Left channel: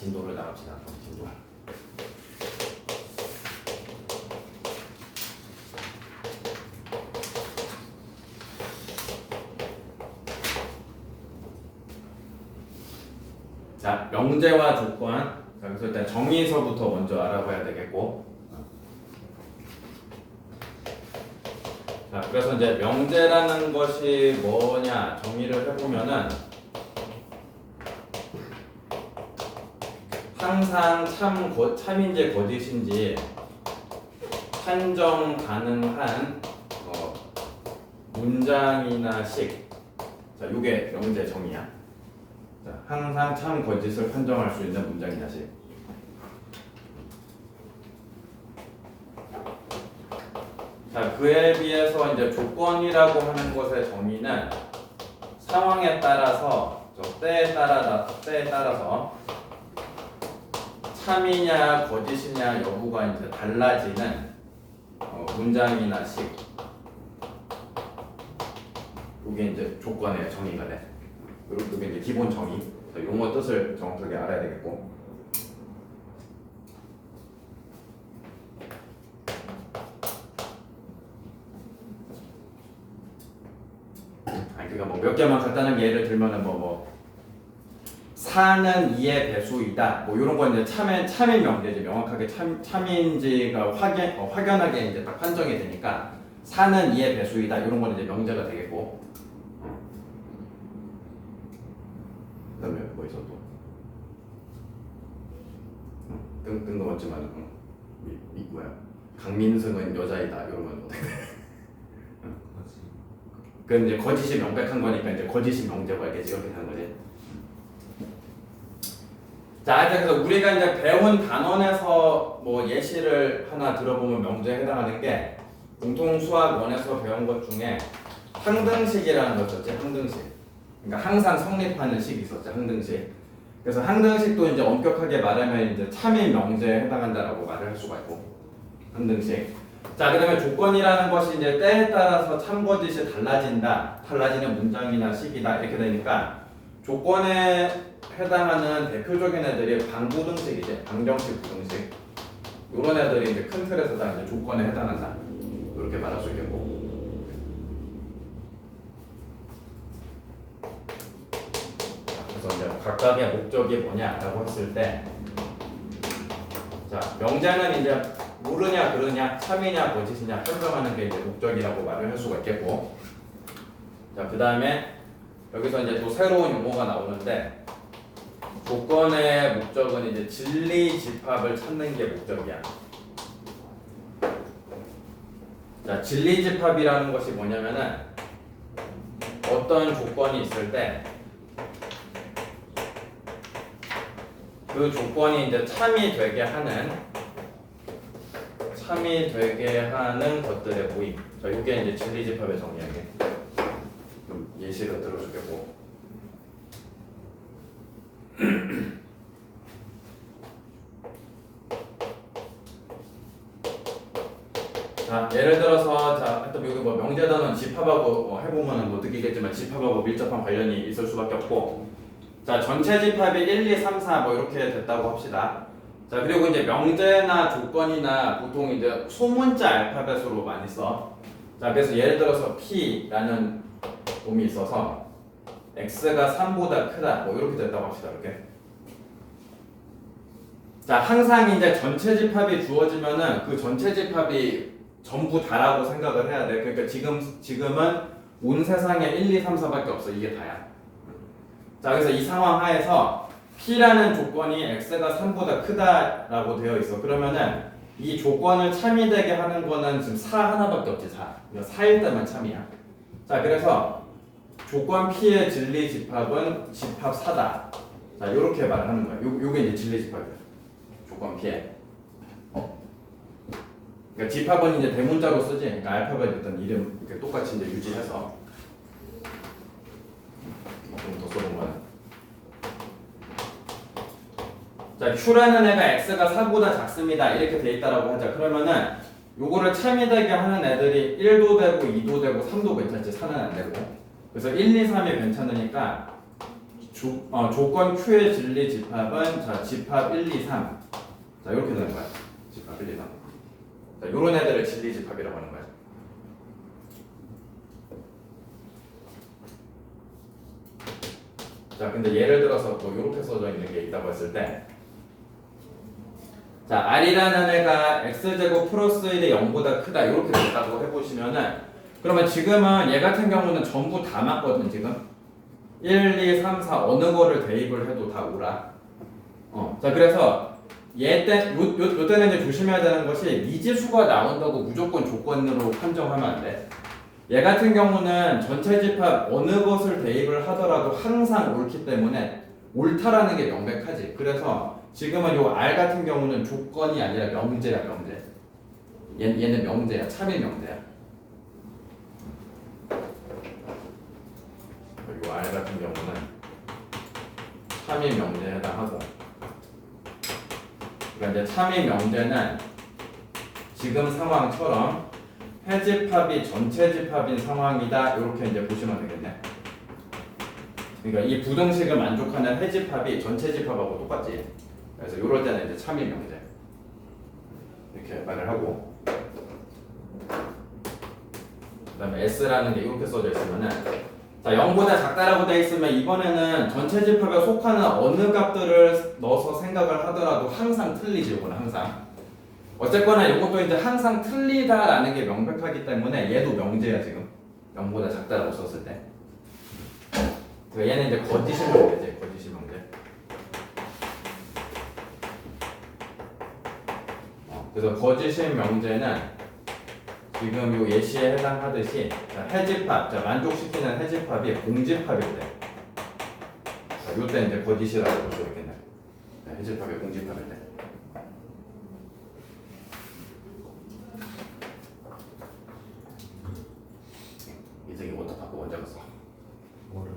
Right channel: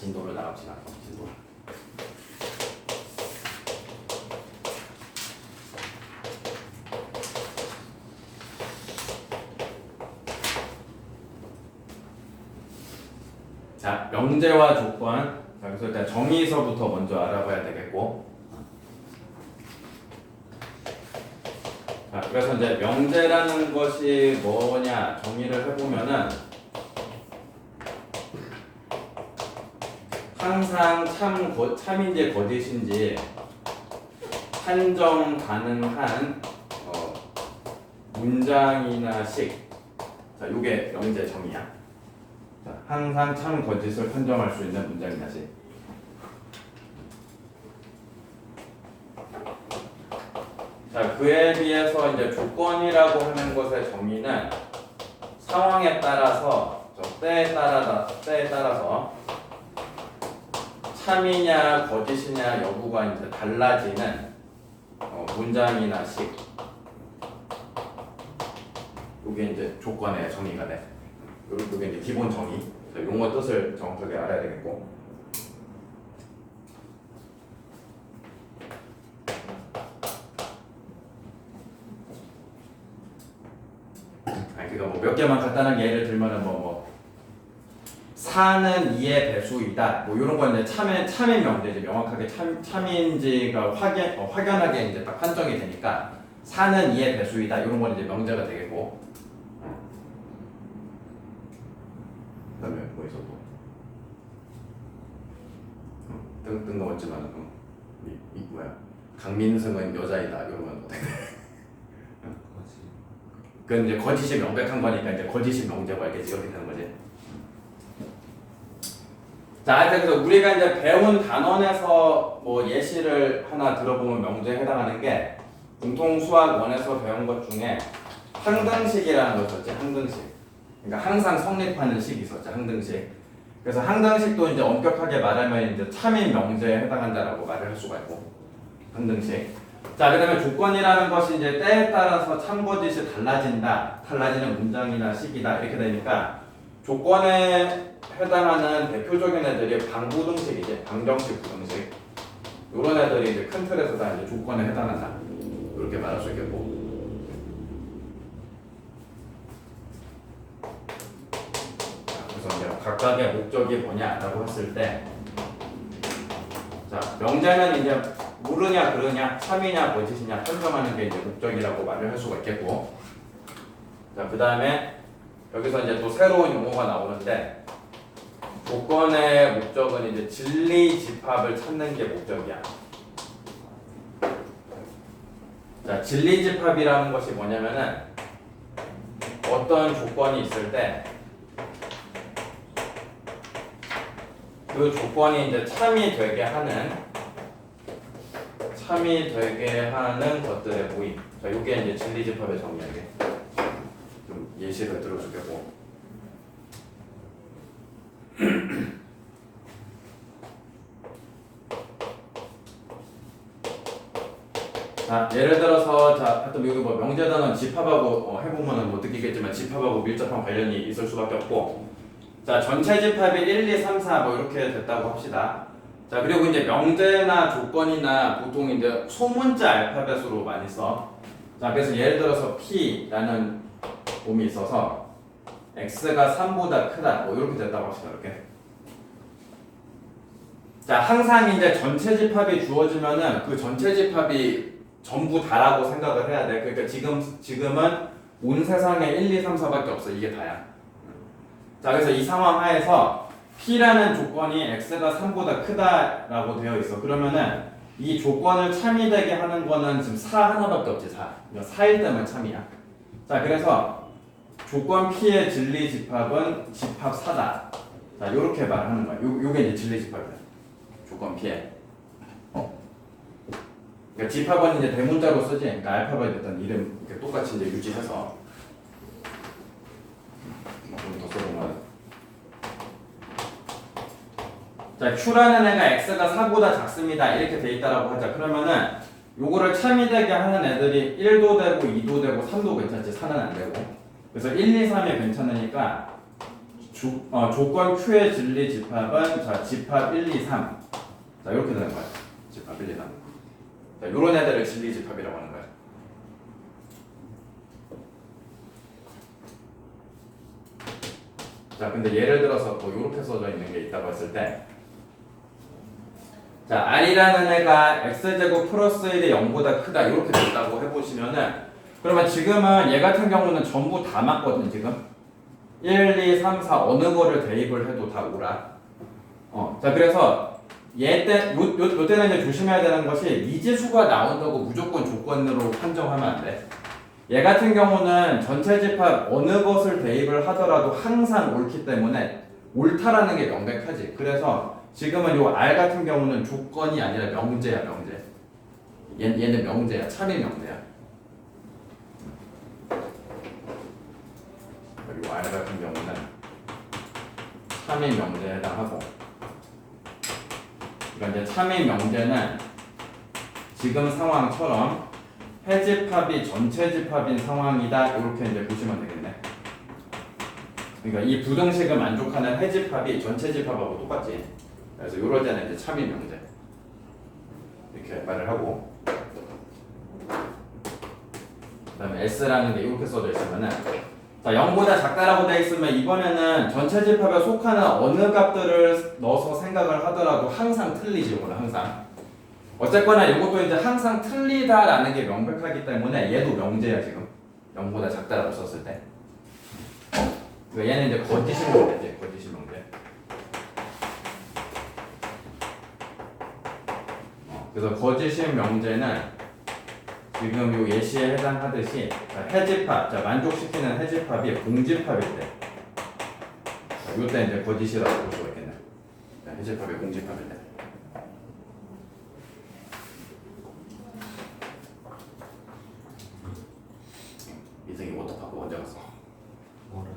진도를 나갑시다. 진도. 자, 명제와 조건. 그래서 일단 정의서부터 먼저 알아봐야 되겠고. 자, 그래서 이제 명제라는 것이 뭐냐 정의를 해보면은 항상 참인지 거짓인지 판정 가능한 문장이나 식. 자, 요게 명제 정의야. 자, 항상 참 거짓을 판정할 수 있는 문장이나 식. 자, 그에 비해서 이제 조건이라고 하는 것의 정의는 상황에 따라서 때에 따라서 참이냐 거짓이냐 여부가 이제 달라지는 문장이나 식. 이게 이제 조건의 정의가 돼. 이게 이제 기본 정의. 용어 뜻을 정확하게 알아야 되겠고. 그러니까 뭐 몇 개만 간단하게 예를 들면은 뭐 4는 2의 배수이다. 뭐 이런 건 이제 참인 명제지. 명확하게 참인지가 확연하게 이제 딱 판정이 되니까 4는 2의 배수이다. 이런 건 이제 명제가 되겠고. 그다음에 뭐 있어 또? 뜬금없지만 뭐야? 강민승은 여자이다. 이런 건 어떻게 돼? 그건 이제 거짓이 명백한 거니까 이제 거짓이 명제고 알겠지? 이렇게 되는 거지. 자, 그래서 우리가 이제 배운 단원에서 뭐 예시를 하나 들어보면 명제에 해당하는 게 공통 수학 1에서 배운 것 중에 항등식이라는 거 있었지. 항등식. 그러니까 항상 성립하는 식이 있었지. 항등식. 그래서 항등식도 이제 엄격하게 말하면 이제 참인 명제에 해당한다라고 말을 할 수가 있고. 항등식. 자, 그다음에 조건이라는 것이 이제 때에 따라서 참거짓이 달라지는 문장이나 식이다 이렇게 되니까 조건에 해당하는 대표적인 애들이 방부등식이지, 방정식 부등식. 이런 애들이 이제 큰 틀에서 다 이제 조건에 해당한다 이렇게 말할 수 있겠고. 그래서 이제 각각의 목적이 뭐냐라고 했을 때, 자, 명제는 이제 물으냐 그르냐, 참이냐 거짓이냐 판정하는 게 이제 목적이라고 말을 할 수가 있겠고. 자, 그 다음에 여기서 이제 또 새로운 용어가 나오는데, 조건의 목적은 이제 진리 집합을 찾는 게 목적이야. 자, 진리 집합이라는 것이 뭐냐면은 어떤 조건이 있을 때 그 조건이 이제 참이 되게 하는 것들의 모임. 자, 이게 이제 진리 집합의 정의야. 이게 좀 예시를 들어주겠고. 자, 예를 들어서 하여튼 여기 뭐 명제단원 집합하고 해보면은 뭐 느끼겠지만 집합하고 밀접한 관련이 있을 수밖에 없고. 자, 전체 집합이 1, 2, 3, 4 뭐 이렇게 됐다고 합시다. 자, 그리고 이제 명제나 조건이나 보통 이제 소문자 알파벳으로 많이 써. 자, 그래서 예를 들어서 P라는 놈이 있어서 X가 3보다 크다 뭐 이렇게 됐다고 합시다. 이렇게. 자, 항상 이제 전체 집합이 주어지면은 그 전체 집합이 전부 다라고 생각을 해야 돼. 그러니까 지금은 온 세상에 1, 2, 3, 4밖에 없어. 이게 다야. 자, 그래서 이 상황 하에서 P라는 조건이 X가 3보다 크다라고 되어 있어. 그러면은 이 조건을 참이 되게 하는 거는 지금 4 하나밖에 없지. 4. 4일 때만 참이야. 자, 그래서 조건 P의 진리 집합은 집합 4다. 자, 요렇게 말하는 거야. 요게 이제 진리 집합이야. 조건 P의. 그러니까 집합은 이제 대문자로 쓰지. 그러니까 알파벳 일단 이름 이렇게 똑같이 이제 유지해서 좀 더 써보면. 자, Q라는 애가 X가 4보다 작습니다. 이렇게 돼 있다라고 하자. 그러면은 요거를 참이 되게 하는 애들이 1도 되고 2도 되고 3도 괜찮지. 4는 안 되고. 그래서 1, 2, 3이 괜찮으니까 조건 Q의 진리 집합은 자 집합 1, 2, 3. 자 이렇게 되는 거야. 집합 1, 2, 3. 자 요런 애들을 진리 집합이라고 하는 거야. 자 근데 예를 들어서 뭐 이렇게 써져 있는 게 있다고 했을 때, 자 R이라는 애가 X제곱 플러스 1이 0보다 크다 이렇게 됐다고 해보시면은, 그러면 지금은 얘 같은 경우는 전부 다 맞거든. 지금 1, 2, 3, 4 어느 거를 대입을 해도 다 오라. 자 그래서 요 때는 이제 조심해야 되는 것이 미지수가 나온다고 무조건 조건으로 판정하면 안 돼. 얘 같은 경우는 전체 집합 어느 것을 대입을 하더라도 항상 옳기 때문에 옳다라는 게 명백하지. 그래서 지금은 요 R 같은 경우는 조건이 아니라 명제야, 명제. 얘는 명제야, 참인 명제야. 요 R 같은 경우는 참인 명제에 해당하고, 그러니까 이제 참인 명제는 지금 상황처럼 해집합이 전체 집합인 상황이다 이렇게 이제 보시면 되겠네. 그러니까 이 부등식을 만족하는 해집합이 전체 집합하고 똑같지. 그래서 이럴 때는 이제 참인 명제 이렇게 말을 하고, 그다음에 S라는 게 이렇게 써져 있으면은, 자 0보다 작다라고 되어 있으면 이번에는 전체 집합에 속하는 어느 값들을 넣어서 생각을 하더라도 항상 틀리지. 이거는 항상. 어쨌거나 이것도 이제 항상 틀리다라는 게 명백하기 때문에 얘도 명제야. 지금 0보다 작다라고 썼을 때. 그러니까 얘는 이제 거짓이 명제지. 거짓이 명제. 그래서 거짓인 명제는 지금 요 예시에 해당하듯이, 자, 해집합, 자 만족시키는 해집합이 공집합일 때, 자, 요때 이제 거짓이라고 볼 수 있겠네. 자, 해집합이 공집합일 때. 인생이 어떻게 바꾸고 언제 갔어? 뭐를?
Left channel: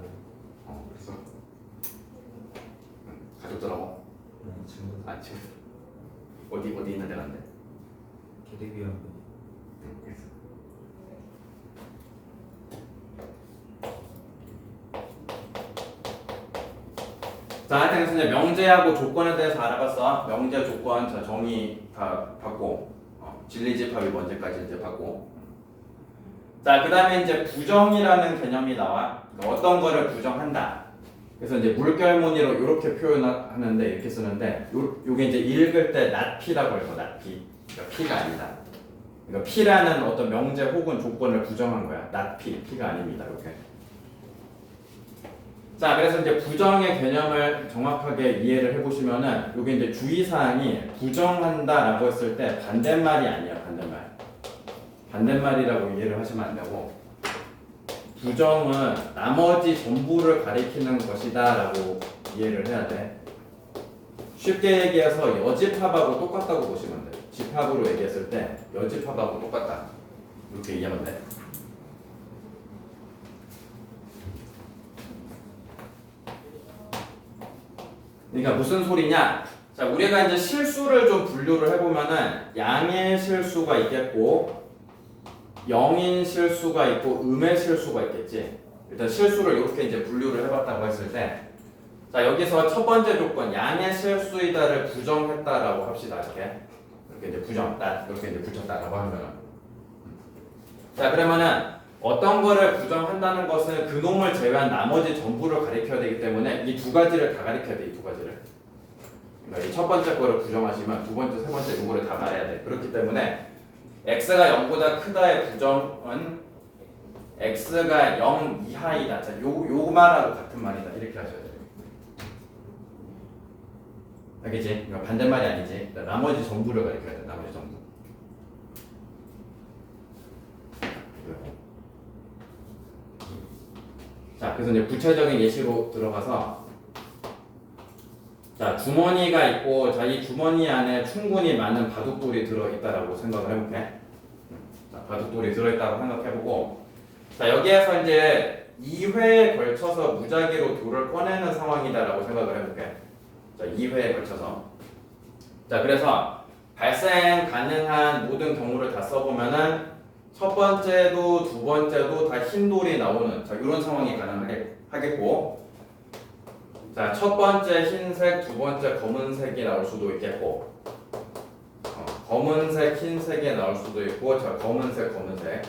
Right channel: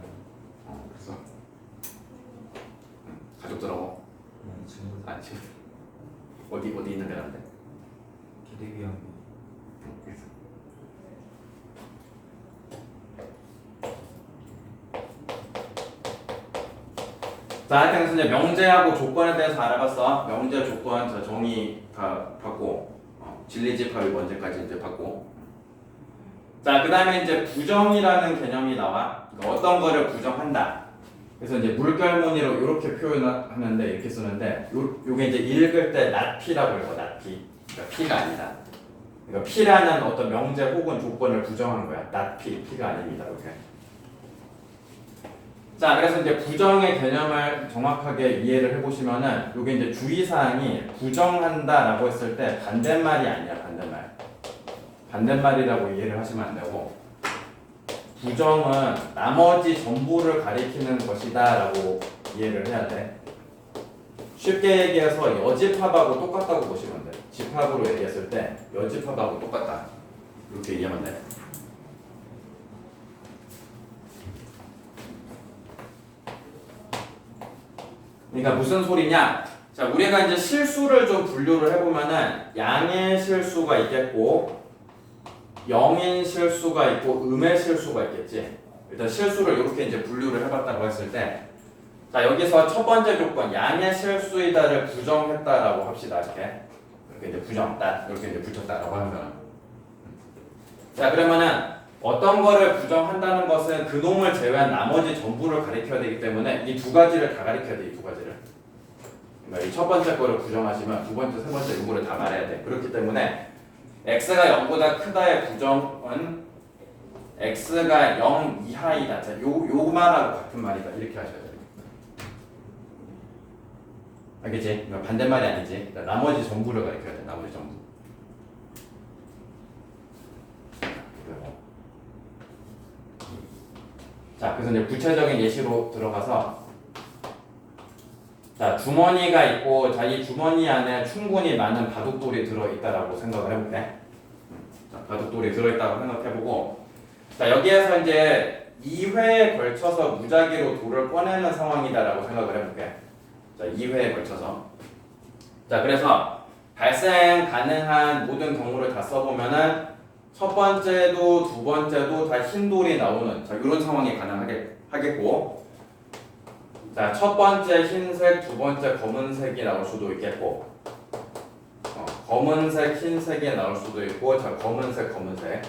그래서 가족들하고 친구 지금 어디 있는 데란데? 개대기하고 자, 하여튼 이제 명제하고 조건에 대해서 알아봤어. 명제, 조건, 자, 정의 다 받고, 진리집합이 뭔지까지 이제 받고. 자, 그 다음에 이제 부정이라는 개념이 나와. 그러니까 어떤 거를 부정한다. 그래서 이제 물결무늬로 이렇게 표현하는데, 이렇게 쓰는데, 요게 이제 읽을 때 낫피라고 해요. 낫피. 그러니까 피가 아니다. 그러니까 피라는 어떤 명제 혹은 조건을 부정한 거야. 낫피, 피가 아닙니다. 이렇게. 자, 그래서 이제 부정의 개념을 정확하게 이해를 해보시면은, 요게 이제 주의사항이 부정한다라고 했을 때 반대말이 아니야. 반대말. 반대말이라고 이해를 하시면 안 되고, 부정은 나머지 전부를 가리키는 것이다라고 이해를 해야 돼. 쉽게 얘기해서 여집합하고 똑같다고 보시면 돼. 집합으로 얘기했을 때 여집합하고 똑같다. 이렇게 얘기하면 돼. 그러니까 무슨 소리냐? 자, 우리가 이제 실수를 좀 분류를 해보면은 양의 실수가 있겠고, 영인 실수가 있고, 음의 실수가 있겠지. 일단 실수를 이렇게 이제 분류를 해봤다고 했을 때, 자 여기서 첫 번째 조건 양의 실수이다를 부정했다라고 합시다. 이렇게 이제 부정다 이렇게 이제 붙였다라고 하면, 자 그러면은 어떤 거를 부정한다는 것은 그놈을 제외한 나머지 전부를 가리켜야 되기 때문에 이 두 가지를 다 가리켜야 돼. 이 두 가지를. 그러니까 이 첫 번째 거를 부정하시면 두 번째, 세 번째 요거를 다 말해야 돼. 그렇기 때문에 x가 0보다 크다의 부정은 x가 0 이하이다. 자, 요 말하고 같은 말이다. 이렇게 하셔야 돼요. 알겠지? 그러니까 반대말이 아니지. 그러니까 나머지 전부를 가리켜야 돼. 나머지 전부. 자, 그래서 이제 구체적인 예시로 들어가서, 자 주머니가 있고, 자 이 주머니 안에 충분히 많은 바둑돌이 들어있다라고 생각을 해볼게. 자, 바둑돌이 들어있다고 생각해보고, 자 여기에서 이제 2회에 걸쳐서 무작위로 돌을 꺼내는 상황이다라고 생각을 해볼게. 자 2회에 걸쳐서. 자 그래서 발생 가능한 모든 경우를 다 써보면은 첫 번째도 두 번째도 다 흰 돌이 나오는, 자 이런 상황이 가능하겠고, 자, 첫 번째 흰색, 두 번째 검은색이 나올 수도 있겠고, 검은색, 흰색이 나올 수도 있고, 자, 검은색, 검은색.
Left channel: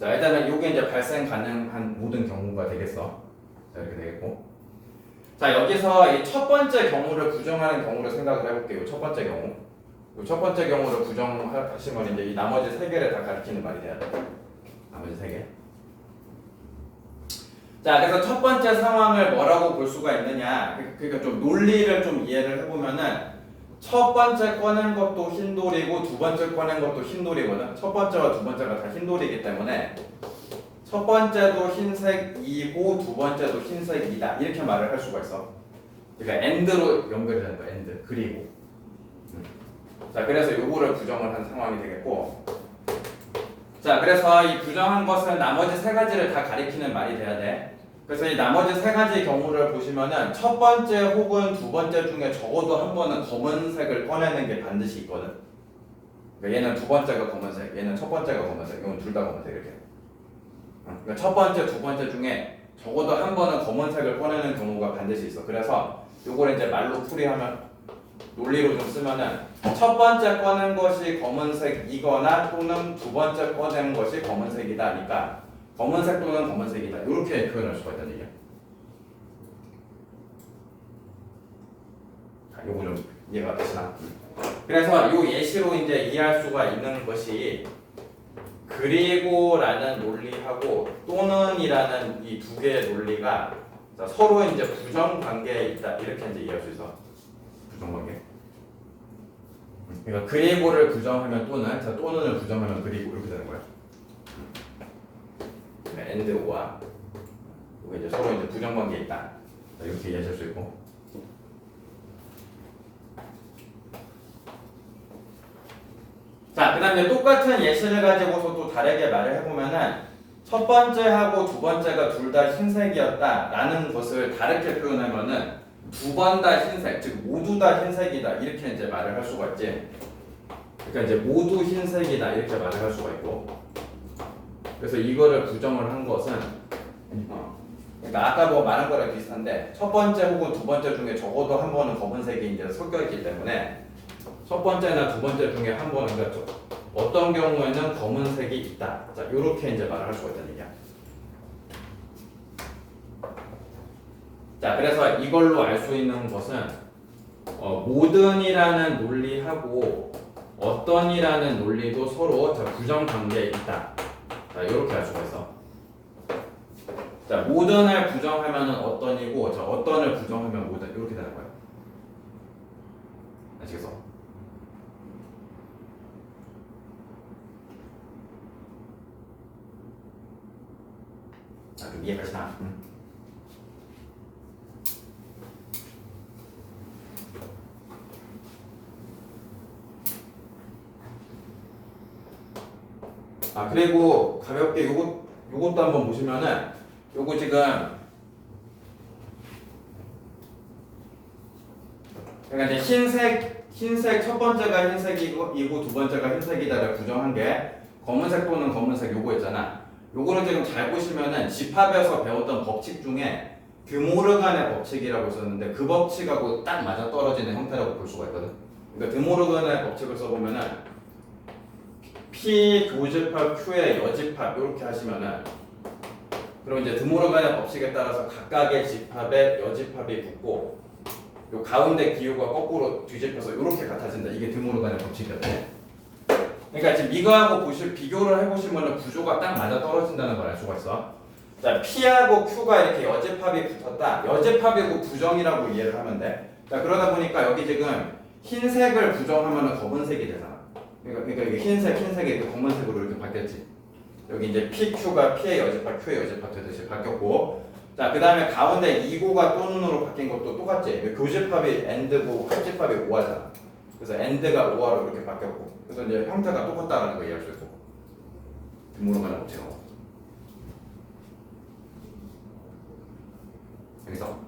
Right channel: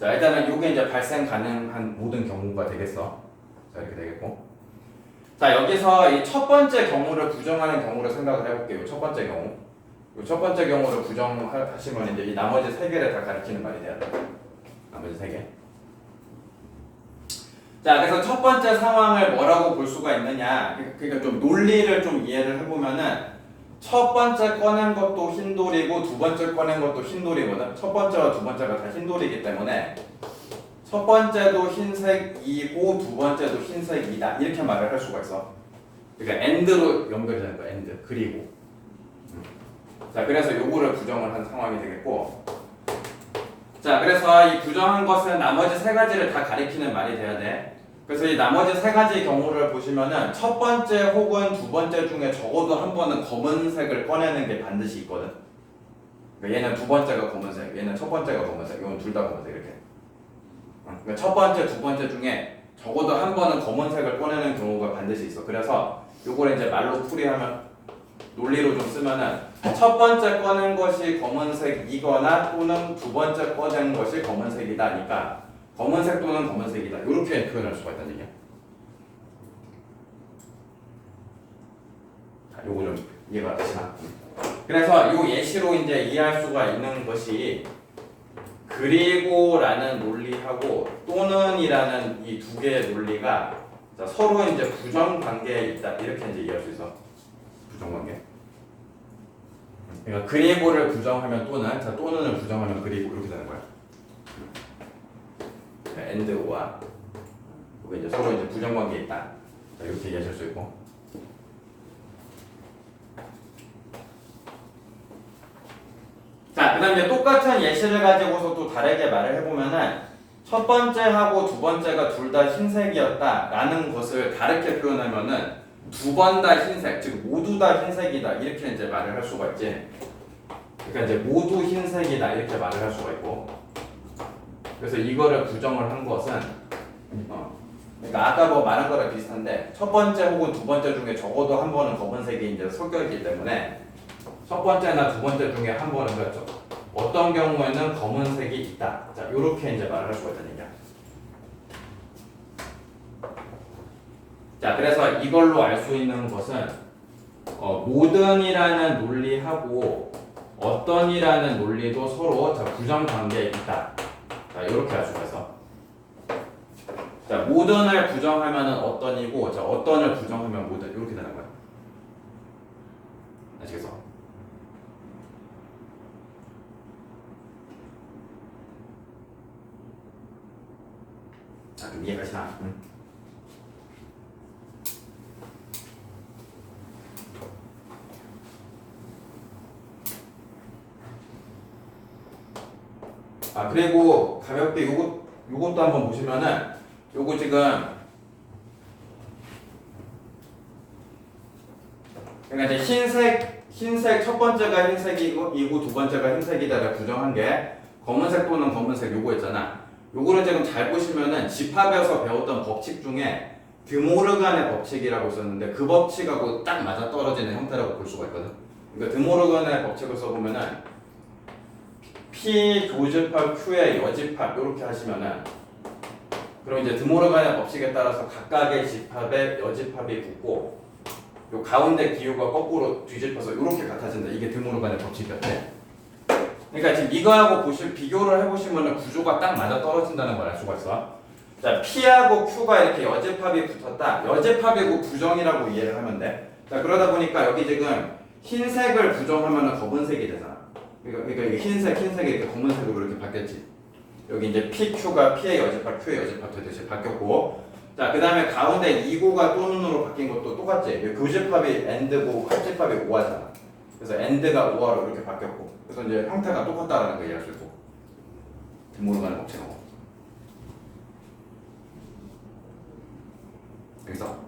자, 일단은 요게 이제 발생 가능한 모든 경우가 되겠어. 자, 이렇게 되겠고. 자, 여기서 이 첫 번째 경우를 부정하는 경우를 생각을 해볼게요. 첫 번째 경우. 이 첫 번째 경우를 부정하시면 이제 이 나머지 세 개를 다 가리키는 말이 돼야 돼. 나머지 세 개. 자, 그래서 첫 번째 상황을 뭐라고 볼 수가 있느냐. 그러니까 좀 논리를 좀 이해를 해보면은 첫 번째 꺼낸 것도 흰돌이고 두 번째 꺼낸 것도 흰돌이거든. 첫 번째와 두 번째가 다 흰돌이기 때문에 첫 번째도 흰색이고 두 번째도 흰색이다. 이렇게 말을 할 수가 있어. 그러니까 AND로 연결되는 거야. AND. 그리고. 자, 그래서 요거를 부정을 한 상황이 되겠고. 자, 그래서 이 부정한 것은 나머지 세 가지를 다 가리키는 말이 돼야 돼. 그래서 이 나머지 세 가지 경우를 보시면은 첫 번째 혹은 두 번째 중에 적어도 한 번은 검은색을 꺼내는 게 반드시 있거든. 그러니까 얘는 두 번째가 검은색, 얘는 첫 번째가 검은색, 이건 둘 다 검은색 이렇게. 그러니까 첫 번째, 두 번째 중에 적어도 한 번은 검은색을 꺼내는 경우가 반드시 있어. 그래서 요걸 이제 말로 풀이하면 논리로 좀 쓰면은 첫 번째 꺼낸 것이 검은색이거나 또는 두 번째 꺼낸 것이 검은색이다니까 검은색 또는 검은색이다 이렇게 표현할 수가 있다는 얘기야. 자, 요거 좀 이해가 되시나? 그래서 요 예시로 이제 이해할 수가 있는 것이 그리고라는 논리하고 또는이라는 이 두 개의 논리가 서로 이제 부정 관계에 있다 이렇게 이제 이해할 수 있어. 부정 관계. 그러니까 그리고를 부정하면 또는, 자 또는을 부정하면 그리고 이렇게 되는 거야. 그러니까 and or와 이게 이제 서로 이제 부정 관계에 있다. 자, 이렇게 이해하실 수 있고. 자, 그다음에 똑같은 예시를 가지고서 또 다르게 말을 해보면은 첫 번째하고 두 번째가 둘 다 흰색이었다라는 것을 다르게 표현하면은 두 번 다 흰색, 즉 모두 다 흰색이다 이렇게 이제 말을 할 수가 있지. 그러니까 이제 모두 흰색이다 이렇게 말을 할 수가 있고. 그래서 이거를 부정을 한 것은 그러니까 아까 뭐 말한 거랑 비슷한데 첫 번째 혹은 두 번째 중에 적어도 한 번은 검은색이 이제 섞여 있기 때문에 첫 번째나 두 번째 중에 한 번은 그렇죠. 어떤 경우에는 검은색이 있다. 자, 이렇게 이제 말을 할 수가 있다는 얘기야. 자, 그래서 이걸로 알 수 있는 것은 모든이라는 논리하고 어떤이라는 논리도 서로 자, 부정 관계에 있다. 자, 이렇게 알 수가 있어. 자, 모든을 부정하면은 어떤이고, 자, 어떤을 부정하면 모든 이렇게 되는 거야. 아시겠어? 자, 좀 이해가시나? 응? 아, 그리고 가볍게 요것도 한번 보시면은 요거 지금 그러니까 이제 흰색 첫 번째가 흰색이고 두 번째가 흰색이다를 부정한 게 검은색 또는 검은색 요거 있잖아. 요거는 지금 잘 보시면은 집합에서 배웠던 법칙 중에 드모르간의 법칙이라고 있었는데 그 법칙하고 딱 맞아 떨어지는 형태라고 볼 수가 있거든. 그러니까 드모르간의 법칙을 써보면은 P 교집합 Q의 여집합 이렇게 하시면은 그럼 이제 드모르간의 법칙에 따라서 각각의 집합에 여집합이 붙고 요 가운데 기호가 거꾸로 뒤집혀서 이렇게 같아진다. 이게 드모르간의 법칙이었대. 그러니까 지금 이거하고 비교를 해보시면은 구조가 딱 맞아 떨어진다는 걸 알 수가 있어. 자, P하고 Q가 이렇게 여집합이 붙었다. 여집합이고 부정이라고 이해를 하면 돼. 자, 그러다 보니까 여기 지금 흰색을 부정하면은 검은색이 되잖아. 그러니까 이게 흰색이 이렇게 검은색으로 이렇게 바뀌었지. 여기 이제 PQ가 P의 여집합, Q의 여집합 되듯이 바뀌었고, 자, 그 다음에 가운데 2고가 또는으로 바뀐 것도 똑같지. 교집합이 AND고 합집합이 OR잖아. 그래서 AND가 OR로 이렇게 바뀌었고, 그래서 이제 형태가 똑같다라는 걸 이해할 수 있고, 드모르간의 법칙하고. 여기서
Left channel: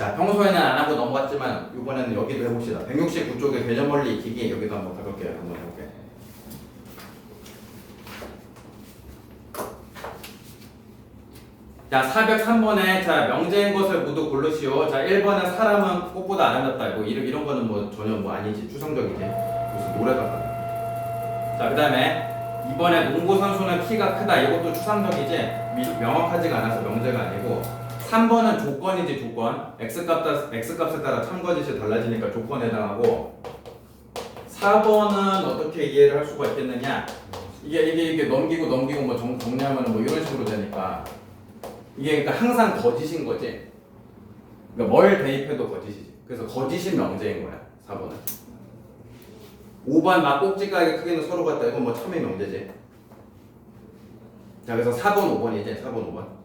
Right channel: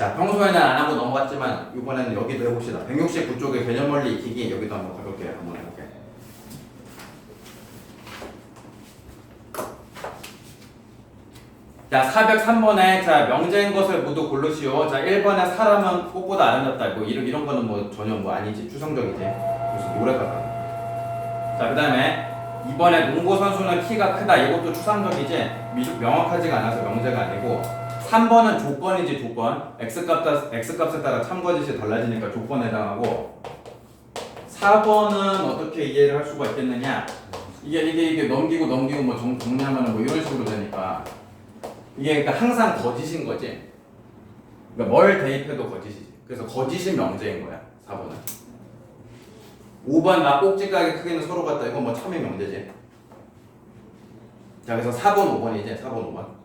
자, 평소에는 안 하고 넘어갔지만 이번에는 여기도 해봅시다. 169쪽에 개념 원리 익히기 여기도 한번 가볍게 한번 해볼게. 자, 403번에 자 명제인 것을 모두 고르시오. 자, 1번에 사람은 꽃보다 아름답다. 뭐 이런 거는 뭐 전혀 뭐 아니지, 추상적이지. 무슨 노래가. 자, 그다음에 2번에 농구 선수는 키가 크다. 이것도 추상적이지. 명확하지가 않아서 명제가 아니고. 3번은 조건이지, 조건. x값에 따라 참거짓이 달라지니까 조건에 해당하고. 4번은 어떻게 이해를 할 수가 있겠느냐? 이게 넘기고 뭐 정리하면 뭐 이런 식으로 되니까. 이게 그러니까 항상 거짓인 거지. 그러니까 뭘 대입해도 거짓이지. 그래서 거짓이 명제인 거야. 4번은. 5번 막 꼭지가게 크기는 서로 같다. 이건 뭐 참의 명제지. 자, 그래서 4번, 5번이지. 4번, 5번.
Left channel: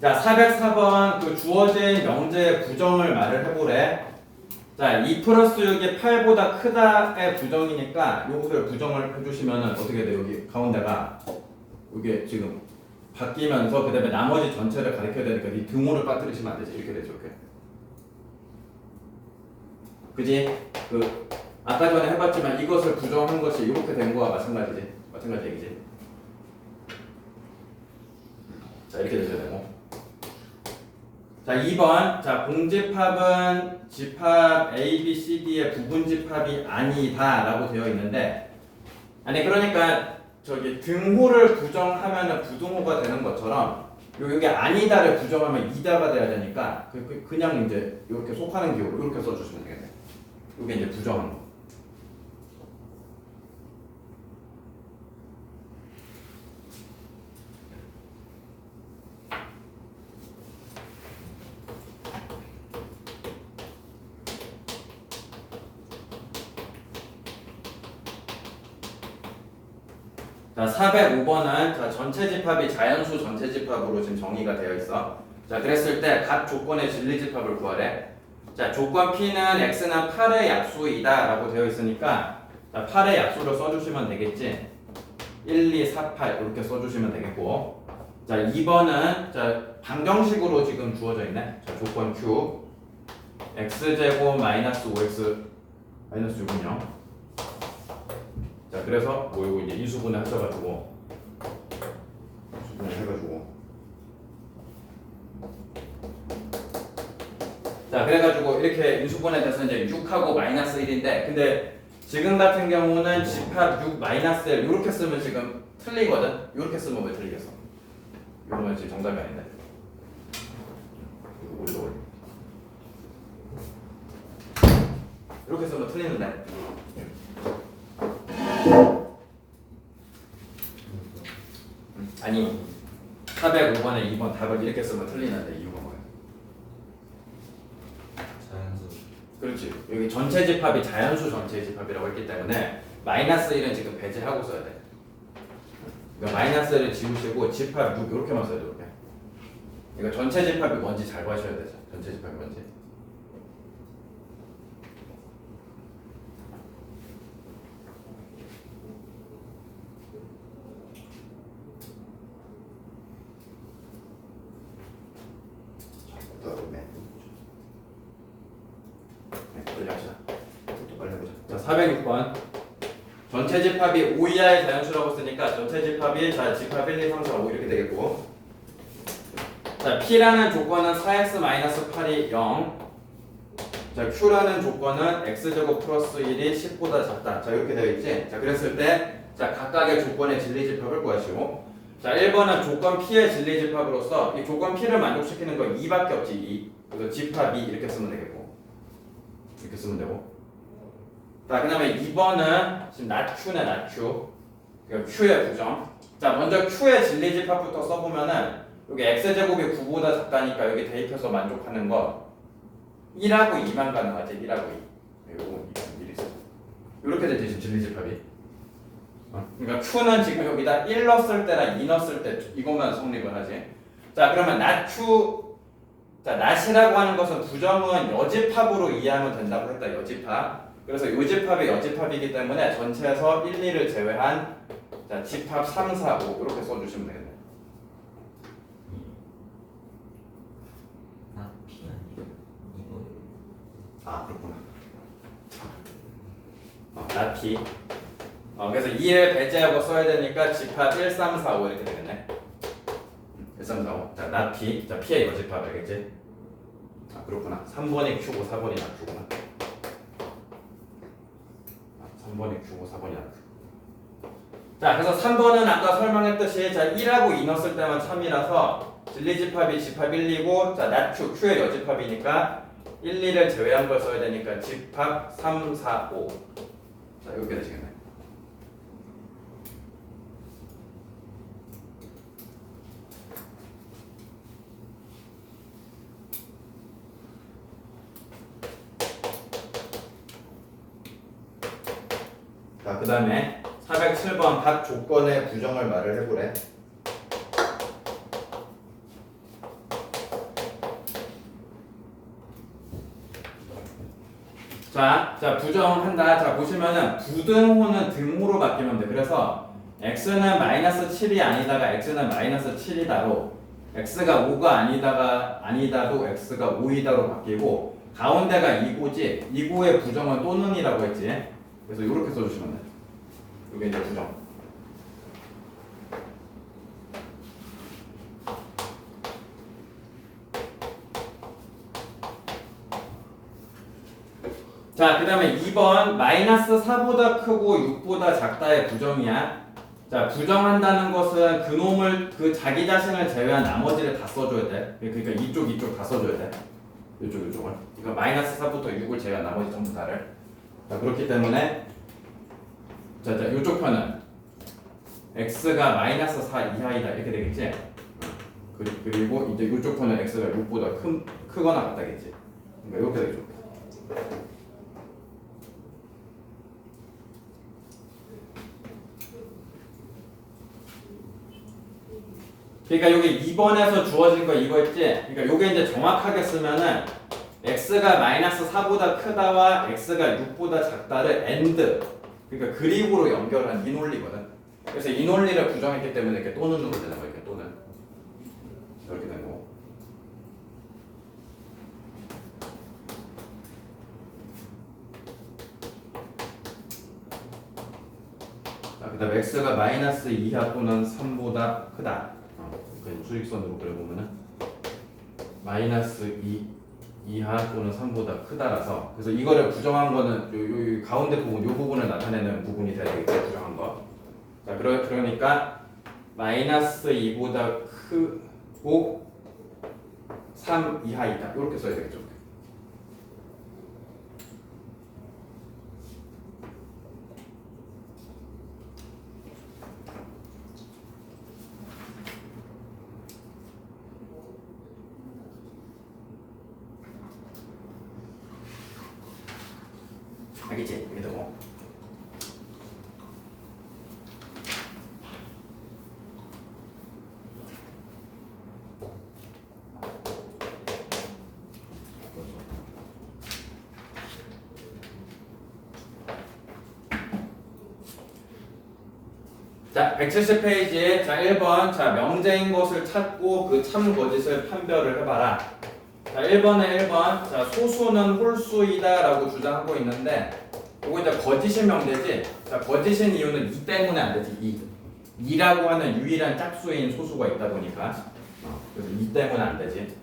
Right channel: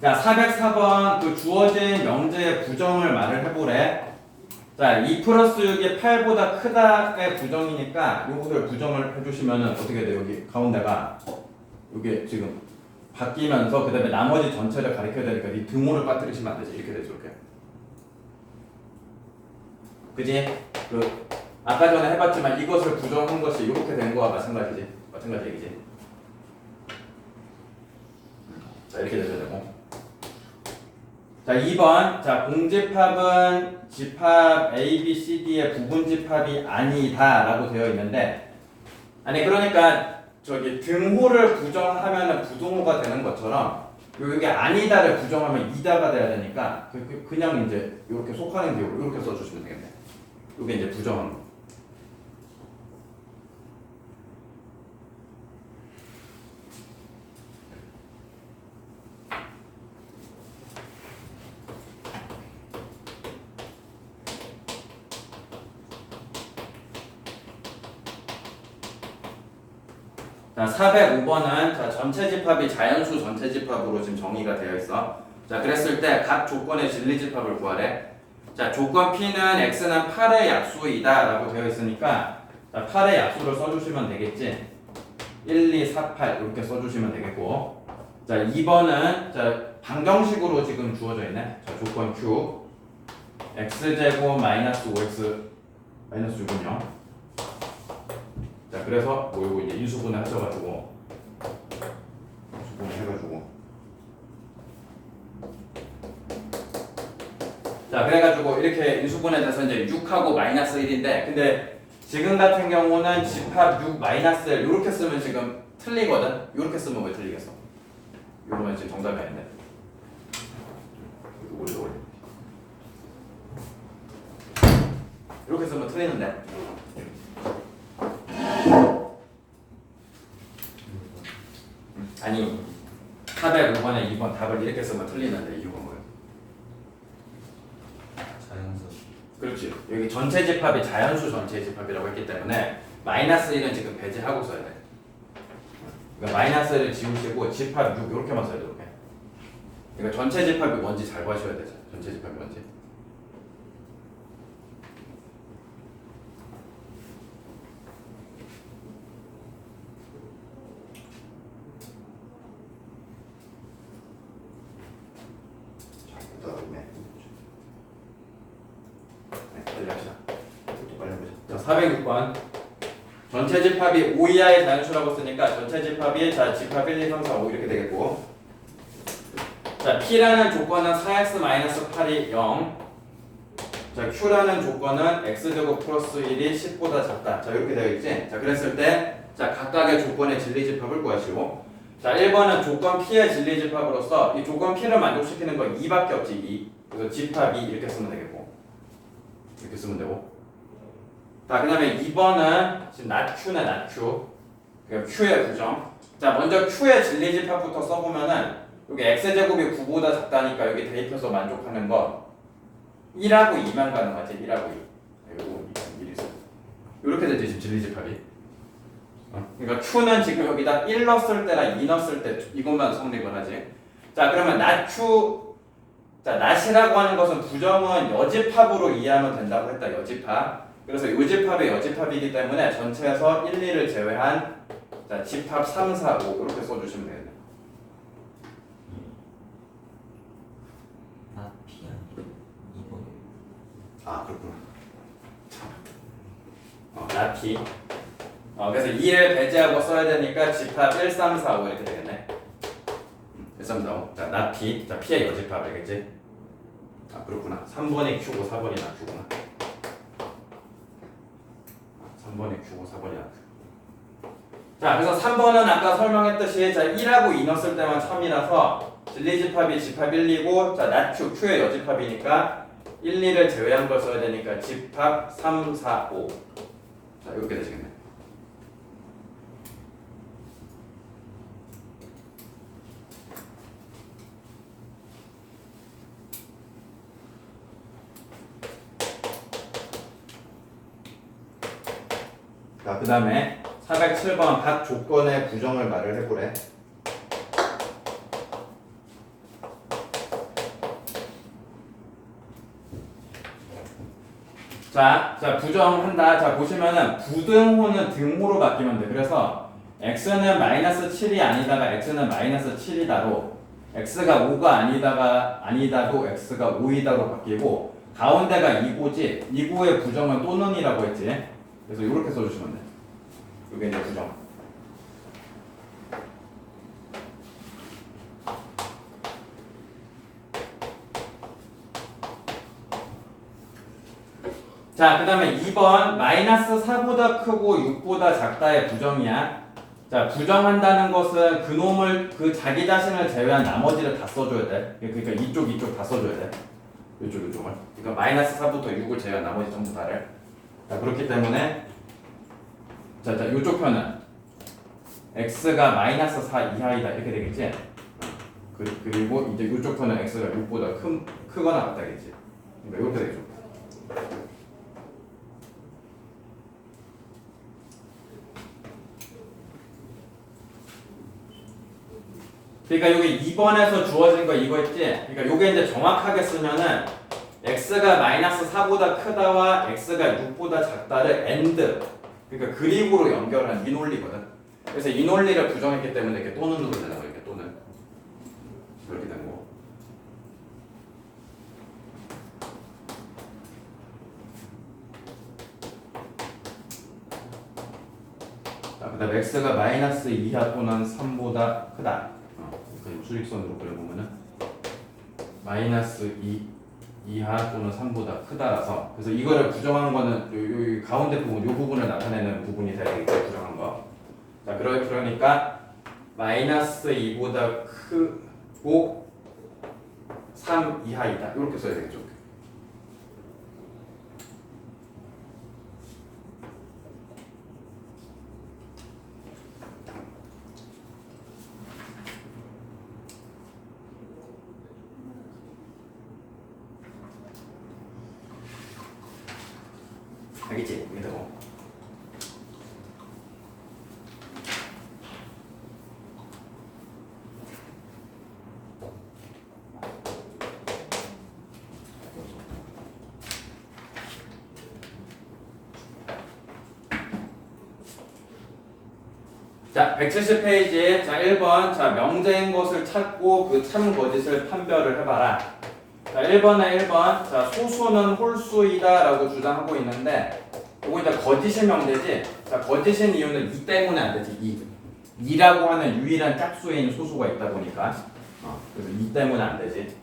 자, 404번 그 주어진 명제의 부정을 말을 해보래. 자, 2 플러스 6이 8보다 크다의 부정이니까 요것을 부정을 해주시면은 어떻게 돼? 여기 가운데가 이게 지금 바뀌면서 그 다음에 나머지 전체를 가리켜야 되니까 이 등호를 빠뜨리시면 안 되지. 이렇게 되죠. 이렇게. 그지? 그 아까 전에 해봤지만 이것을 부정한 것이 이렇게 된 거와 마찬가지지. 마찬가지 얘기지. 자, 이렇게 되죠. 되고. 자, 2번. 자, 공집합은 집합 A, B, C, D의 부분집합이 아니다 라고 되어 있는데, 아니 그러니까 저기 등호를 부정하면 부등호가 되는 것처럼 여기 아니다를 부정하면 이다가 돼야 되니까 그냥 이제 이렇게 속하는 기호로 이렇게 써주시면 되겠네. 이게 이제 부정하는 거. 자, 405번은 자, 전체 집합이 자연수 전체 집합으로 지금 정의가 되어 있어. 자, 그랬을 때 각 조건의 진리 집합을 구하래. 자, 조건 P는 X는 8의 약수이다 라고 되어 있으니까 자, 8의 약수를 써주시면 되겠지. 1, 2, 4, 8 이렇게 써주시면 되겠고. 자, 2번은 자, 방정식으로 지금 주어져 있네. 자, 조건 Q X제곱 마이너스 5X 마이너스 6은 0. 자, 그래서 뭐 이거 이제 인수분해 하셔가지고 인수분해 해가지고 자, 그래가지고 이렇게 인수분해 돼서 이제 6하고 마이너스 1인데, 근데 지금 같은 경우는 집합 6 마이너스 1 이렇게 쓰면 지금 틀리거든. 이렇게 쓰면 왜 틀리겠어? 이러면 지금 정답이 아닌데. 이렇게 쓰면 틀리는데. 아니 405번에 2번 답을 이렇게 쓰면 틀리는데 이유가 뭐야? 자연수. 그렇지. 여기 전체 집합이 자연수 전체 집합이라고 했기 때문에 마이너스 1은 지금 배제하고 써야 돼. 그러니까 마이너스 1을 지우시고 집합 6 이렇게만 써야 돼. 이렇게. 그러니까 전체 집합이 뭔지 잘 봐셔야 되죠. 전체 집합이 뭔지. 자, 406번 전체 집합이 5 이하의 자연수라고 쓰니까 전체 집합이 자 집합 1, 2, 3, 4, 5 이렇게 되겠고, 자 P라는 조건은 4x-8이 0, 자 Q라는 조건은 x제곱 플러스 1이 10보다 작다. 자 이렇게 되어 있지. 자 그랬을 때 자 각각의 조건의 진리 집합을 구하시고, 자 1번은 조건 P의 진리 집합으로서 이 조건 P를 만족시키는 거 2밖에 없지. 2. 그래서 집합 2 이렇게 쓰면 되겠고, 이렇게 쓰면 되고. 자, 그 다음에 2번은 지금 not Q네, not Q. Q의 부정. 자, 먼저 Q의 진리 집합부터 써보면은 여기 X제곱이 9보다 작다니까 여기 대입해서 만족하는 거 1하고 2만 가능하지. 1하고 2. 이거 1 있어. 이렇게 되지, 지금 진리 집합이. 그러니까 Q는 지금 여기다 1 넣었을 때랑 2 넣었을 때 이것만 성립을 하지. 자, 그러면 not Q. 자, not이라고 하는 것은 부정은 여집합으로 이해하면 된다고 했다. 여집합. 그래서 요집합의 여집합이기 때문에 전체에서 1, 2를 제외한 자, 집합 3, 4, 5 이렇게 써주시면 되겠네. 나 P 아니야? 이거 아, 그렇구나. 나티. 그래서 2를 배제하고 써야 되니까 집합 1, 3, 4, 5 이렇게 되겠네. 1, 3, 4, 5. 자, 나티. 자, P의 여집합 알겠지? 아, 그렇구나. 3번이 Q고 4번이 Q구나. 3번이 Q고 4번이 Q. 자, 그래서 3번은 아까 설명했듯이 자, 1하고 2 넣었을 때만 참이라서 진리집합이 집합 1, 2고 자, 나Q, Q의 여집합이니까 1, 2를 제외한 걸 써야 되니까 집합 3, 4, 5. 자, 이렇게 되시겠네. 자, 그 다음에 407번 각 조건의 부정을 말을 해보래. 자, 부정한다. 자, 보시면은 부등호는 등호로 바뀌면 돼. 그래서 x는 마이너스 7이 아니다가 x는 마이너스 7이다로 x가 5가 아니다도 x가 5이다로 바뀌고 가운데가 2고지 2고의 부정은 또는이라고 했지. 그래서 이렇게 써주시면 돼. 이게 이제 부정. 자, 그 다음에 2번 마이너스 4보다 크고 6보다 작다의 부정이야. 자, 부정한다는 것은 그 자기 자신을 제외한 나머지를 다 써줘야 돼. 그러니까 이쪽 다 써줘야 돼. 이쪽을. 그러니까 마이너스 4부터 6을 제외한 나머지 전부 다를. 자, 그렇기 때문에 자, 이쪽 편은 x가 마이너스 4 이하이다 이렇게 되겠지. 그리고 이제 이쪽 편은 x가 6보다 크거나 같다겠지. 그러니까 이렇게 되겠죠. 그러니까 여기 2번에서 주어진 거 이거 있지? 그러니까 요게 이제 정확하게 쓰면은 x가 마이너스 4보다 크다와 x가 6보다 작다를 and 그러니까 그리고로 연결한 이 논리거든. 그래서 이 논리를 부정했기 때문에 이렇게 또는으로 되는 거야. 이렇게 또는 이렇게 되는 거. 자, 그다음 x가 마이너스 2하 또는 3보다 크다. 그러니까 수직선으로 그려보면은 마이너스 2하 또는 3보다 크다라서 그래서 이거를 부정한 거는 요 가운데 부분 요 부분을 나타내는 부분이 돼야 되겠죠. 부정한 거. 자, 그러니까 마이너스 2보다 크고 3 이하이다. 이렇게 써야 되겠죠. 알겠지? 여기다 뭐. 자, 170페이지. 자, 1번. 자, 명제인 것을 찾고 그 참 거짓을 판별을 해봐라. 자, 1번에 1번. 자, 소수는 홀수이다 라고 주장하고 있는데 이거 이제 거짓의 명제지. 자, 거짓인 이유는 2 때문에 안 되지. 2라고 하는 유일한 짝수인 소수가 있다 보니까 그래서 2 때문에 안 되지.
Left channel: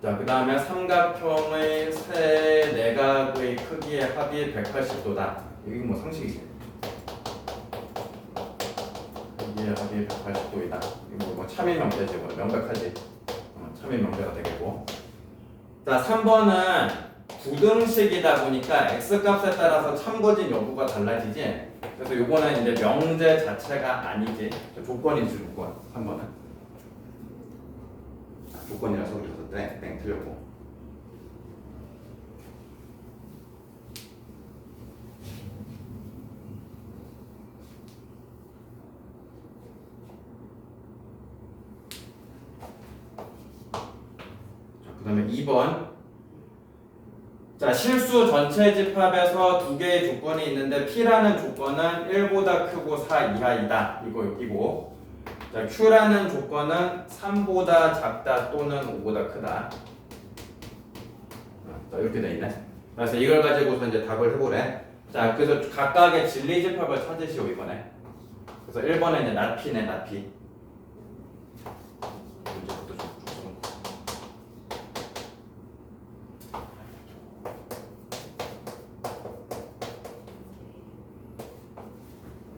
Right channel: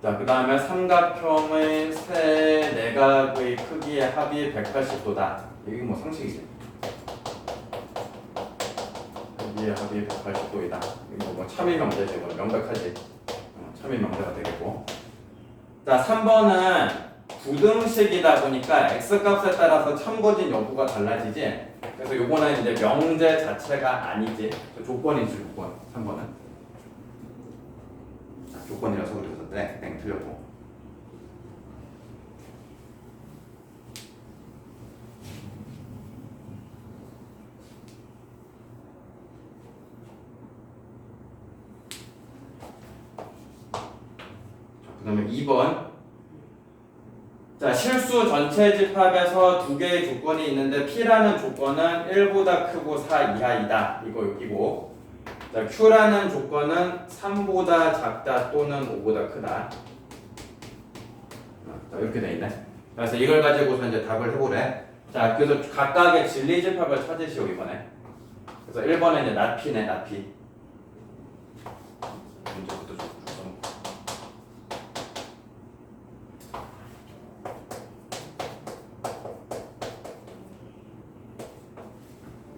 자, 그 다음에 삼각형의 세 내각의 크기의 합이 180도다. 이게 뭐 상식이지. 크기의 합이 180도이다. 이거 뭐 참의 명제지. 뭐 명백하지. 참의 명제가 되겠고. 자, 3번은 부등식이다 보니까 x값에 따라서 참거짓 여부가 달라지지. 그래서 요거는 이제 명제 자체가 아니지. 조건이지 조건. 3번은 조건이라서 그래서 땡 틀렸고. 그 다음에 2번. 자, 실수 전체 집합에서 두 개의 조건이 있는데 P라는 조건은 1보다 크고 4 이하이다. 이거. 자, Q라는 조건은 3보다 작다 또는 5보다 크다. 자, 이렇게 돼 있네. 그래서 이걸 가지고서 이제 답을 해보래. 자, 그래서 각각의 진리 집합을 찾으시오 이번에. 그래서 1번은 이제 not P네, not P. 문제부터 좀 써놓고.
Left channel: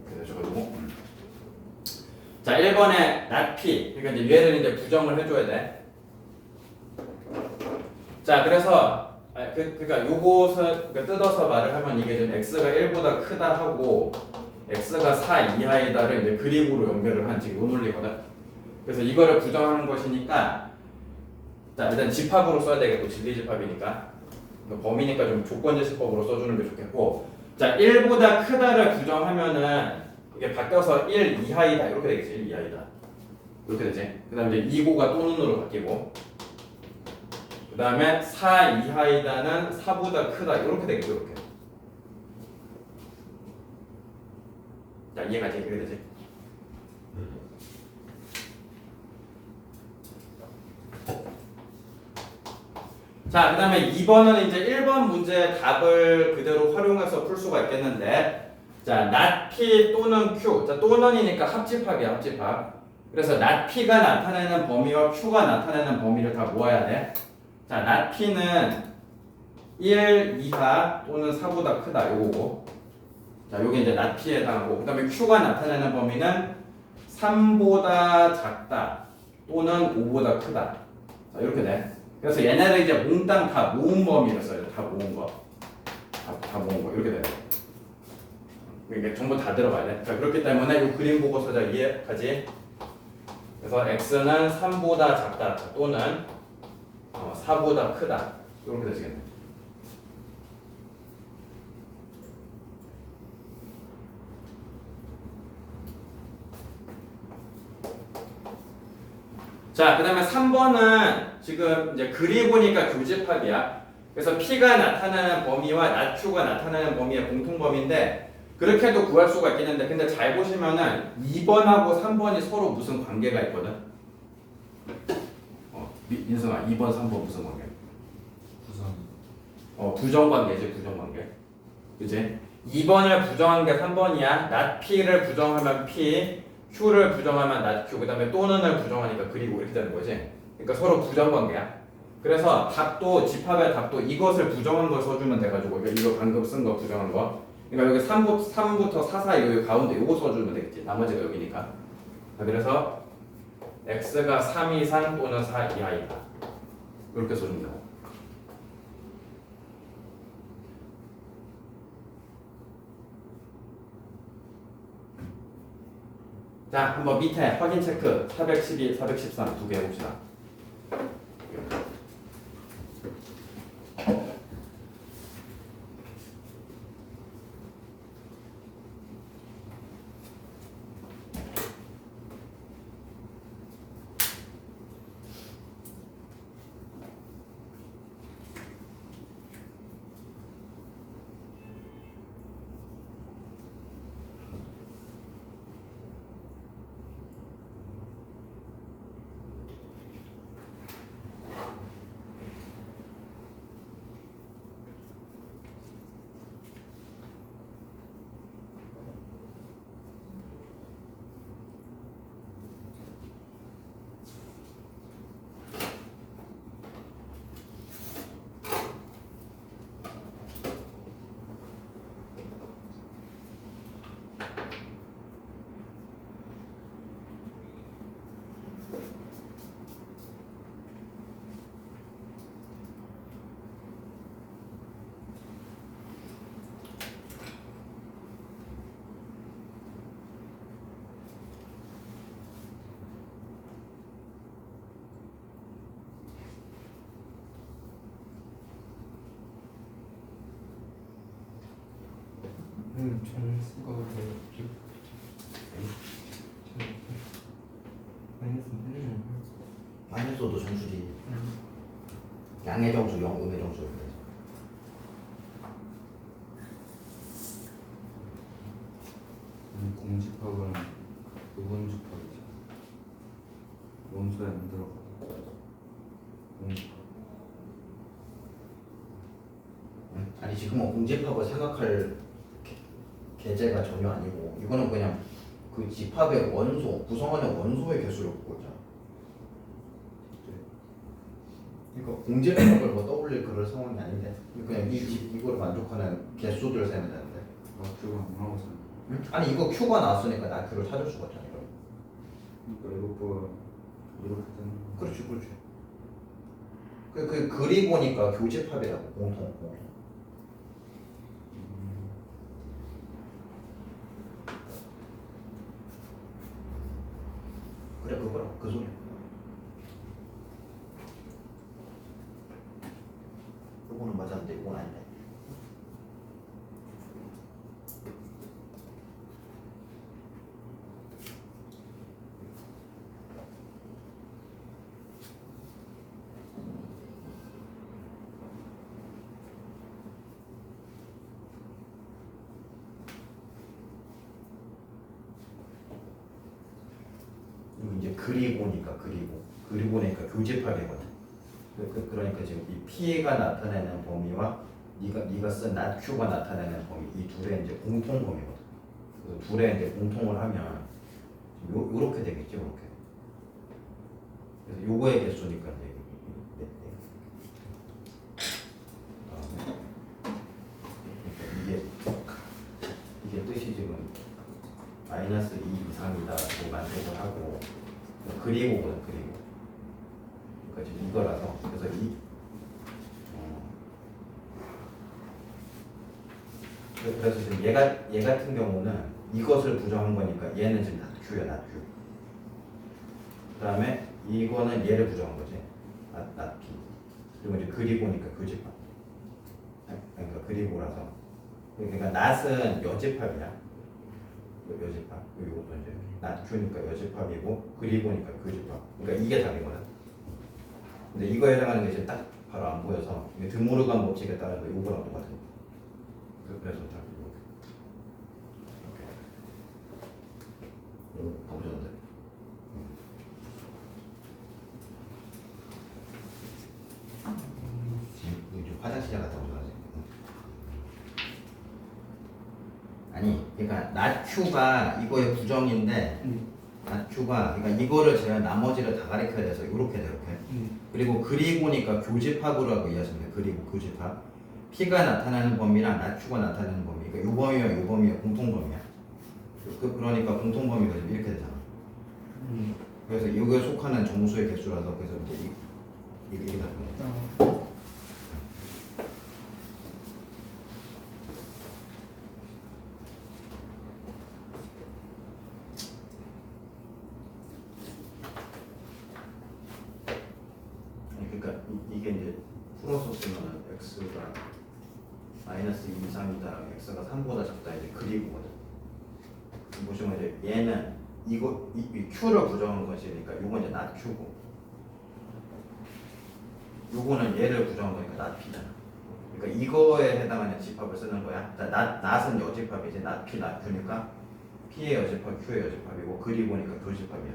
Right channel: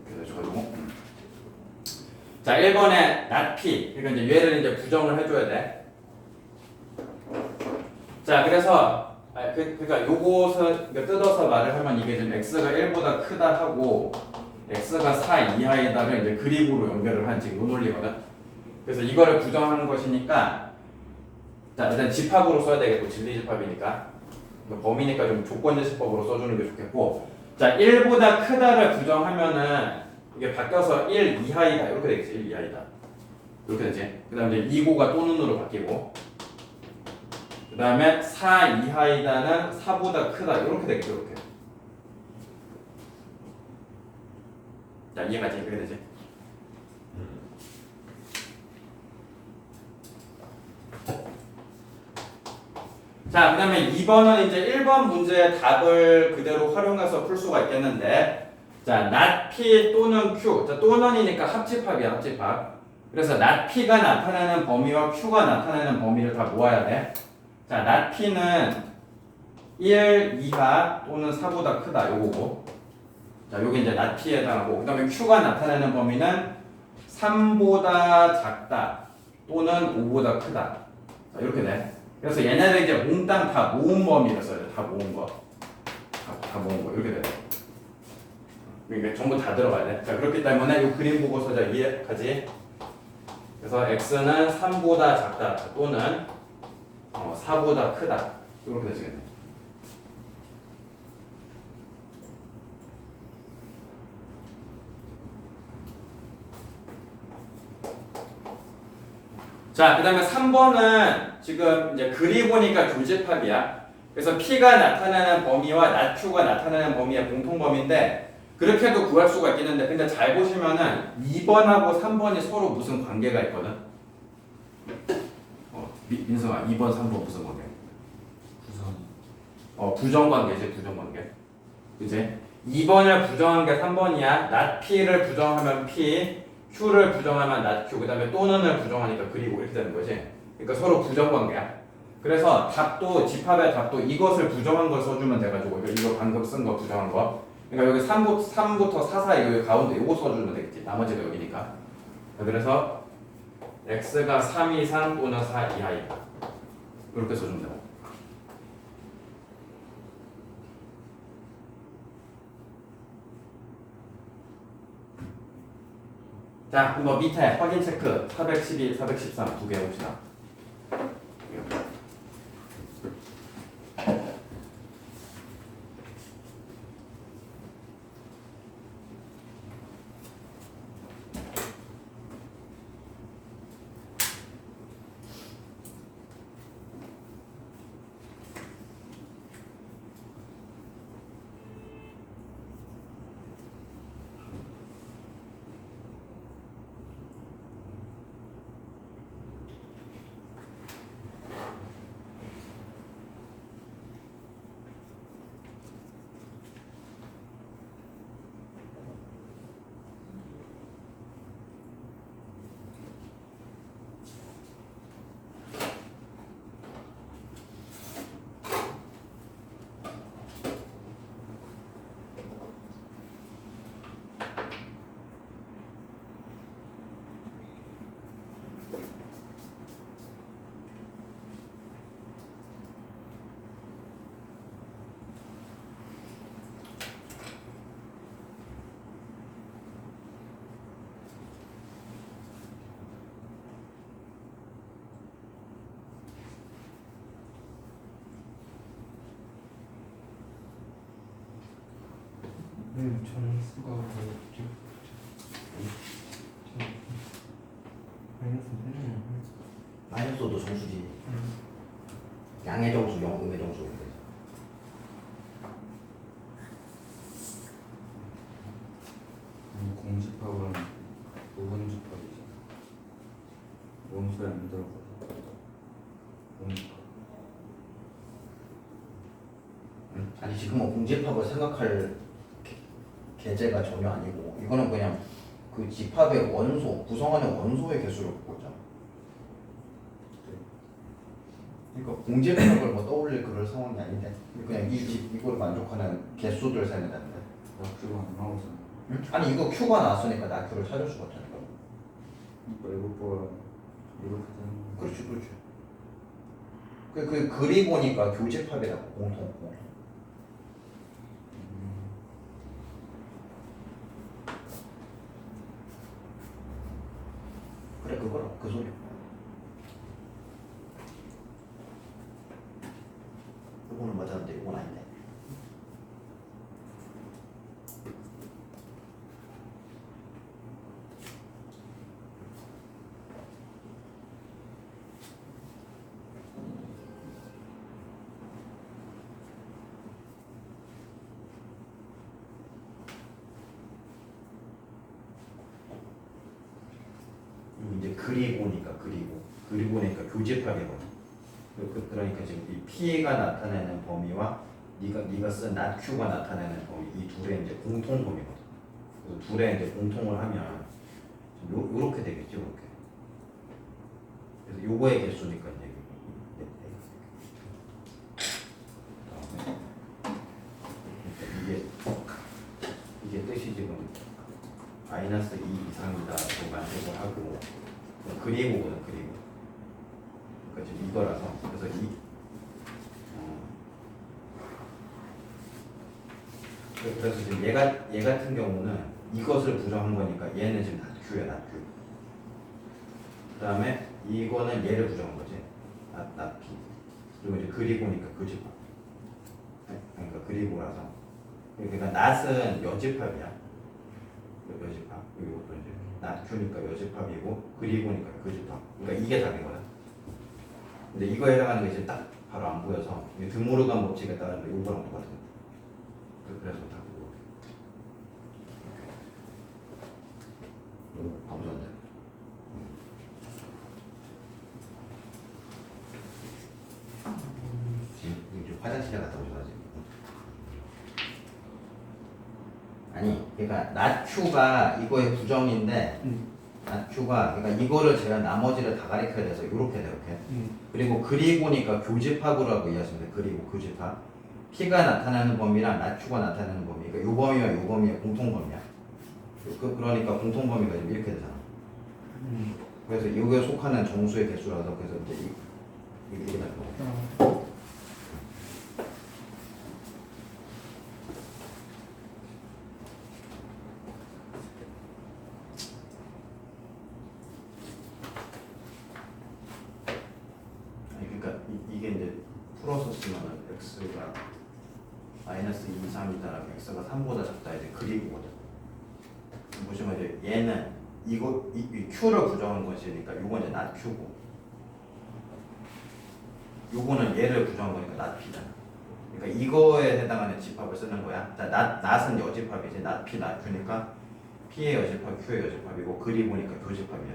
그래서 적어두고. 자, 1번에 not P. 그러니까 이제 얘를 이제 부정을 해줘야 돼. 자, 그래서 그러니까 요것을 그러니까 뜯어서 말을 하면 이게 지금 x가 1보다 크다 하고 x가 4 이하이다를 이제 그림으로 연결을 한 지금 요 논리거든. 그래서 이거를 부정하는 것이니까 자, 일단 집합으로 써야 되겠고 진리 집합이니까 범위니까 좀 조건지식법으로 써주는 게 좋겠고 자 1보다 크다를 부정하면은 이게 바뀌어서 1 이하이다 이렇게 되겠지. 1 이하이다 이렇게 되지. 그 다음에 이제 2고가 또는으로 바뀌고 그 다음에 4 이하이다는 4보다 크다 이렇게 되겠죠. 이렇게. 자 이해가지? 그렇게 되지. 자, 그 다음에 2번은 이제 1번 문제의 답을 그대로 활용해서 풀 수가 있겠는데 자, not P 또는 Q 자, 또는이니까 합집합이야, 합집합. 그래서 not P가 나타내는 범위와 Q가 나타내는 범위를 다 모아야 돼. 자, not P는 1 이하 또는 4보다 크다 요거고 자, 요게 이제 not P에 해당하고 그 다음에 Q가 나타내는 범위는 3보다 작다 또는 5보다 크다 자, 이렇게 돼. 그래서 얘네를 이제 몽땅 다 모은 범위를 써야 돼. 다 모은 거. 다 모은 거. 이렇게 돼. 그러니까 전부 다 들어가야 돼. 자, 그렇기 때문에 이 그림 보고서 자 이해하지? 그래서 x는 3보다 작다 또는 4보다 크다. 이렇게 되시겠네. 자, 그 다음에 3번은 지금 이제 그리 보니까 교집합이야. 그래서 P가 나타나는 범위와 not Q가 나타나는 범위의 공통범위인데 그렇게 해도 구할 수가 있겠는데 근데 잘 보시면은 2번하고 3번이 서로 무슨 관계가 있거든. 민성아 2번, 3번 무슨 관계? 구성. 부정관계지, 부정관계. 그치? 2번을 부정한 게 3번이야. not P를 부정하면 P, Q를 부정하면 not Q, 그 다음에 또는을 부정하니까 그리고 이렇게 되는 거지. 그러니까 서로 부정관계야. 그래서 답도, 집합의 답도 이것을 부정한 걸 써주면 돼가지고 이거 방금 쓴 거 부정한 거. 그러니까 여기 3부터 4 사이 여기 가운데 이거 써주면 되겠지. 나머지가 여기니까. 그래서 x가 3 이상 또는 4 이하이다. 이렇게 써주면 되고. 자, 한번 밑에 확인 체크 412, 413 두 개 해봅시다. 정수가 마이너스도 정수지. 양의 정수, 음의 정수. 공집합은 부분집합이지. 원소에 안 들어가서 공집합. 아니 지금은 공집합을 생각할 계제가 전혀 아니고 이거는 그냥 그 집합의 원소 구성하는 원소의 개수를 보고 있잖아. 그러니까 공집합을 뭐 떠올릴 그럴 상황이 아닌데 그냥 이거를 만족하는 개수들 세면 되는데. 낙규가 안 나오잖아. 응? 아니 이거 Q가 나왔으니까 나 Q를 찾을 수가 없잖아. 이거. 그러니까 이것보다 이렇게 되는 거. 그렇지 그렇지. 그 글이 보니까 교집합이라고 공통. 그래 그거라 그 소리야. 이거는 맞았는데 이건 아닌데. 이제 글이 보니까 보니까 교집합이거든. 그러니까 지금 이 P가 나타내는 범위와 네가 쓴 NATQ가 나타내는 범위 이 둘의 이제 공통 범위거든. 그래서 둘의 이제 공통을 하면 요렇게 되겠죠, 이렇게. 그래서 요거의 개수니까 이제 이게 뜻이 지금 마이너스 2 이상이다로 만족을 하고 그리고거든 그리고 그러니까 지금 이거라서 그래서 그래서 지금 얘 같은 경우는 이것을 부정한 거니까 얘는 지금 낫큐야 낫큐. 그다음에 이거는 얘를 부정한 거지 낫피. 그리고 이제 그리고니까 교집합. 그러니까 그리고라서 그러니까 낫은 여집합이야. 여집합. 그리고 또 이제 낫큐니까 여집합이고 그리고니까 교집합. 그러니까 이게 답인 거야. 근데 이거에 해당하는 게 지금 딱 바로 안 보여서 이게 드모르간 법칙에 따른 거 이거랑 똑같은. 그래서 다 그거. 보셨는데. 지금 화장실에 갔다 오셔가지고. 아니, 그러니까 낫큐가 이거의 부정인데, 낫큐가 그러니까 이거를 제가 나머지를 다 가리켜야 돼서 이렇게 돼 이렇게. 그리고 그리고니까 교집합으로 이해하시면 돼. 그리고 교집합. P가 나타나는 범위랑 낫큐가 나타나는 범위. 그러니까 요 범위와 요 범위가 공통 범위야. 그러니까 공통 범위가 지금 이렇게 되잖아. 그래서 이거에 속하는 정수의 개수라서 그래서 이제 이게 되는 거야. 그러니까 이게 이제 풀어서 쓰면 x가 마이너스 2, 3이다라면 x가 3보다 작다 이제 그리고거든. 보시면 이제 얘는 이거 이 q를 부정한 것이니까 요건 이제 not q고 요거는 얘를 부정한 거니까 not p잖아. 그러니까 이거에 해당하는 집합을 쓰는 거야. 자, not은 여집합이지 not p, not q니까 p의 여집합, q의 여집합이고 그리고니까 교집합이야.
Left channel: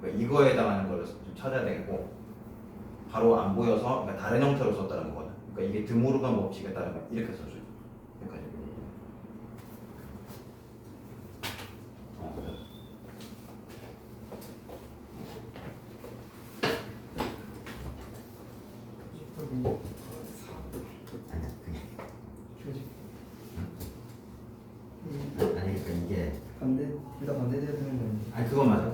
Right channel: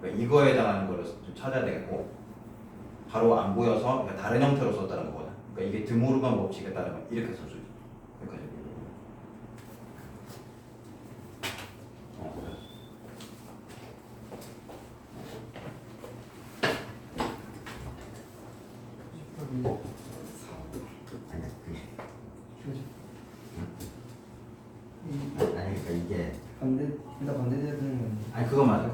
그러니까 이거에 해당하는 거를 좀 찾아야 되겠고 바로 안 보여서 그러니까 다른 형태로 썼다는 거거든. 그러니까 이게 드모르간 법칙에 따르면 이렇게 써줘. 여기까지. 그래. 아니 그러니까 이게 일단 반대되는 건 아니 그거 맞아.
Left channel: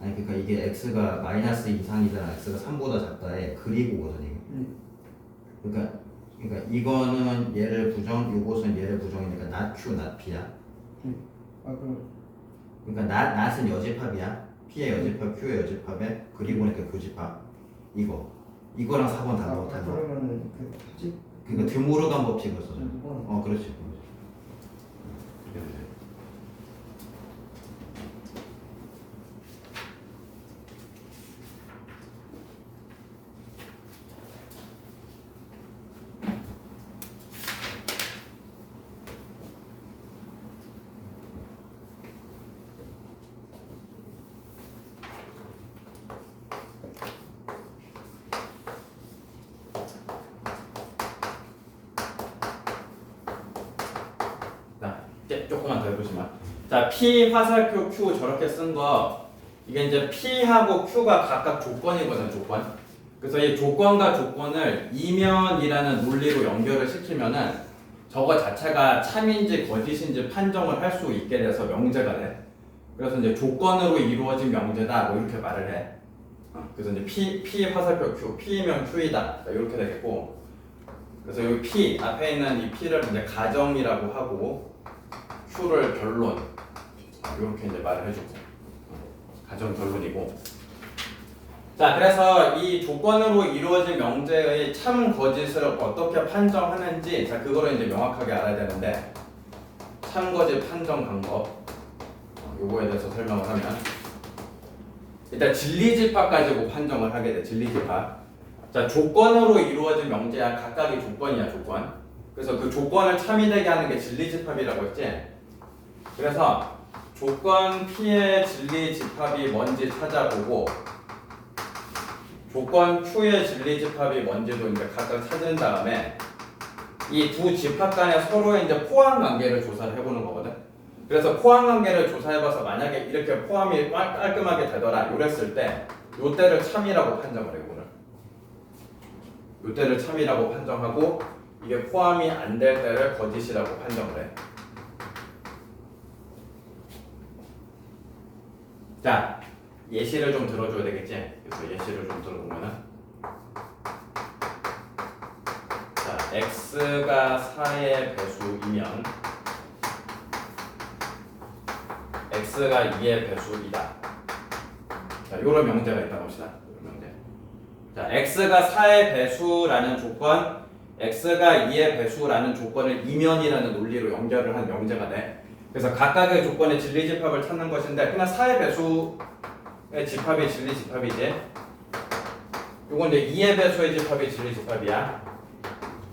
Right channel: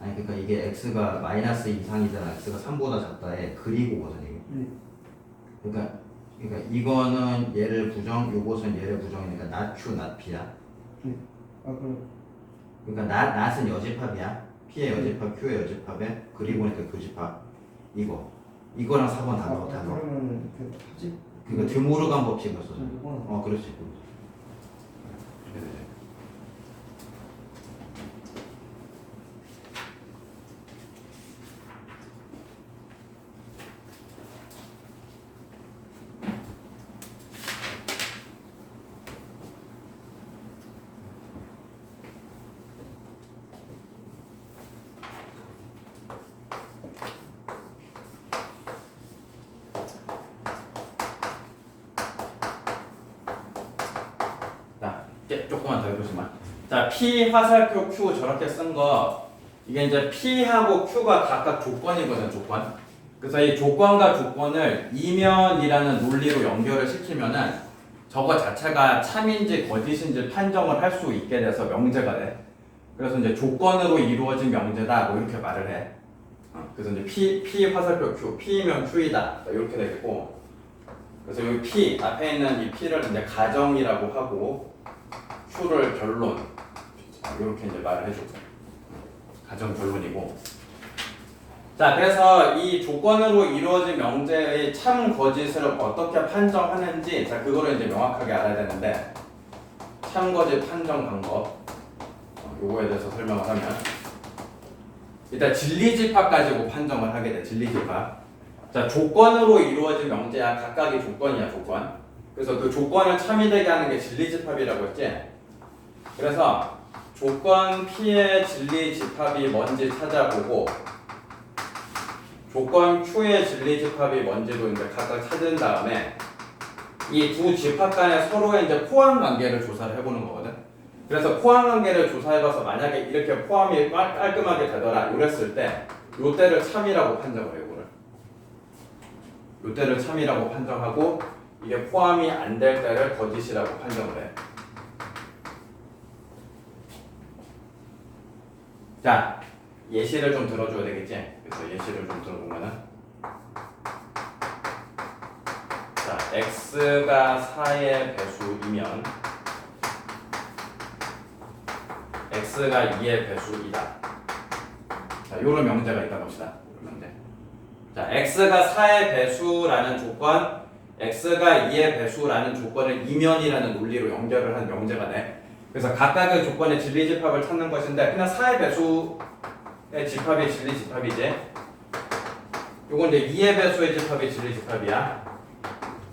아니 그러니까 이게 x가 마이너스 이상이잖아. x가 3보다 작다에 그리고거든 이게. 그러니까 이거는 얘를 부정, 요것은 얘를 부정이니까 not q, not p야. 그러니까 not은 여집합이야. p의 여집합, q의 여집합에 그리고니까 교집합. 이거랑 4번 다 넣어. 그러면 그 합집 그러니까 드모르간 법칙을 써. 이건 그렇지. 조금만 더 해보시면. 자, P 화살표 Q 저렇게 쓴 거 이게 이제 P하고 Q가 각각 조건이거든, 조건. 그래서 이 조건과 조건을 이면이라는 논리로 연결을 시키면은 저거 자체가 참인지 거짓인지 판정을 할 수 있게 돼서 명제가 돼. 그래서 이제 조건으로 이루어진 명제다 뭐 이렇게 말을 해. 그래서 이제 P 화살표 Q, P면 Q이다 이렇게 되겠고. 그래서 여기 P 앞에 있는 이 P를 이제 가정이라고 하고 Q를 결론 이렇게 이제 말을 해주고 가정 결론이고. 자, 그래서 이 조건으로 이루어진 명제의 참 거짓을 어떻게 판정하는지 자 그거를 이제 명확하게 알아야 되는데 참 거짓 판정 방법 요거에 대해서 설명을 하면 일단 진리집합 가지고 판정을 하게 돼. 진리집합. 자, 조건으로 이루어진 명제야. 각각의 조건이야, 조건. 그래서 그 조건을 참이 되게 하는 게 진리집합이라고 했지. 그래서 조건 P의 진리집합이 뭔지 찾아보고 조건 Q의 진리집합이 뭔지도 이제 각각 찾은 다음에 이 두 집합 간의 서로의 이제 포함 관계를 조사를 해보는 거거든. 그래서 포함 관계를 조사해봐서 만약에 이렇게 포함이 깔끔하게 되더라 이랬을 때 요때를 참이라고 판정을 해. 이거를 요때를 참이라고 판정하고 이게 포함이 안 될 때를 거짓이라고 판정을 해. 자, 예시를 좀 들어줘야 되겠지? 그래서 예시를 좀 들어보면은 자, x가 4의 배수이면 x가 2의 배수이다. 자, 요런 명제가 있다 봅시다. 요런 명제. 자, x가 4의 배수라는 조건, x가 2의 배수라는 조건을 이면이라는 논리로 연결을 한 명제가 돼. 그래서 각각의 조건의 진리집합을 찾는 것인데 그냥 4의 배수의 집합이 진리집합이지. 요건 이제 2의 배수의 집합이 진리집합이야.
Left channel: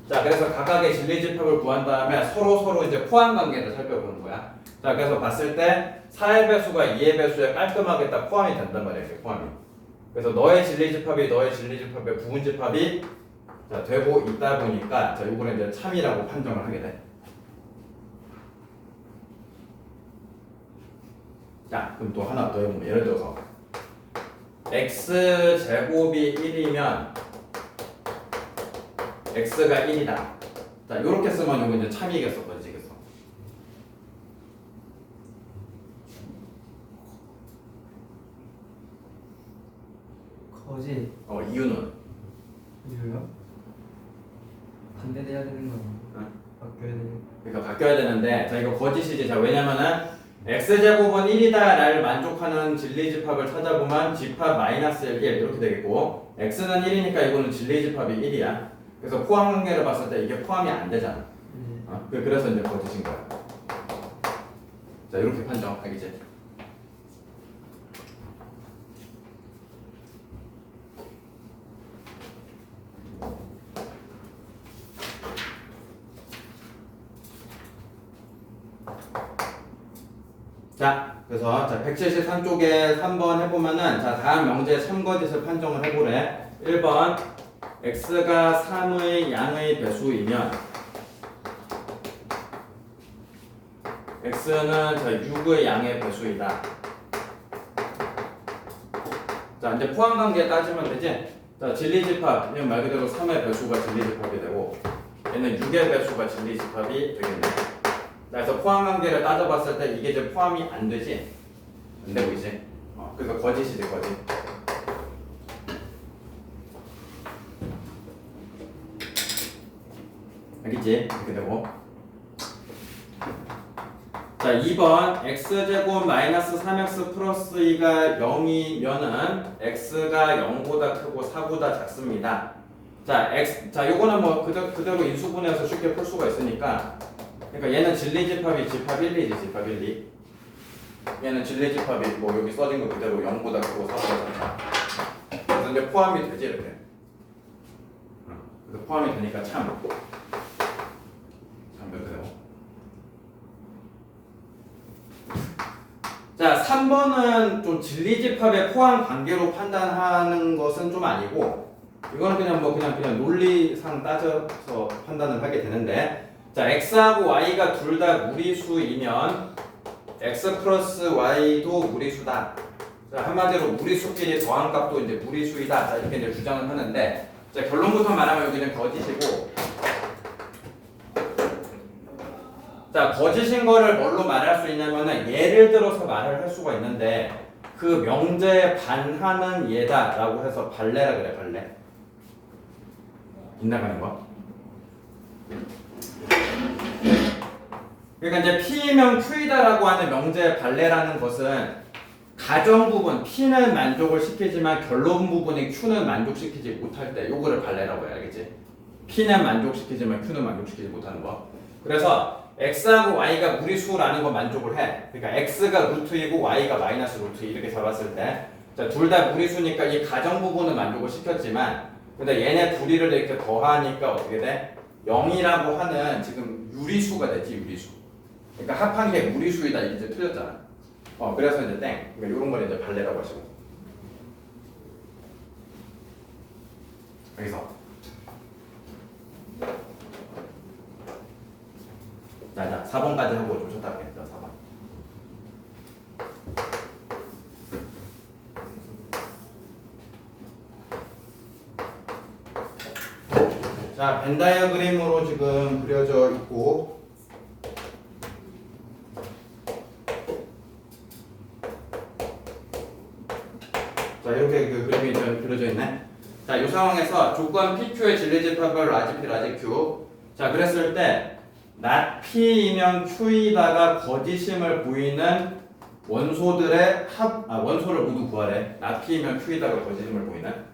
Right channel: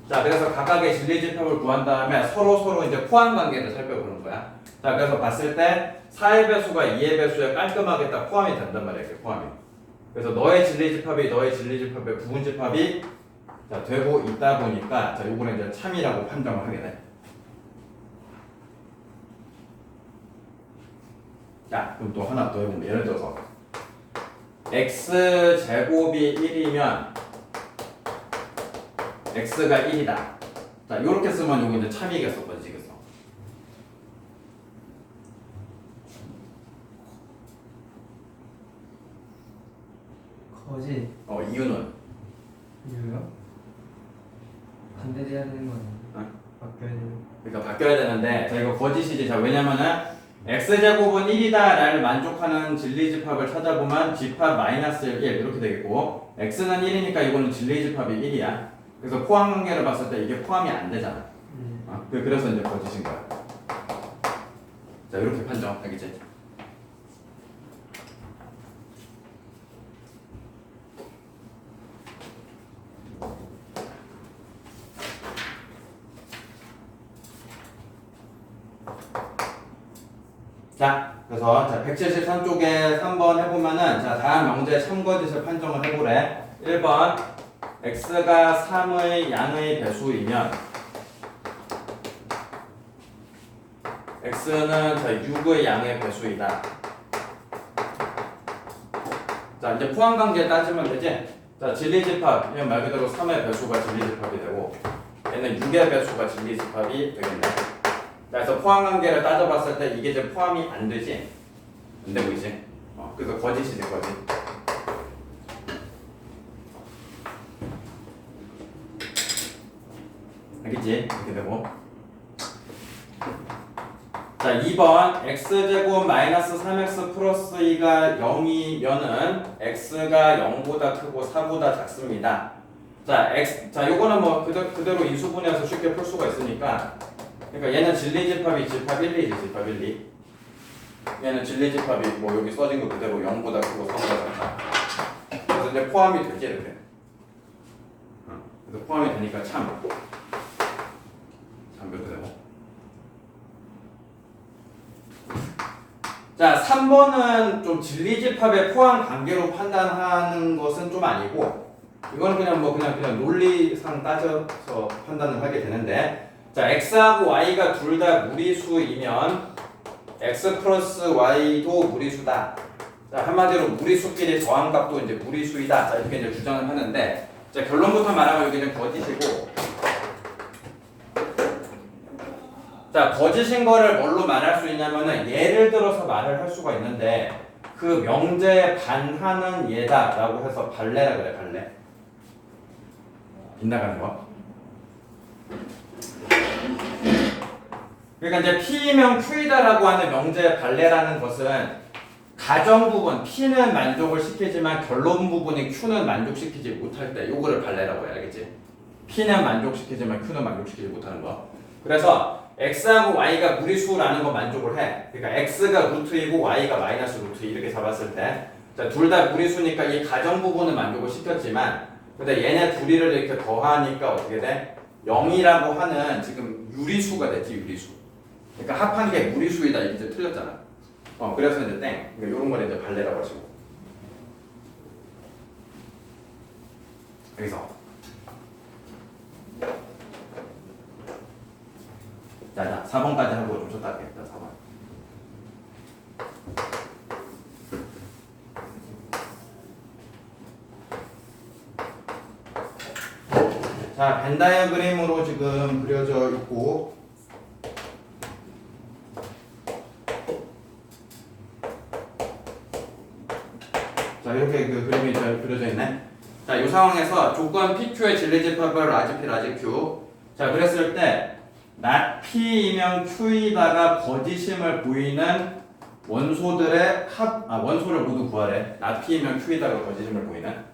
자, 그래서 각각의 진리집합을 구한 다음에 서로 이제 포함 관계를 살펴보는 거야. 자, 그래서 봤을 때 4의 배수가 2의 배수에 깔끔하게 딱 포함이 된단 말이야. 이렇게 포함이. 그래서 너의 진리집합이 너의 진리집합의 부분집합이 자, 되고 있다 보니까 자, 요거는 이제 참이라고 판정을 하게 돼. 자, 그럼 또 하나 더 해보면 예를 들어서 x제곱이 1이면 x가 1이다. 자, 요렇게 쓰면 요거 이제 참이겠어, 거짓이겠어. 거짓. 이유는 이유요? 반대돼야 되는 거 아니야? 바뀌어야 되는. 그러니까 바뀌어야 되는데 자, 이거 거짓이지. 자, 왜냐면은 x제곱은 1이다를 만족하는 진리집합을 찾아보면 집합 마이너스 1 이렇게 되겠고 x는 1이니까 이거는 진리집합이 1이야. 그래서 포함 관계를 봤을 때 이게 포함이 안 되잖아. 그래서 이제 거짓인 거야. 자, 이렇게 판정하겠지. 자, 그래서 자 173쪽에 3번 해보면은 자 다음 명제 참거짓을 판정을 해보래. 1번 x가 3의 양의 배수이면 x는 자 6의 양의 배수이다. 자, 이제 포함 관계 따지면 되지. 자, 진리집합 그냥 말 그대로 3의 배수가 진리집합이 되고 얘는 6의 배수가 진리집합이 되겠네. 자, 그래서 포함 관계를 따져봤을 때 이게 이제 포함이 안 되지. 안 되고 있지. 그래서 거짓이지, 거짓. 알겠지? 이렇게 되고. 자, 2번 x제곱 마이너스 3x 플러스 2가 0이면은 x가 0보다 크고 4보다 작습니다. 자, 자, 요거는 뭐 그대로 인수분해해서 쉽게 풀 수가 있으니까. 그러니까 얘는 진리집합이 집합 1, 2지, 집합 1, 2. 얘는 진리집합이 뭐 여기 써진 거 그대로 0보다 크고 4보다 작다. 그래서 이제 포함이 되지, 이렇게. 그래서 포함이 되니까 참. 이렇게 되고. 자, 3번은 좀 진리집합의 포함 관계로 판단하는 것은 좀 아니고 이거는 그냥 논리상 따져서 판단을 하게 되는데 자, x하고 y가 둘 다 무리수이면 x 플러스 y도 무리수다. 자, 한마디로 무리수끼리 더한 값도 이제 무리수이다. 자, 이렇게 이제 주장을 하는데, 자, 결론부터 말하면 여기는 거짓이고, 자, 거짓인 거를 뭘로 말할 수 있냐면은 예를 들어서 말을 할 수가 있는데, 그 명제에 반하는 예다라고 해서 발레라 그래, 발레. 빗나가는 거. 그러니까 이제 P면 Q이다라고 하는 명제의 발레라는 것은 가정 부분 P는 만족을 시키지만 결론 부분인 Q는 만족시키지 못할 때 요거를 발레라고 해야 알겠지? P는 만족시키지만 Q는 만족시키지 못하는 거. 그래서 X하고 Y가 무리수라는 거 만족을 해. 그러니까 X가 루트이고 Y가 마이너스 루트 이렇게 잡았을 때, 자, 둘 다 무리수니까 이 가정 부분은 만족을 시켰지만, 근데 얘네 둘이를 이렇게 더하니까 어떻게 돼? 0이라고 하는 지금 유리수가 됐지, 유리수. 그러니까 합한 게 무리수이다 이제 틀렸잖아. 그래서 이제 땡. 그러니까 이런 걸 이제 발레라고 하시고. 여기서. 자, 4번까지 하고 좀 쳤다 할게요. 4번. 자, 벤 다이어그램으로 지금 그려져 있고, 자, 이렇게 그 그림이 그려져 있네. 자, 이 상황에서 조건 PQ의 진리집합을 라지 P, 라지 Q. 자, 그랬을 때 not P이면 Q이다가 거짓임을 보이는 원소들의 원소를 모두 구하래. not P이면 Q이다가 거짓임을 보이는.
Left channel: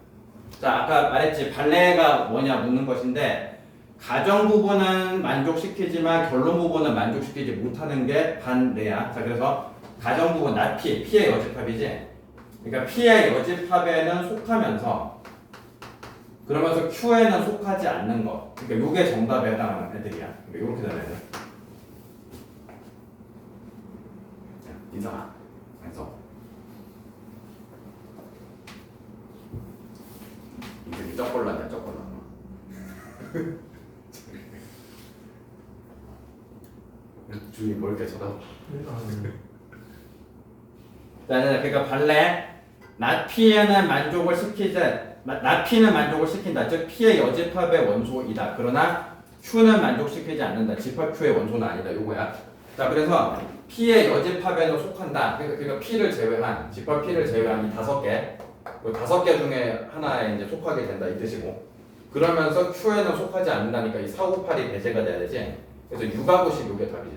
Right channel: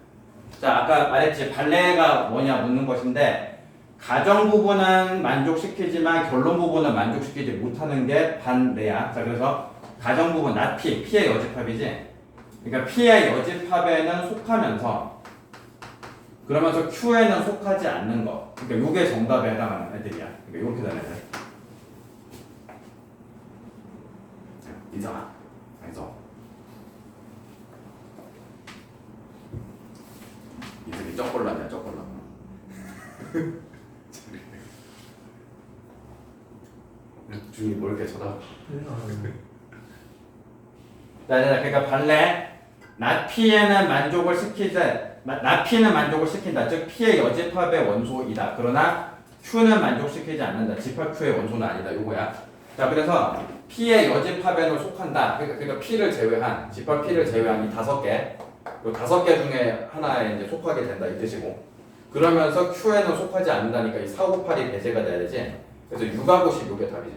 자, 아까 말했지 발레가 뭐냐 묻는 것인데, 가정 부분은 만족시키지만 결론 부분은 만족시키지 못하는 게 반레야. 자, 그래서 가정 부분 not P, P의 여집합이지. 그러니까 P의 여집합에는 속하면서, 그러면서 Q에는 속하지 않는 거. 그러니까 요게 정답에 해당하는 애들이야. 그러니까 요렇게 되는 애들. 이상아. 그래서 이들이 쩍골라냐, 쩍골라. 주위 뭐 이렇게 쳐다봐. 그러니까 발레 not P에는 만족을 시키지, not P는 만족을 시킨다. 즉 P의 여집합의 원소이다. 그러나 Q는 만족시키지 않는다. 집합 Q의 원소는 아니다. 요거야. 자, 그래서 P의 여집합에는 속한다. 그러니까 P를 제외한, 집합 P를 제외한 이 5개, 이 5개 중에 하나에 이제 속하게 된다 이 뜻이고. 그러면서 Q에는 속하지 않는다니까 이 4, 5, 8이 배제가 돼야 되지. 그래서 6하고 10 요게 답이지.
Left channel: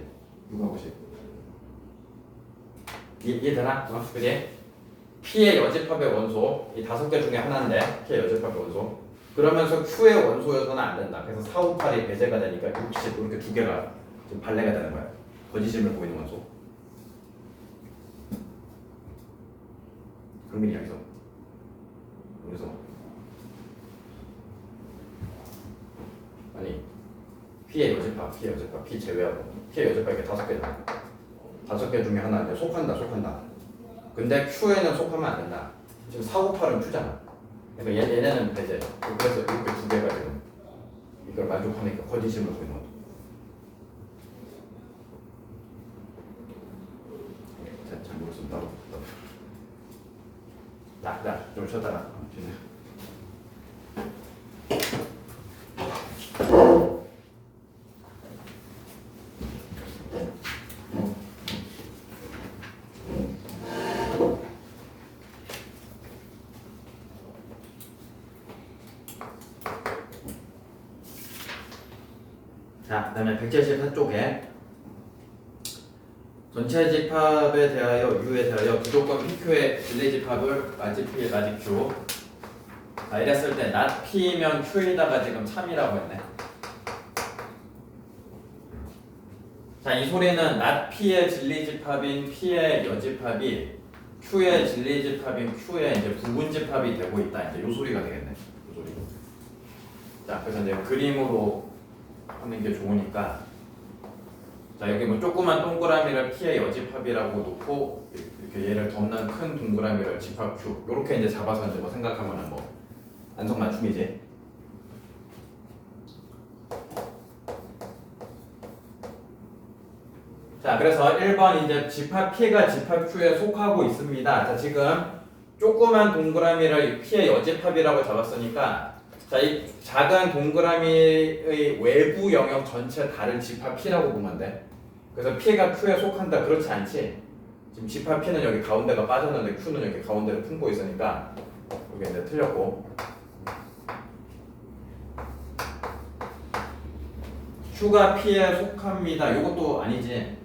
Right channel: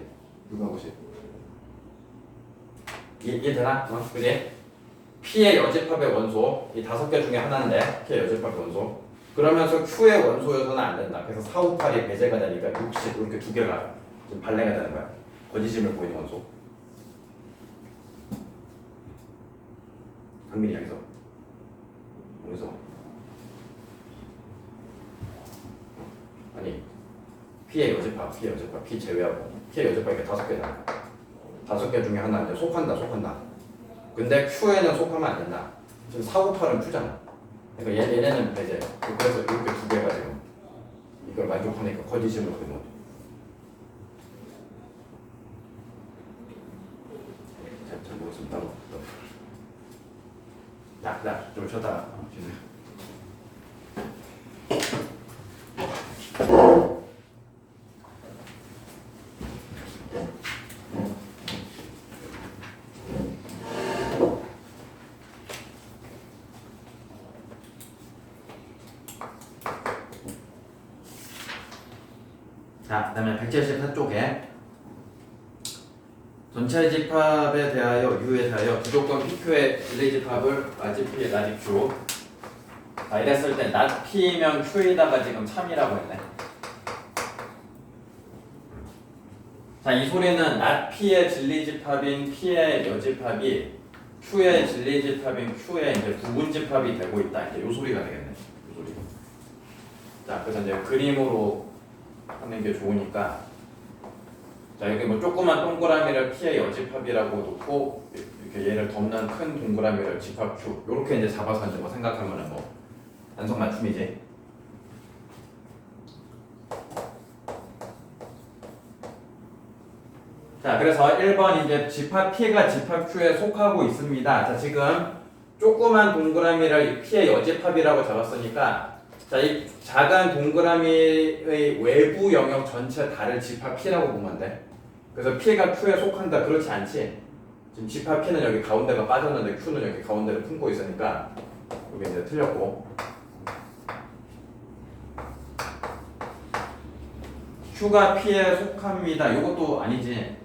6하고 10. 이해되나? 그지? P의 여집합의 원소 이 5개 중에 하나인데 P의 여집합의 원소. 그러면서 Q의 원소여서는 안 된다. 그래서 4, 5, 8이 배제가 되니까 60 이렇게 두 개가 지금 발레가 되는 거야. 거짓임을 보이는 원소. 강민이 여기서 어디서? 아니 P의 여집합, P 제외하고 P의 여집합 이렇게 5개잖아. 5개 중에 하나 이제 속한다. 근데 Q에는 속하면 안 된다. 지금 4, 5, 8은 Q잖아. 그러니까 얘네는 배제. 그래서 이렇게 두 개가 지금 이걸 만족하니까 거짓임을 보이는 거죠. 잘 모르겠으면 따로. 좀 쉬었다가 쉬네. 자, 그 다음에 174쪽에 전체 집합에 대하여 U에 대하여 부조건 PQ의 진리 집합을 라지 P, 라지 Q. 자, 이랬을 때 not P면 Q에다가 지금 3이라고 했네. 자, 이 소리는 not P의 진리 집합인 P의 여집합이 Q의 진리 집합인 Q의 이제 부분 집합이 되고 있다. 이제 요 소리가 되겠네. 요 소리. 자, 그래서 이제 그림으로 하는 게 좋으니까, 자, 여기 뭐 조그만 동그라미를 P의 여집합이라고 놓고 이렇게 얘를 덮는 큰 동그라미를 집합 Q 이렇게 이제 잡아서 이제 뭐 생각하면은 뭐 안성맞춤이지. 자, 그래서 1번 이제 집합 P가 집합 Q에 속하고 있습니다. 자, 지금 조그만 동그라미를 P의 여집합이라고 잡았으니까 자, 이 작은 동그라미의 외부 영역 전체 다를 집합 P라고 보면 돼. 그래서 P가 Q에 속한다. 그렇지 않지? 지금 집합 P는 여기 가운데가 빠졌는데 Q는 여기 가운데를 품고 있으니까 이게 이제 틀렸고 Q가 P에 속합니다. 이것도 아니지.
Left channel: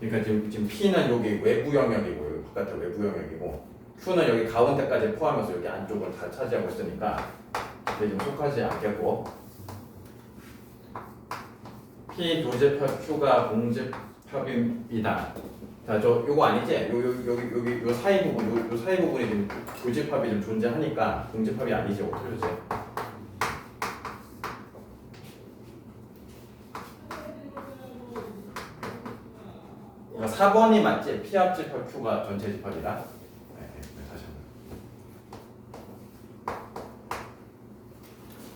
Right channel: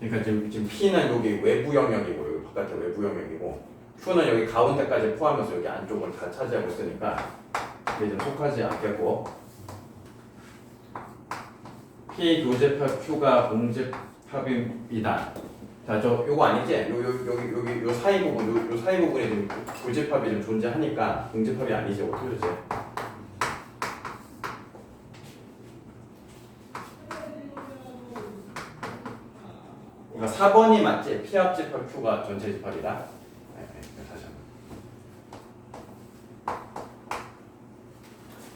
그러니까 지금 P는 여기 외부 영역이고 여기 바깥에 외부 영역이고 Q는 여기 가운데까지 포함해서 여기 안쪽을 다 차지하고 있으니까 이게 좀 속하지 않겠고 P 교집합 Q가 공집합입니다. 자, 저 요거 아니지? 여기 요 사이 부분 요 사이 부분이 좀 교집합이 좀 존재하니까 공집합이 아니지. 어떻게 되지? 그러니까 4번이 맞지? P 합집합 Q가 전체 집합이다. 다시 한번.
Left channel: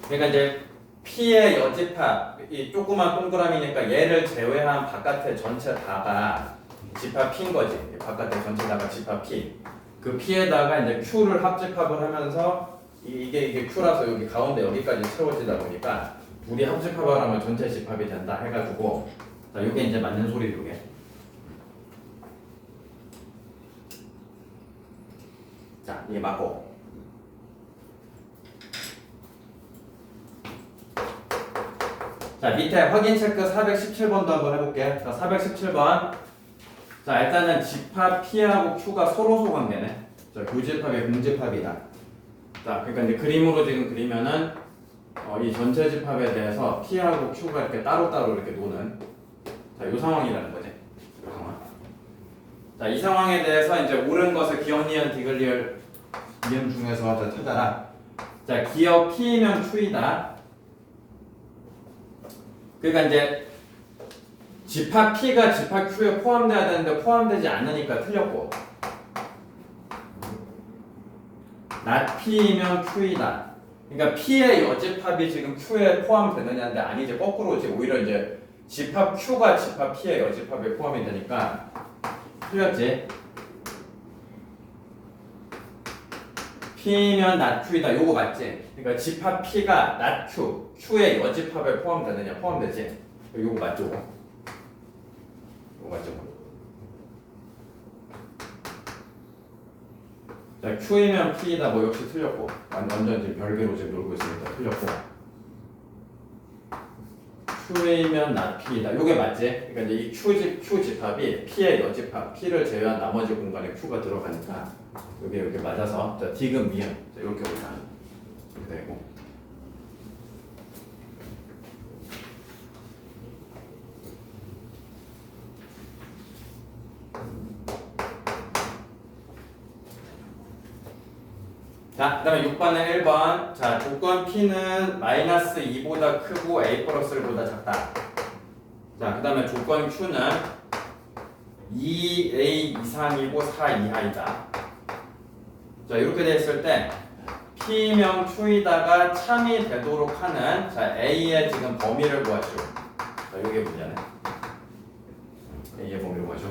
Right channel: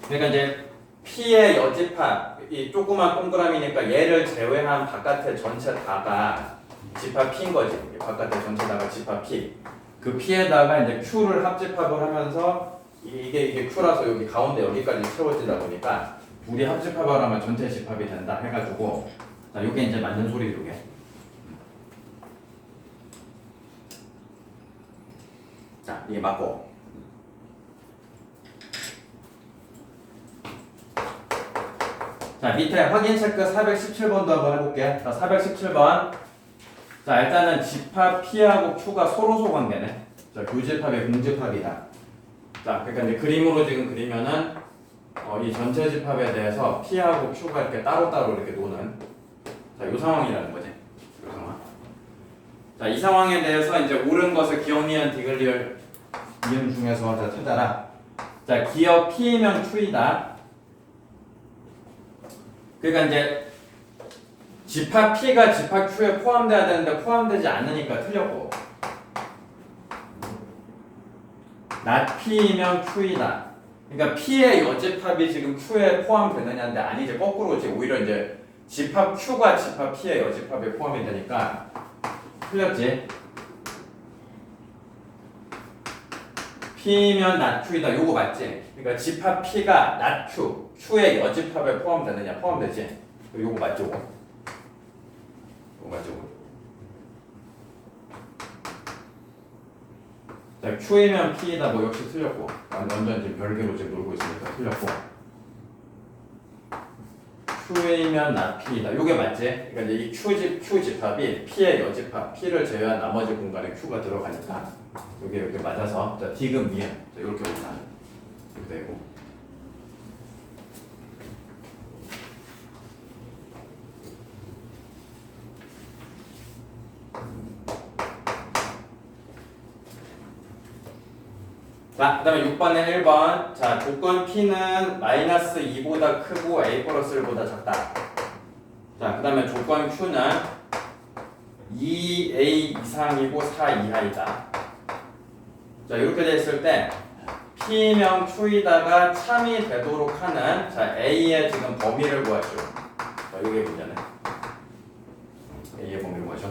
그러니까 이제 P의 여집합 이 조그만 동그라미니까 얘를 제외한 바깥의 전체 다가 집합 P인 거지. 바깥의 전체 다가 집합 P. 그 P에다가 이제 Q를 합집합을 하면서 이게 Q라서 여기 가운데 여기까지 채워지다 보니까 둘이 합집합을 하면 전체 집합이 된다 해가지고 자, 이게 이제 맞는 소리죠, 이게. 자, 이게 맞고. 자, 밑에 확인 체크 417번도 한번 해볼게. 자, 417번. 자, 일단은 집합 P하고 Q가 서로소 관계네. 자, 교집합이 공집합이다. 자, 그러니까 이제 그림으로 지금 그리면은 이 전체 집합에 대해서 P하고 Q가 이렇게 따로따로 이렇게 노는 자, 이 상황이라는 거지. 이 상황. 자, 이 상황에 대해서 이제 옳은 것을 기억, 니은, 디귿, 리을, 이음 중에서 자, 찾아라. 자, 기억 P이면 Q이다. 그러니까 이제 집합 P가 집합 Q에 포함돼야 되는데 포함되지 않으니까 틀렸고 not P이면 Q이다. 그러니까 P의 여집합이 지금 Q에 포함되느냐인데 아니지 거꾸로지. 오히려 이제 집합 Q가 집합 P의 여집합에 포함이 되니까 틀렸지. P면 not Q이다. 요거 맞지? 그러니까 집합 P가 not Q, Q의 여집합에 포함되느냐? 포함되지? 요거 맞죠? 요거 맞죠? 자, Q이면 P이다. 뭐 역시 틀렸고 완전 지금 별개로 지금 놀고 있으니까 틀렸고 Q이면 not P이다. 요게 맞지? 그러니까 이제 이 Q 집합이 P의 여집합, P를 제외한 나머지 공간에 Q가 들어가니까 요게 이렇게 맞아서 자, 디귿 미음 자, 이렇게 보면 이렇게 되고 자, 그 다음에 6번에 1번 자, 조건 P는 마이너스 2보다 크고 A 플러스 1보다 작다. 자, 그 다음에 조건 Q는 2A 이상이고 4 이하이다. 자, 이렇게 돼 있을 때 P명 Q이다가 참이 되도록 하는 자, A의 지금 범위를 구하시오. 자, 이게 문제네. A의 범위를 구하시오.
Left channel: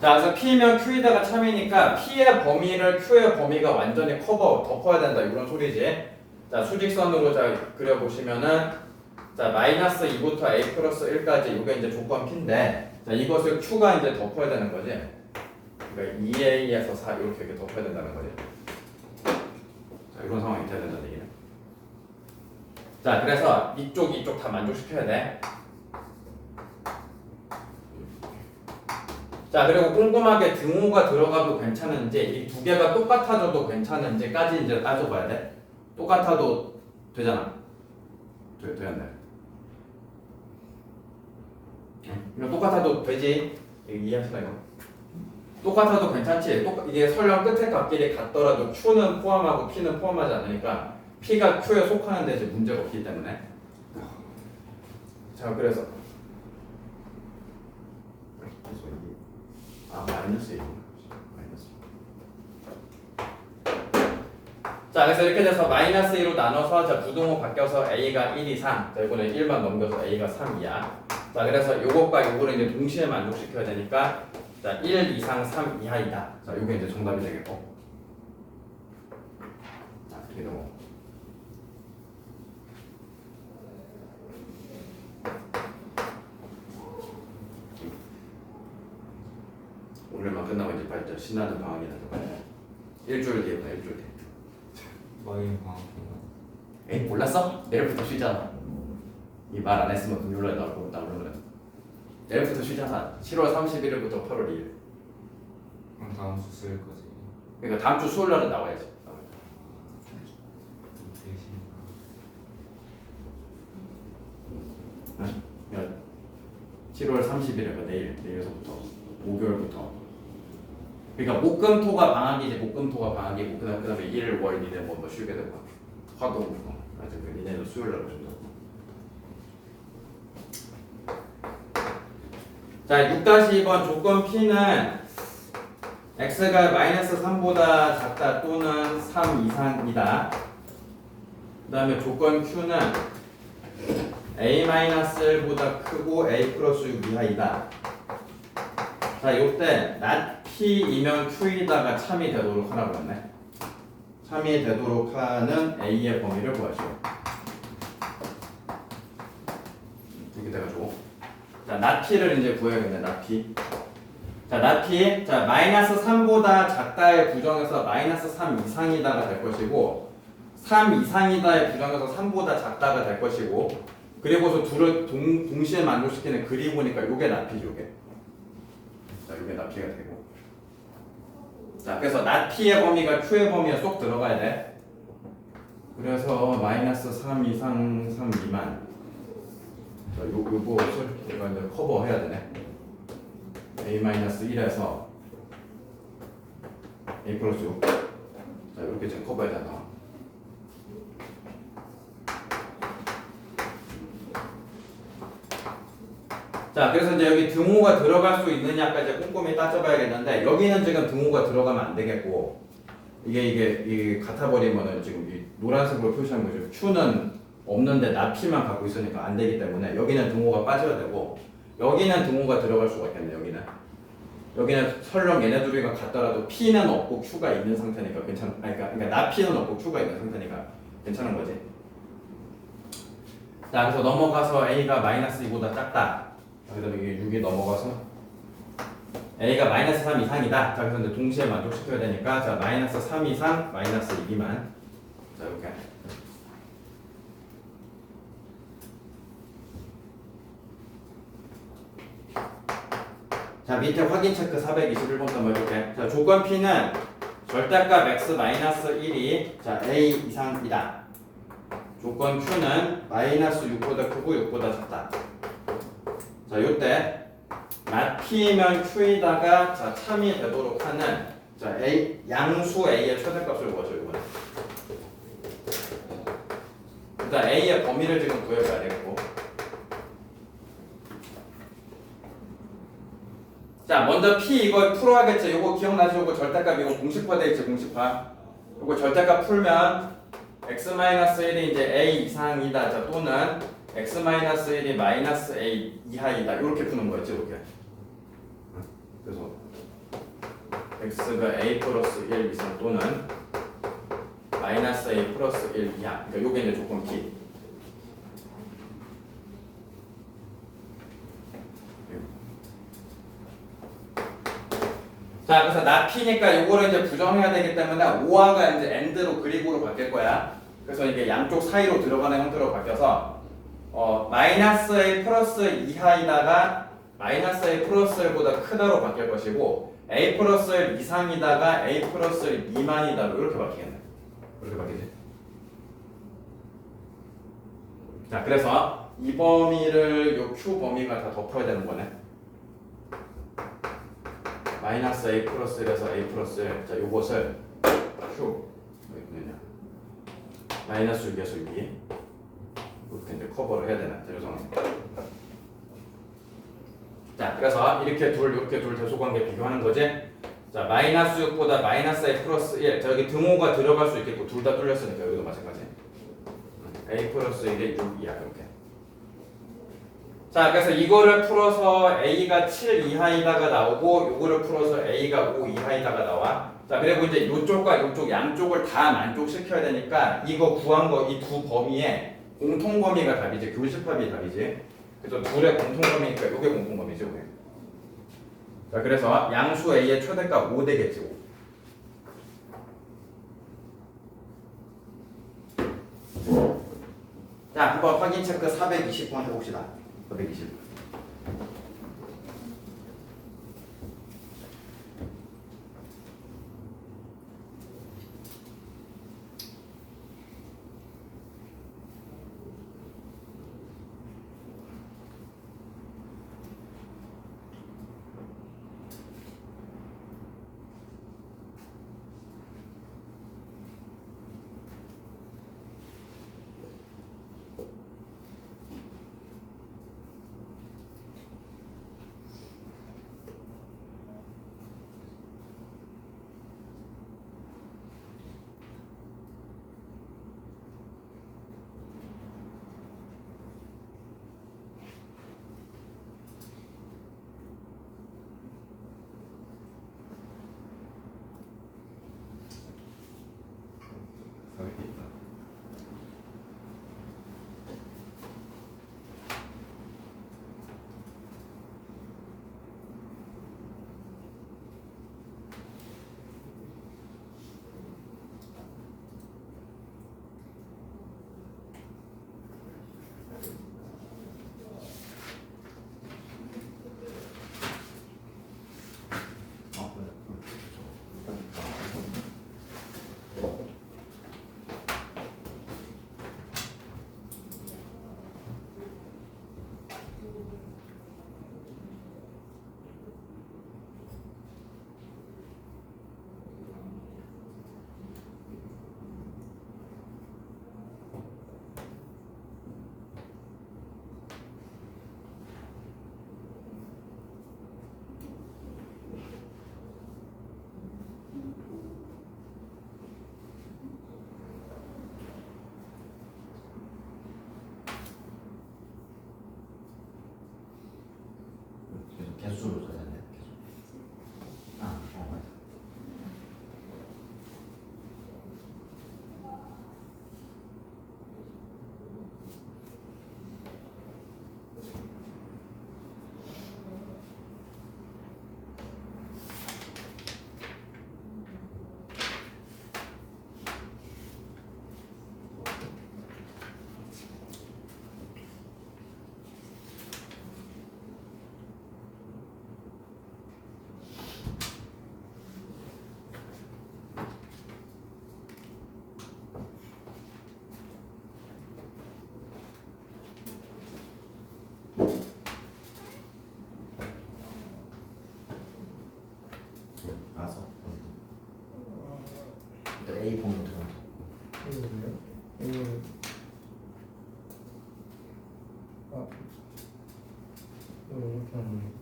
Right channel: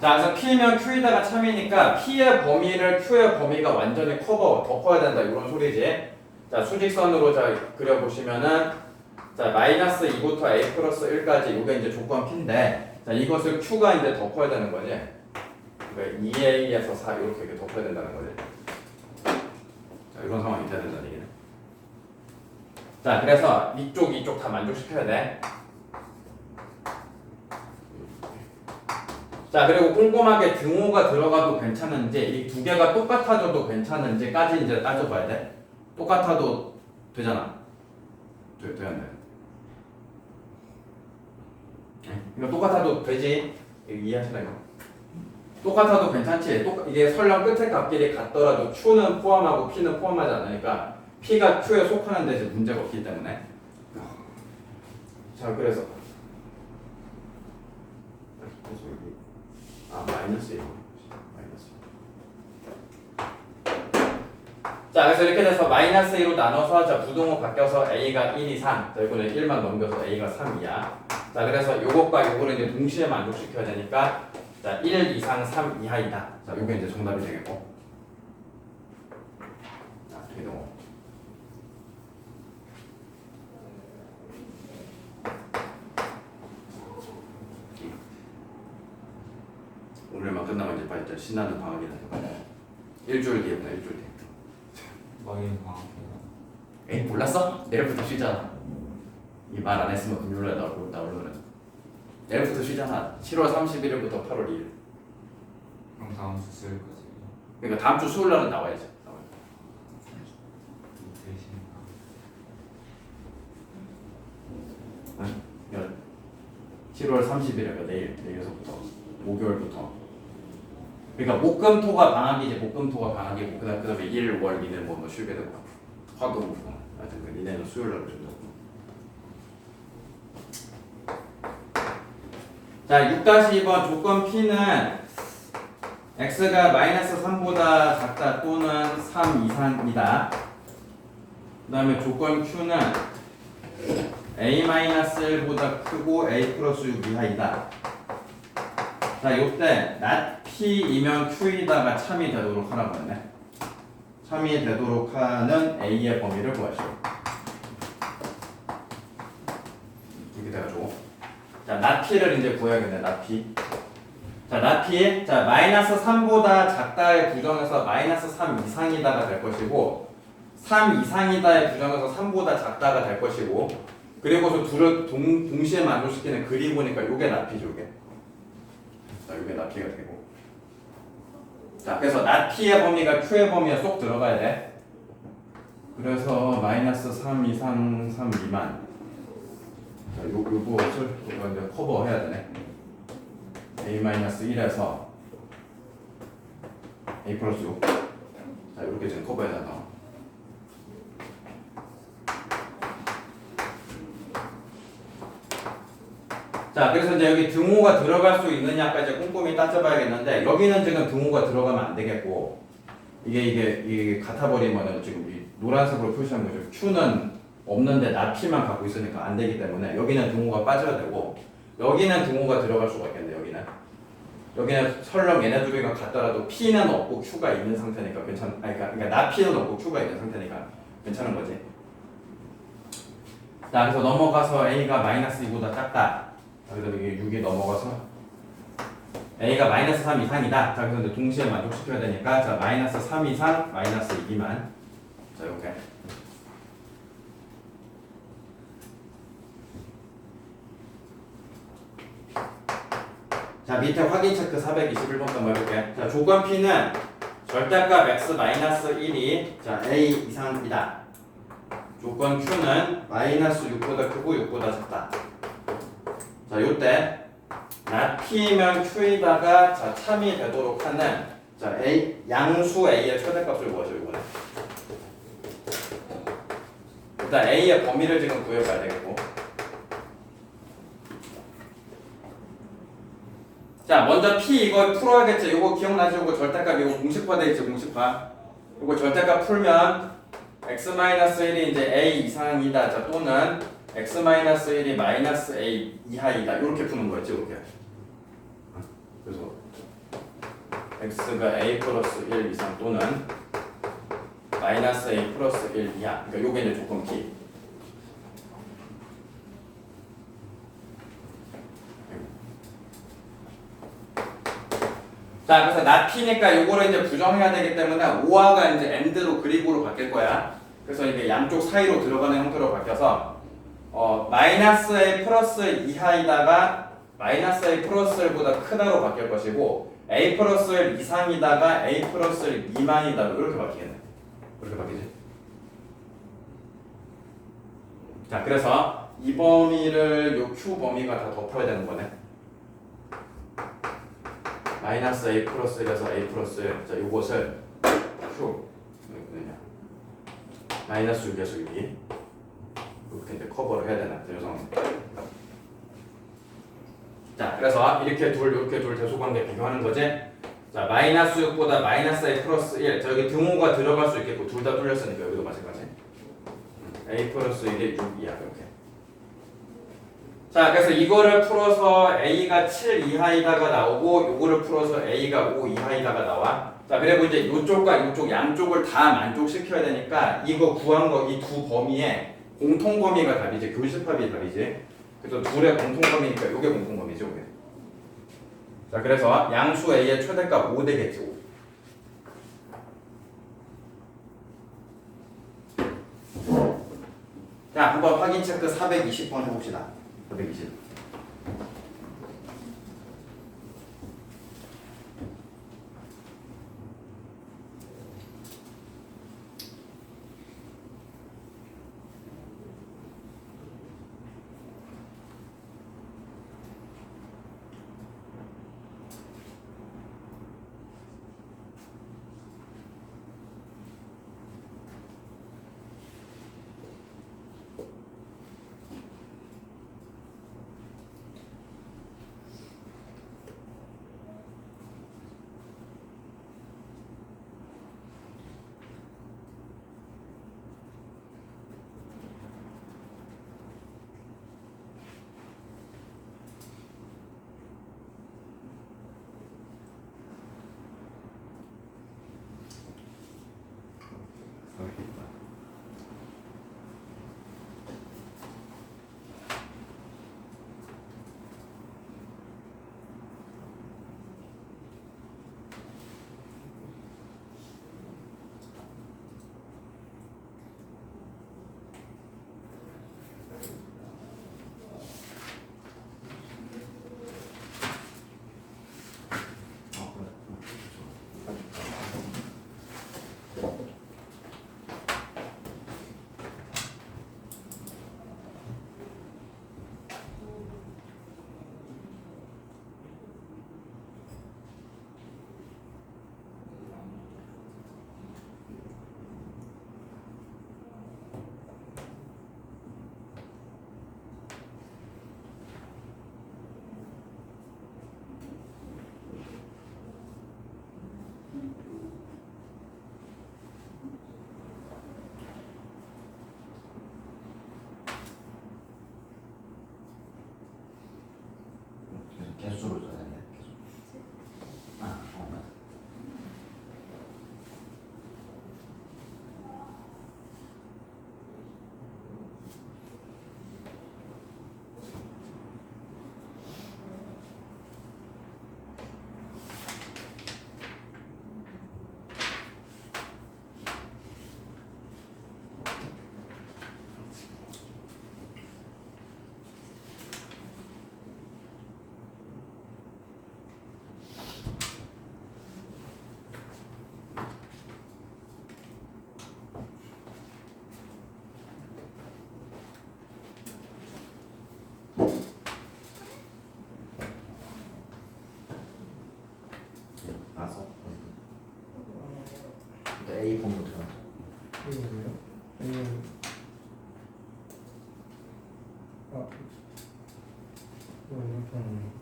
자, 그래서 P면 Q이다가 참이니까 P의 범위를 Q의 범위가 완전히 덮어야 된다 이런 소리지. 자, 수직선으로 자 그려보시면은 자 마이너스 2부터 A 플러스 1까지 이게 이제 조건 P인데 자 이것을 Q가 이제 덮어야 되는 거지. 그러니까 2A에서 4 이렇게 덮어야 된다는 거지. 자, 이런 상황이 돼야 된다는 얘기는. 자, 그래서 이쪽 다 만족시켜야 돼. 자, 그리고 꼼꼼하게 등호가 들어가도 괜찮은지 이 두 개가 똑같아져도 괜찮은지까지 이제 따져봐야 돼. 똑같아도 되잖아. 되었네. 이거 똑같아도 되지. 이해하시나 이거? 똑같아도 괜찮지. 이게 설령 끝에 값끼리 같더라도 Q는 포함하고 P는 포함하지 않으니까 P가 Q에 속하는 데 이제 문제가 없기 때문에. 자, 그래서 마이너스 1. 자, 그래서 이렇게 돼서 마이너스 2로 나눠서 자, 부동호 바뀌어서 A가 1 이상 자, 이번에 1만 넘겨서 A가 3 이하 자, 그래서 요것과 요거를 이제 동시에 만족시켜야 되니까 자, 1 이상 3 이하이다. 자, 요게 이제 정답이 되겠고. 자, 그리고 오늘만 끝나면 이제 빨리 신나는 방학이다. 일주일 뒤에부터 일주일 뒤에. 망인 방학인가? 에이 몰랐어? 내일부터 쉬잖아. 이 말 안 했으면 금요일에 나오려고 그래. 내일부터 쉬잖아. 7월 31일부터 8월 2일. 그럼 다음 주 쓸 거지. 그러니까 다음 주 수요일 날은 나와야지. 이틀 쉬는가? 야, 7월 30일이니까 내일서부터 목요일부터. 그러니까 목금토가 방학이지. 목금토가 방학이고 그다음에 일, 월, 일을 뭐 쉬게 되고 화도 하여튼 그 니네는 수요일 날 오신다고. 자, 6-2번 조건 P는 x가 마이너스 3보다 작다 또는 3 이상이다. 그 다음에 조건 Q는 a-1보다 크고 a 플러스 6 이하이다. 자, 요때 not P이면 Q이다가 참이 되도록 하라고 했네. 참이 되도록 하는 a의 범위를 구하시오. 여기다가 줘. 자, not P를 이제 구해야겠네. not P. 자, not P. 자, 마이너스 3보다 작다의 부정에서 마이너스 3 이상이다가 될 것이고 3 이상이다의 부정에서 3보다 작다가 될 것이고 그리고서 둘을 동시에 만족시키는 그리고니까 요게 not P죠. 요게. 자, 요게 not P가 되고. 자, 그래서 not P의 범위가 Q의 범위에 쏙 들어가야 돼. 그래서 마이너스 3 이상 3 미만. 자, 요것을 우리가 이제 커버해야 되네. a-1에서 a 플러스 6. 자, 이렇게 지금 커버해야 된다. 자, 그래서 이제 여기 등호가 들어갈 수 있느냐까지 이제 꼼꼼히 따져봐야겠는데 여기는 지금 등호가 들어가면 안 되겠고 이게 같아 버리면은 지금 이 노란색으로 표시한 거죠. Q는 없는데 나피만 갖고 있으니까 안 되기 때문에 여기는 등호가 빠져야 되고 여기는 등호가 들어갈 수가 있겠네. 여기는 설령 얘네 둘이가 같더라도 P는 없고 Q가 있는 상태니까 그러니까 나 P는 없고 Q가 있는 상태니까 괜찮은 거지. 자, 그래서 넘어가서 A가 마이너스 2보다 작다. 그다음에 이게 6이 넘어가서 A가 마이너스 3 이상이다. 자, 그래서 이제 동시에 만족시켜야 되니까 자, 마이너스 3 이상 마이너스 2만. 자, 이렇게. 자, 밑에 확인 체크 421번 한번 해볼게. 자, 조건 P는 절대값 x 마이너스 1이 자, A 이상이다. 조건 Q는 마이너스 6보다 크고 6보다 작다. 자, 요때 not P면 Q이다가 자, 참이 되도록 하는 자, A 양수 A의 최대값을 구하죠. 이거는. 일단 A의 범위를 지금 구해봐야 되겠고. 자, 먼저 P 이거 풀어야겠죠. 이거 기억나죠? 이거 절대값 이거 공식화 되겠지. 공식화. 이거 절대값 풀면 x-1이 이제 A 이상이다. 자, 또는 x-1이 마이너스 A 이하이다. 이렇게 푸는 거였지. 이렇게. 그래서 x가 A 플러스 1 이상 또는 마이너스 A 플러스 1 이하. 그러니까 요게 이제 조건 P. 자, 그래서 not P니까 요거를 이제 부정해야 되기 때문에 5화가 이제 and로 그리고로 바뀔 거야. 그래서 이게 양쪽 사이로 들어가는 형태로 바뀌어서 마이너스 A 플러스 이하이다가 마이너스 A 플러스 1보다 크다로 바뀔 것이고 A 플러스 1 이상이다가 A 플러스 1 미만이다 이렇게 바뀌겠네. 이렇게 바뀌지. 자, 그래서 이 범위를 요 Q 범위가 다 덮어야 되는 거네. 마이너스 A 플러스 1에서 A 플러스 1. 자, 요것을 Q 마이너스 6에서 6이 이렇게 이제 커버를 해야 되나? 이 상황. 자, 그래서 이렇게 둘 대소관계 비교하는 거지. 자, 마이너스 6보다 마이너스 A 플러스 1. 자, 여기 등호가 들어갈 수 있겠고 둘 다 뚫렸으니까 여기도 마찬가지. A 플러스 1이 6이야 이렇게. 자, 그래서 이거를 풀어서 A가 7 이하이다가 나오고 요거를 풀어서 A가 5 이하이다가 나와. 자, 그리고 이제 요쪽과 요쪽 양쪽을 다 만족시켜야 되니까 이거 구한 거 이 두 범위에 공통 범위가 답이지. 교집합이 답이지. 그래서 둘의 공통 범위니까 요게 공통 범위죠, 요게. 자, 그래서 양수 A의 최대값 5 되겠지. 5. 자, 한번 확인 체크 420번 해봅시다. 420. 개수를 써야 돼. 맞다. 봐서. A 보면 어떡하나? 이거요? 이거 이렇게 하는 거.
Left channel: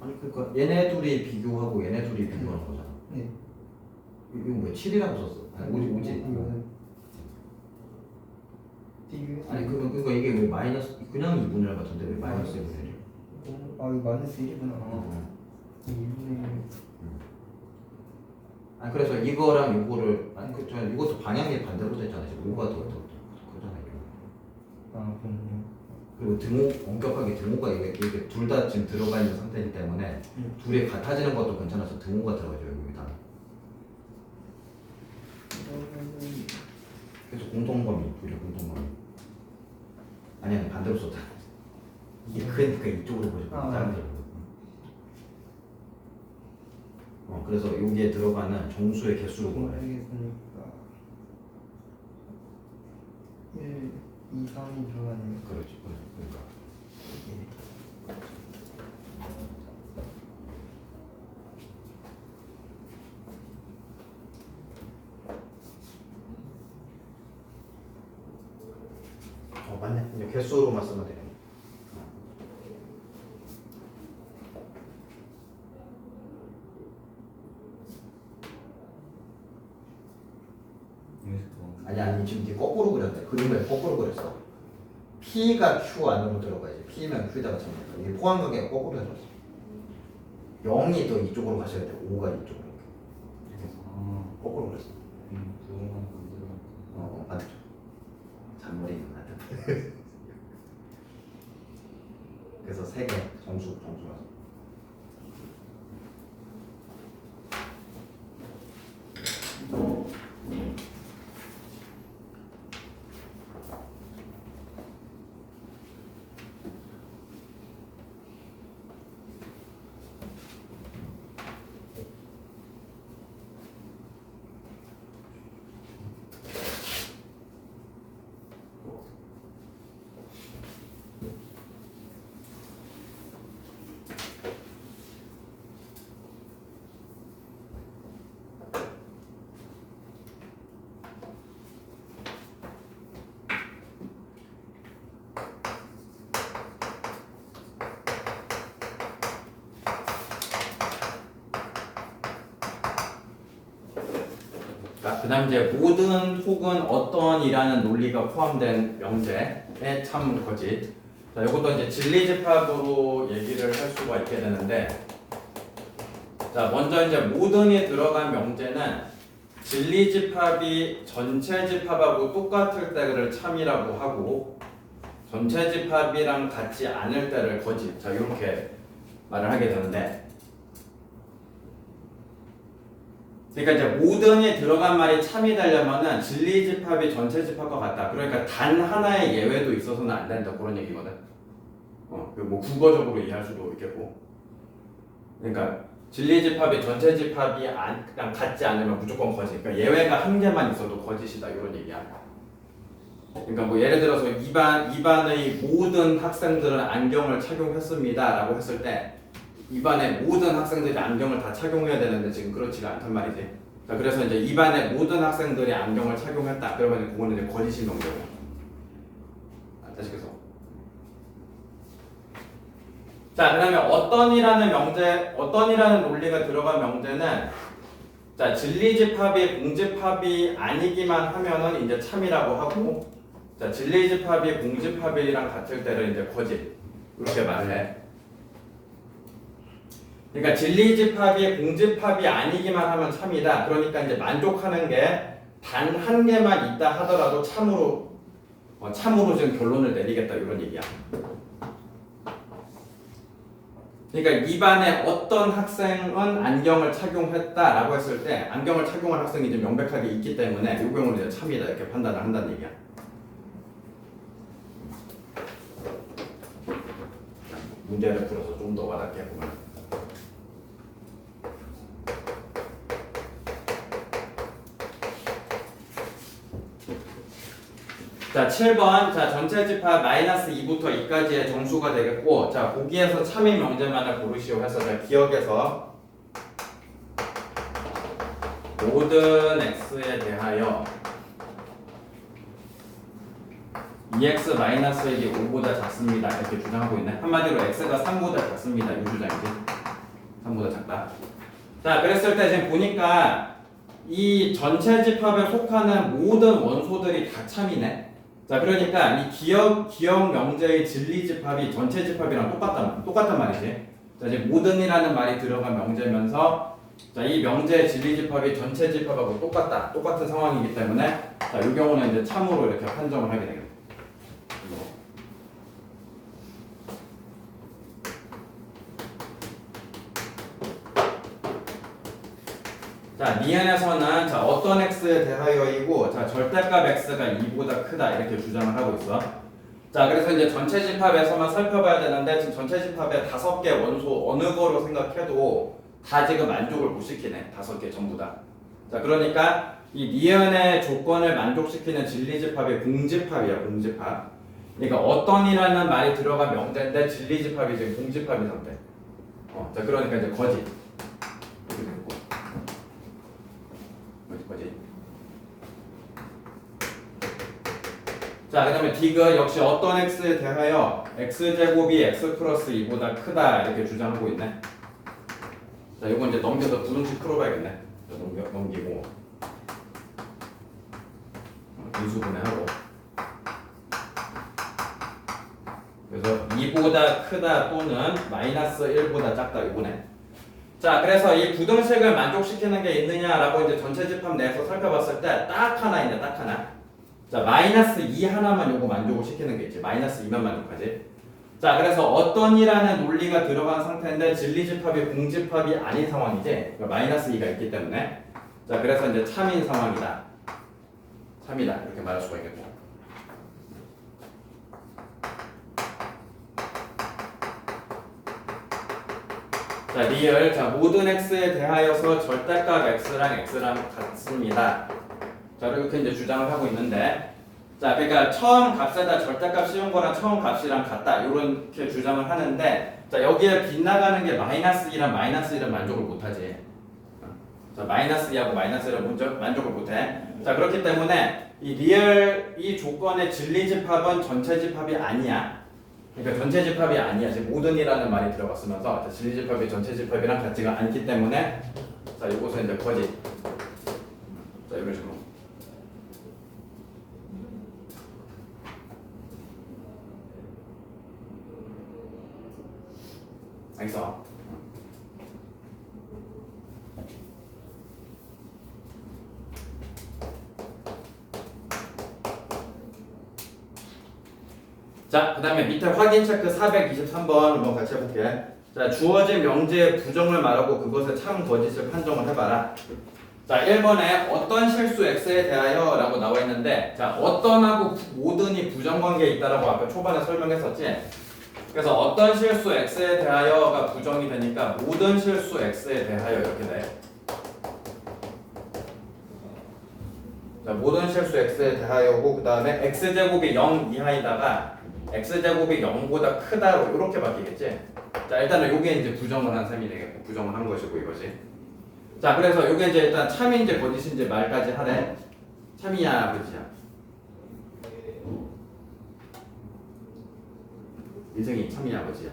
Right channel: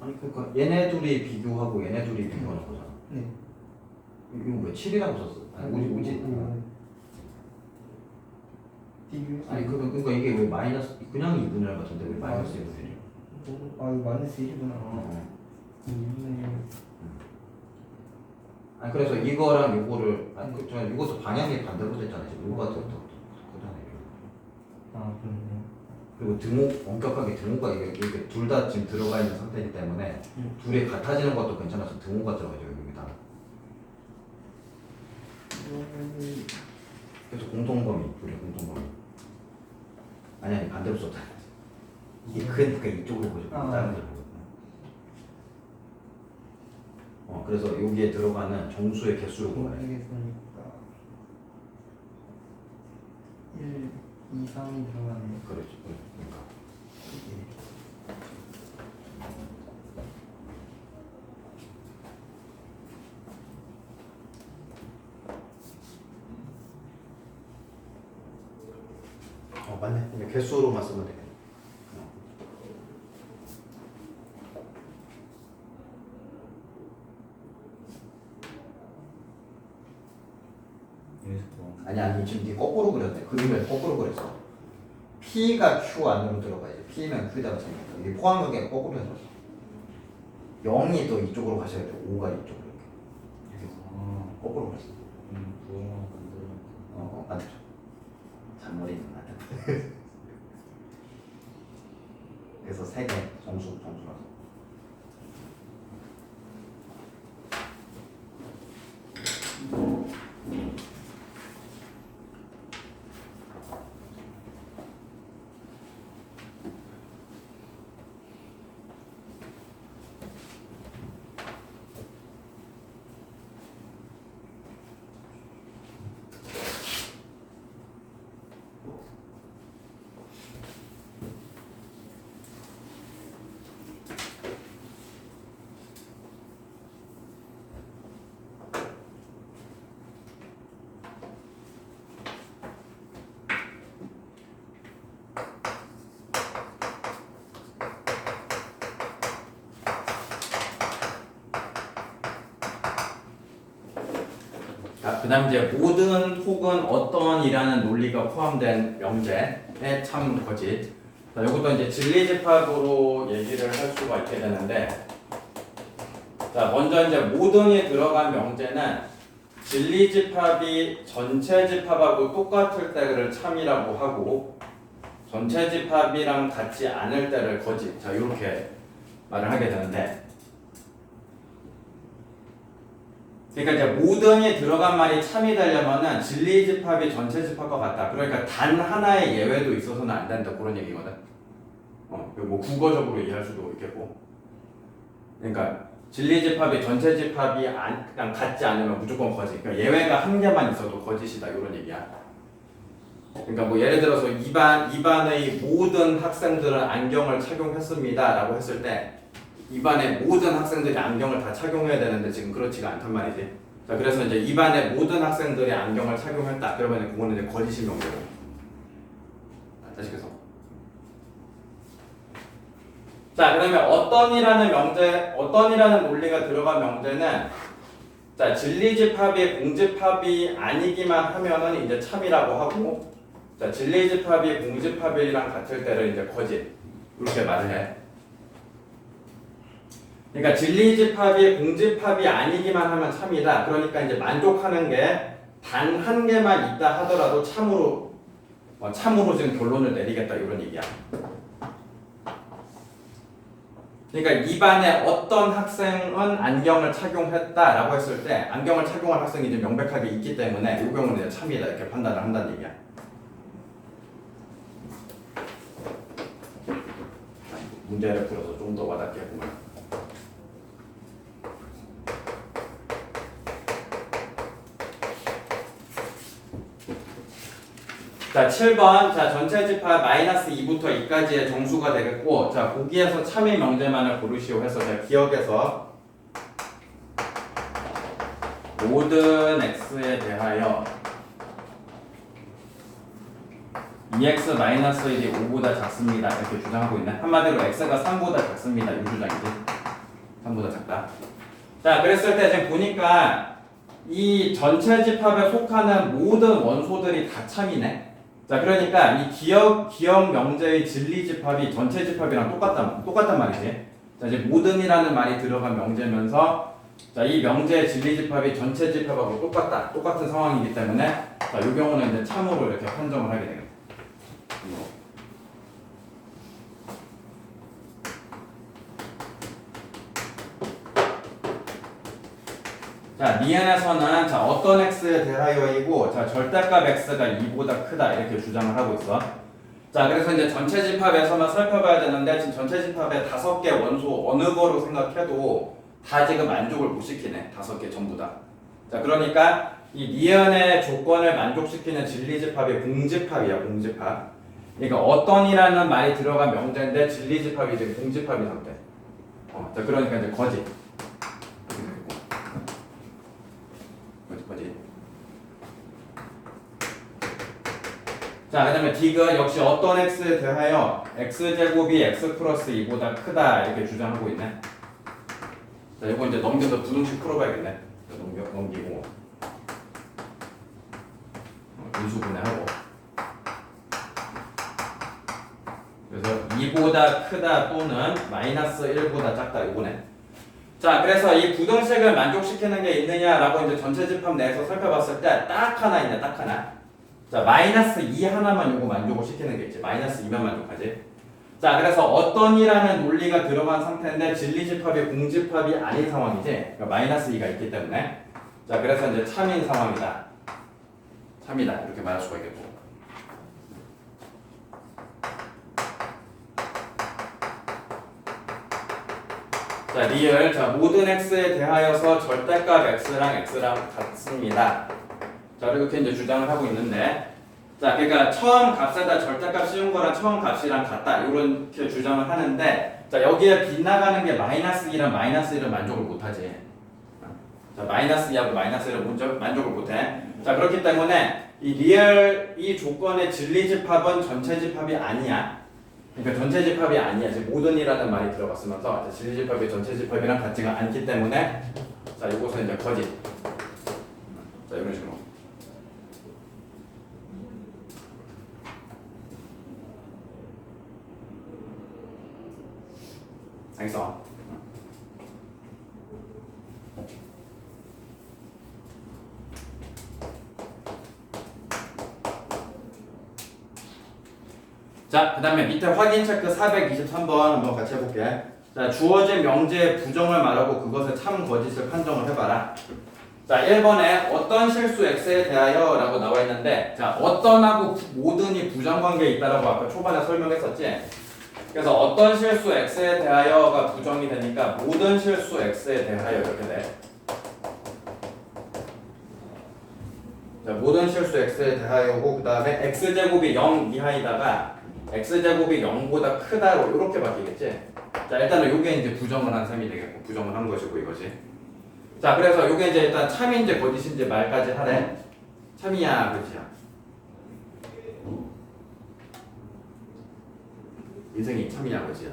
아니 그러니까 얘네 둘이 비교하고 얘네 둘이 비교하는 거잖아. 네. 이거 뭐 7이라고 썼어? 아니 오지. 아니 그러니까 이게 왜 마이너스 그냥 2분의 1 같은데 왜 마이너스 2분의 1? 아 이거 마이너스 1이구나. 어. 2분의 1. 아니 그래서 이거랑 이거를 아니 그저 이것도 방향이 반대로 됐잖아요. 지금 이거가 더 그잖아요. 아 그럼요. 그리고 등호 엄격하게 등호가 이게 둘 다 지금 들어가 있는 상태이기 때문에 둘이 같아지는 것도 괜찮아서 등호가 들어가죠 여기다. 그래서 공통범위 둘이 공통범위. 아니 반대로 썼잖아. 이게 그 이쪽으로 보죠. 작은 데 보고. 그래서 여기에 들어가는 정수의 개수로 구하래. 모르겠으니까 1, 2, 3이 들어가네요. 그렇지. 그러니까. 맞네. 이제 개수로만 쓰면 되겠네. 아니 지금 네 거꾸로 그렸네. 그림을 거꾸로 그렸어. P가 Q 안으로 들어가야지. P면 Q에다가 잡니다. 이게 포항경계가 거꾸로 해놨어. 0이 또 이쪽으로 가셔야 돼. 5가 이쪽으로 이렇게 거꾸로 그렸어. 부엉만 만들어. 맞죠. 잔머리는 맞다. 그래서 3개 정수라서. 자, 그다음 이제 모든 혹은 어떤이라는 논리가 포함된 명제의 참 거짓. 자, 이것도 이제 진리집합으로 얘기를 할 수가 있게 되는데, 자, 먼저 이제 모든이 들어간 명제는 진리집합이 전체 집합하고 똑같을 때를 참이라고 하고, 전체 집합이랑 같지 않을 때를 거짓. 자, 이렇게 말을 하게 되는데. 그러니까 이제 모든이 들어간 말이 참이 되려면은 진리 집합이 전체 집합과 같다. 그러니까 단 하나의 예외도 있어서는 안 된다. 그런 얘기거든. 뭐 국어적으로 이해할 수도 있겠고. 그러니까 진리 집합이 전체 집합이 그냥 같지 않으면 무조건 거짓. 그러니까 예외가 한 개만 있어도 거짓이다. 이런 얘기야. 그러니까 뭐 예를 들어서 2반의 모든 학생들은 안경을 착용했습니다라고 했을 때. 입안의 모든 학생들이 안경을 다 착용해야 되는데 지금 그렇지가 않단 말이지. 자, 그래서 이제 입안의 모든 학생들이 안경을 착용했다. 그러면 그거는 이제 거짓인 명제고. 다시 계속. 자, 그러면 어떤이라는 논리가 들어간 명제는 자, 진리집합이 공집합이 아니기만 하면은 이제 참이라고 하고, 자, 진리집합이 공집합이랑 같을 때를 이제 거짓. 이렇게 말을 해. 그러니까 진리집합이 공집합이 아니기만 하면 참이다. 그러니까 이제 만족하는 게 단 한 개만 있다 하더라도 참으로 지금 결론을 내리겠다 이런 얘기야. 그러니까 입안에 어떤 학생은 안경을 착용했다라고 했을 때 안경을 착용한 학생이 이제 명백하게 있기 때문에 이 경우는 이제 참이다 이렇게 판단을 한다는 얘기야. 문제를 풀어서 좀 더 와닿게 해보면. 자, 7번. 자, 전체 집합 마이너스 2부터 2까지의 정수가 되겠고, 자, 거기에서 참이 명제만을 고르시오 해서 자, 기억해서 모든 x에 대하여 2x 마이너스 1이 5보다 작습니다. 이렇게 주장하고 있네. 한마디로 x가 3보다 작습니다. 이 주장이지. 3보다 작다. 자, 그랬을 때 지금 보니까 이 전체 집합에 속하는 모든 원소들이 다 참이네. 자, 그러니까 이 기억 명제의 진리 집합이 전체 집합이랑 똑같단 말이지. 자, 이제 모든이라는 말이 들어간 명제면서 자, 이 명제의 진리 집합이 전체 집합하고 똑같은 상황이기 때문에 자, 이 경우는 이제 참으로 이렇게 판정을 하게 되겠다. 자, 니은에서는 자, 어떤 x에 대하여이고 자, 절대값 x가 2보다 크다 이렇게 주장을 하고 있어. 자, 그래서 이제 전체 집합에서만 살펴봐야 되는데 지금 전체 집합에 5개 원소 어느 거로 생각해도 다 지금 만족을 못 시키네. 5개 전부 다. 자, 그러니까 이 니은의 조건을 만족시키는 진리 집합이 공집합이야, 공집합. 그러니까 어떤이라는 말이 들어간 명제인데 진리 집합이 지금 공집합인 상태. 자, 그러니까 이제 거짓. 자, 그 다음에 디귿 역시 어떤 x에 대하여 x제곱이 x 플러스 2보다 크다 이렇게 주장하고 있네. 자, 이거 이제 넘겨서 부등식 풀어봐야겠네. 넘기고 인수분해하고. 그래서 2보다 크다 또는 마이너스 1보다 작다 요거네. 자, 그래서 이 부등식을 만족시키는 게 있느냐라고 이제 전체 집합 내에서 살펴봤을 때 딱 하나 있네, 딱 하나. 자, 마이너스 2 하나만 요거 만족을 시키는 게 있지. 마이너스 2만 만족하지. 자, 그래서 어떤 이라는 논리가 들어간 상태인데 진리집합이 공집합이 아닌 상황이지. 그러니까 마이너스 2가 있기 때문에. 자, 그래서 이제 참인 상황이다. 참이다. 이렇게 말할 수가 있겠고. 자, 리얼. 자, 모든 x에 대하여서 절대값 x랑 같습니다. 자, 이렇게 이제 주장을 하고 있는데, 자, 그러니까 처음 값에다 절대값 씌운 거랑 처음 값이랑 같다. 이렇게 주장을 하는데, 자, 여기에 빗나가는 게 마이너스 2랑 마이너스 1은 만족을 못하지. 자, 마이너스 2하고 마이너스 1은 만족을 못해. 자, 그렇기 때문에 이 리얼 이 조건의 진리집합은 전체집합이 아니야. 그러니까 전체집합이 아니야. 지금 모든이라는 말이 들어갔으면서 진리집합이 전체집합이랑 같지가 않기 때문에, 자, 이것은 이제 거짓. 자, 이런 식으로. 알겠어? 자, 그 다음에 밑에 확인 체크 423번 한번 같이 해볼게. 자, 주어진 명제의 부정을 말하고 그것의 참 거짓을 판정을 해봐라. 자, 1번에 어떤 실수 x에 대하여 라고 나와 있는데, 자, 어떤하고 모든이 부정관계에 있다라고 아까 초반에 설명했었지. 그래서 어떤 실수 x에 대하여가 부정이 되니까 모든 실수 x에 대하여 이렇게 돼. 자, 모든 실수 x에 대하여고, 그 다음에 x제곱이 0 이하이다가 x제곱이 0보다 크다로 이렇게 바뀌겠지. 자, 일단은 요게 이제 부정을 한 셈이 되겠고, 부정을 한 것이고 이것이. 자, 그래서 요게 이제 일단 참인지 거짓인지 말까지 하래. 참이야, 거짓이야? 인생이 참이야, 거짓이야?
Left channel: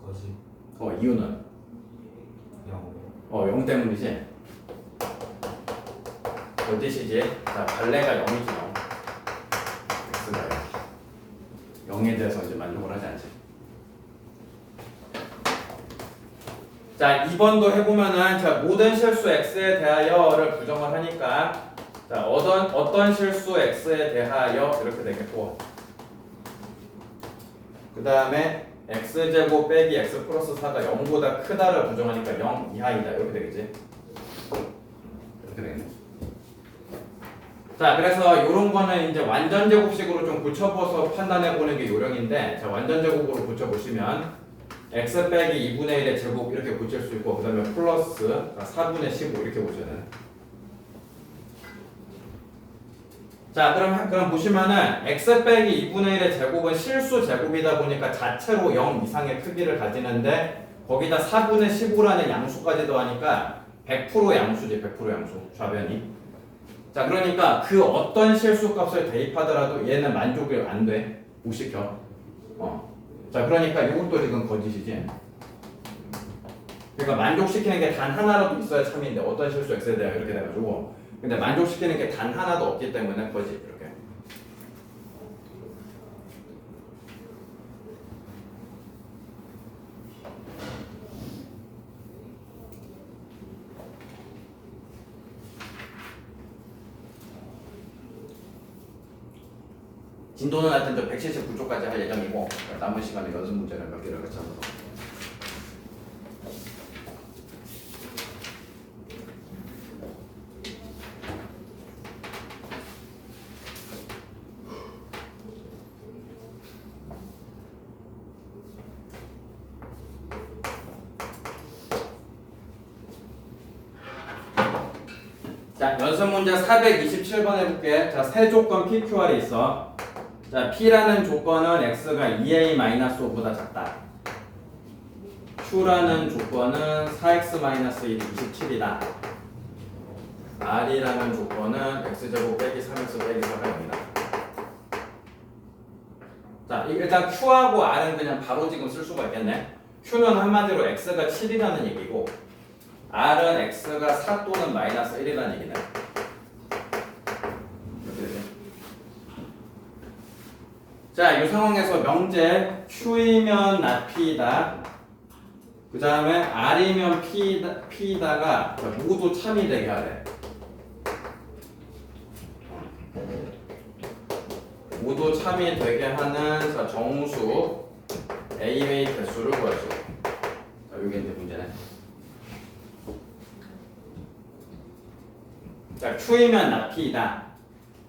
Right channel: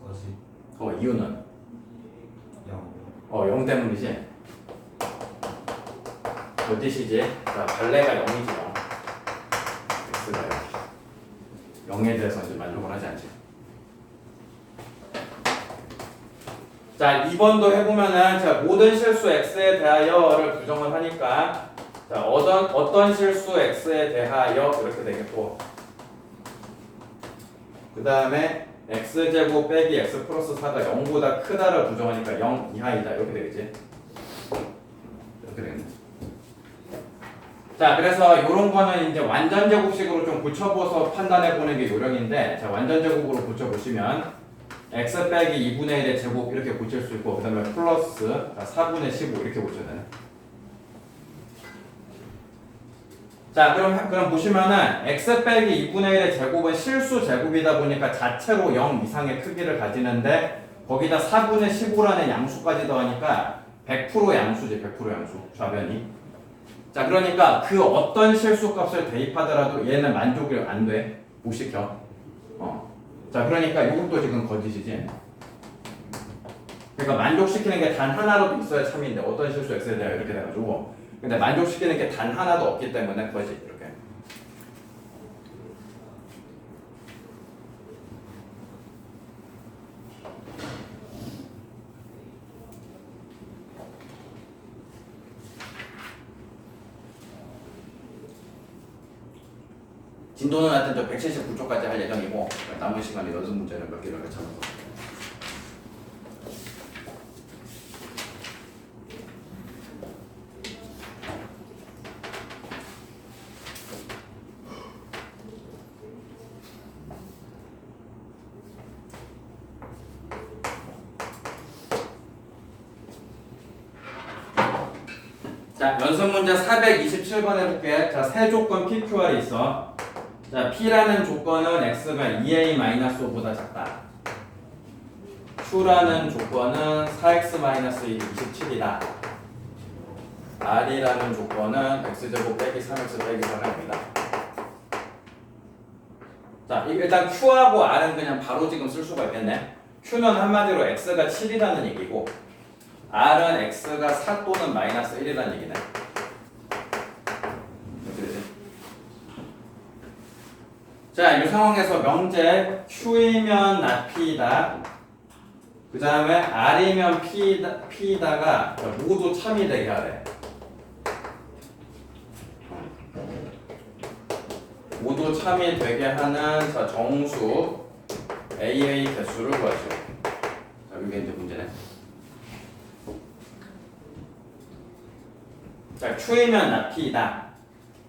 거짓. 이유는? 0. 0 때문이지. 거짓이지. 자, 발레가 0이지, 0. x가 0. 0에 대해서 이제 만족을 하지 않지. 자, 2번도 해보면은, 자, 모든 실수 x에 대하여를 부정을 하니까, 자, 어떤 실수 x에 대하여 이렇게 되겠고, 그 다음에 x제곱 빼기 x 플러스 4가 0보다 크다를 부정하니까 0 이하이다 이렇게 되겠지. 이렇게 되겠네. 자, 그래서 이런 거는 이제 완전 제곱식으로 좀 고쳐봐서 판단해 보는 게 요령인데, 자, 완전 제곱으로 고쳐보시면 x 빼기 2분의 1의 제곱 이렇게 고칠 수 있고, 그 다음에 플러스 4분의 15 이렇게 고쳐야 되네. 자, 그럼 보시면은 x 빼기 2분의 1의 제곱은 실수 제곱이다 보니까 자체로 0 이상의 크기를 가지는데, 거기다 4분의 15라는 양수까지 더하니까 100% 양수지. 100% 양수 좌변이. 자, 그러니까 그 어떤 실수 값을 대입하더라도 얘는 만족이 안 돼. 못 시켜. 자, 그러니까 이것도 지금 거짓이지. 그러니까 만족시키는 게 단 하나라도 있어야 참인데, 어떤 실수 x에 대하여 이렇게 돼가지고, 근데 만족시키는 게 단 하나도 없기 때문에 거짓. 이렇게. 진도는 하여튼 저 179쪽까지 할 예정이고, 남은 시간에 연습 문제는 몇 개를 같이 하면서. 자, 연습 문제 427번 해볼게. 자, 세 조건 PQR이 있어. 자, P라는 조건은 X가 2A-5보다 작다. Q라는 조건은 4X-1이 27이다. R이라는 조건은 X제곱 빼기 3X 빼기 4입니다. 자, 일단 Q하고 R은 그냥 바로 지금 쓸 수가 있겠네. Q는 한마디로 X가 7이라는 얘기고, R은 X가 4 또는 마이너스 1이라는 얘기네. 그치? 자, 이 상황에서 명제 Q이면 not P이다. 그 다음에 R이면 P이다가 모두 참이 되게 하래. 모두 참이 되게 하는 자, 정수 A의 개수를 구하시오. 자, 이게 이제 문제네. 자, Q이면 not P이다.